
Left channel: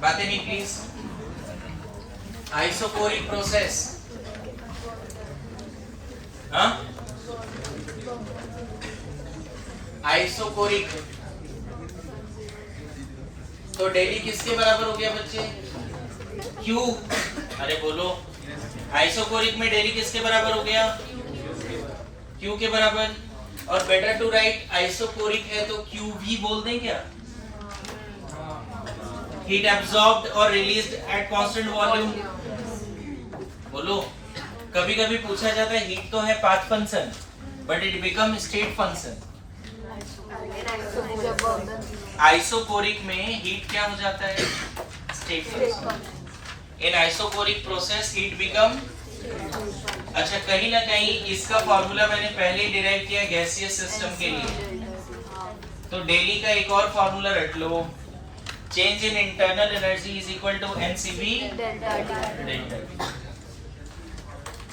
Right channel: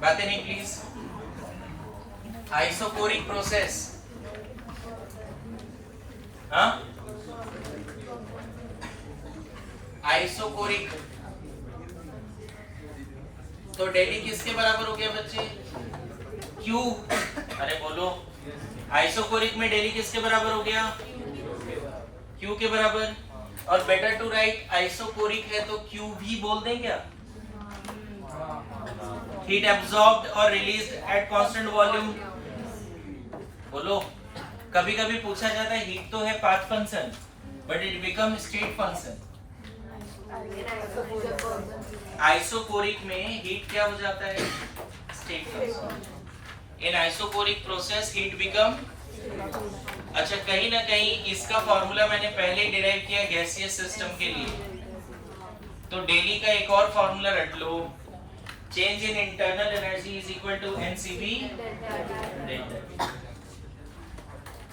बातें नहीं प्लीज। आइसोकोरिक प्रोसेस, हाँ आइसोकोरिक तो डेली किसके बराबर हो गया बच्चे? क्यू। अरे बोलो, आइसोकोरिक में डेली किसके बराबर हो गया? क्यू के बराबर। और बेटर टू राइट आइसोकोरिक है तो क्यू भी बोल दें क्या? हीट एब्जॉर्ब्ड और रिलीज्ड एट कांस्टेंट वॉल्यूम। बोलो, कभी कभी पूछा जाता है हीट तो है path function but it become state function. Isochoric में हीट क्या हो जाता है? State function. In isochoric process heat become, अच्छा कहीं ना कहीं इसका फॉर्मूला मैंने पहले डिराइव किया गैसियस सिस्टम के लिए, तो डेली का एक और फॉर्मूला रट लो, change in internal energy is equal to NCV delta T.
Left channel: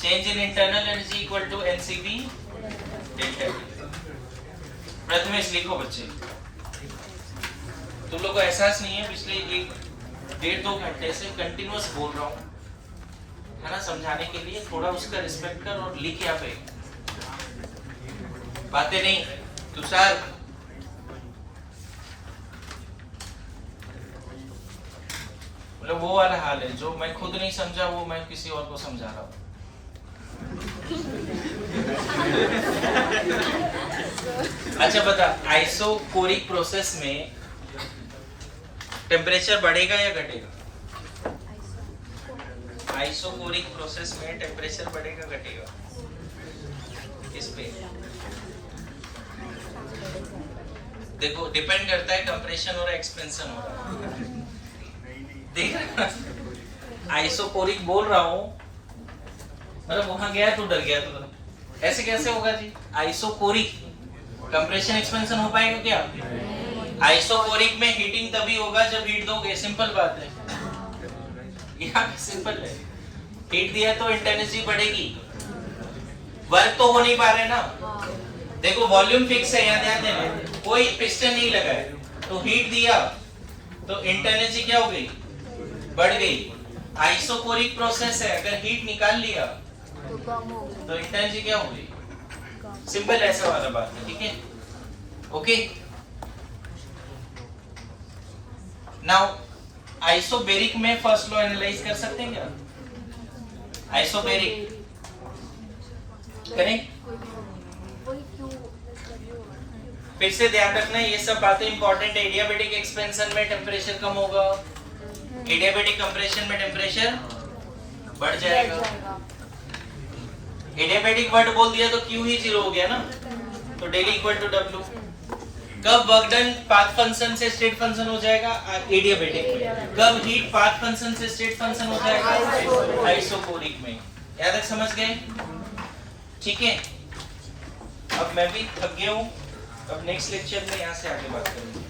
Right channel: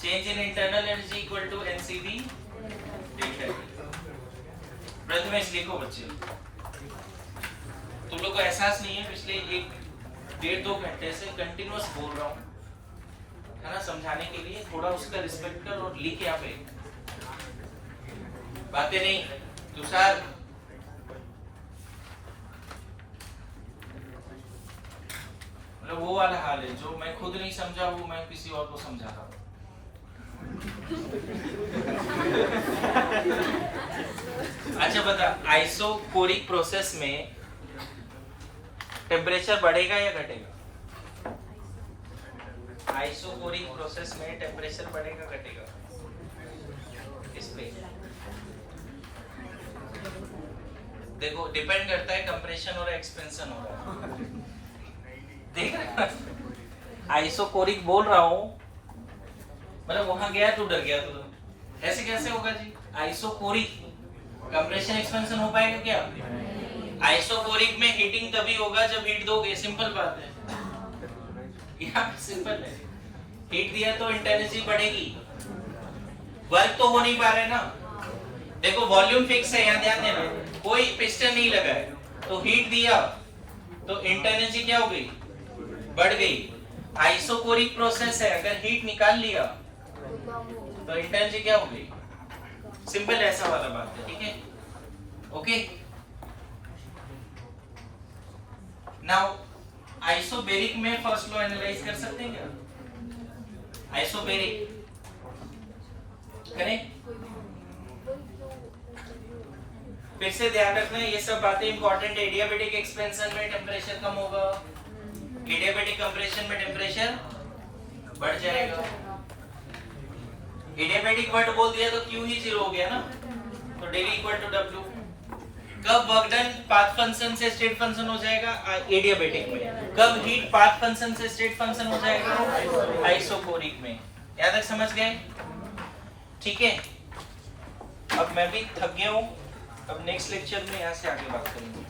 Change in internal energy equal to NCV delta T. Prathamesh लिखो बच्चे, तुम लोग को एहसास नहीं है पिछले 1-1.5-2 घंटे से कंटिन्यूअस बोल रहा हूँ, है ना, समझाने के लिए। थोड़ा उसका रिस्पेक्ट कर और लिख यहाँ पे, बातें नहीं। तुषार मतलब वो वाला हाल है, जो मैं खुद नहीं समझा वो मैं किसी और को समझा रहा हूँ। अच्छा बता, आइसोकोरिक प्रोसेस में टेम्परेचर बढ़ेगा या घटेगा? आइसोकोरिक प्रोसेस में टेम्परेचर बढ़ेगा घटेगा? किस पे? देखो डिपेंड करता है कंप्रेशन हो रहा है एक्सपेंशन हो रहा है। देख आइसोकोरिक बोल रहा हूँ, मतलब वहां गया तो डर गया तो ऐसे कैसे होगा जी? आइसोकोरिक कंप्रेशन एक्सपेंशन हो पाएगा क्या? आइसोकोरिक में हीटिंग तभी होगा जब हीट दोगे, सिंपल बात है। यहाँ पे सिंपल है, हीट दिया तो इंटेंसिटी बढ़ेगी, वर्क तो हो नहीं पा रहे ना। देखो वॉल्यूम फिक्स है, यहाँ ध्यान देना, कोई पिस्टन नहीं लगा है, तो हीट दिया तो इंटेंसिटी क्या हो गई? बढ़ गई। आइसोकोरिक प्रोसेस है, अगर हीट निकाल लिया तो इंटेंसिटी क्या हो गई? सिंपल ऐसा वाला बात है, ठीक है? ओके। नाउ आइसोबेरिक में फर्स्ट लॉ एनालाइज कर सकते हैं क्या? आइसोबेरिक करें? फिर से ध्यान रखना ये सब बातें इंपॉर्टेंट है। एडियाबेटिक एक्सपेंशन में टेम्परेचर कम होगा, एडियाबेटिक कंप्रेशन में टेम्परेचर बढ़ जाएगा। एडियाबेटिक वर्ड बोल दिया तो क्यू ही 0 हो गया ना, तो डेली इक्वल टू डब्ल्यू। कब वर्क डन पाथ फंक्शन से स्टेट फंक्शन हो जाएगा? एडियाबेटिक में। कब हीट पाथ फंक्शन से स्टेट फंक्शन हो जाएगा? आइसोकोरिक में। याद तक समझ गए? ठीक है, अब मैं भी थक गया हूँ, अब नेक्स्ट लेक्चर में यहाँ से आगे बात करेंगे।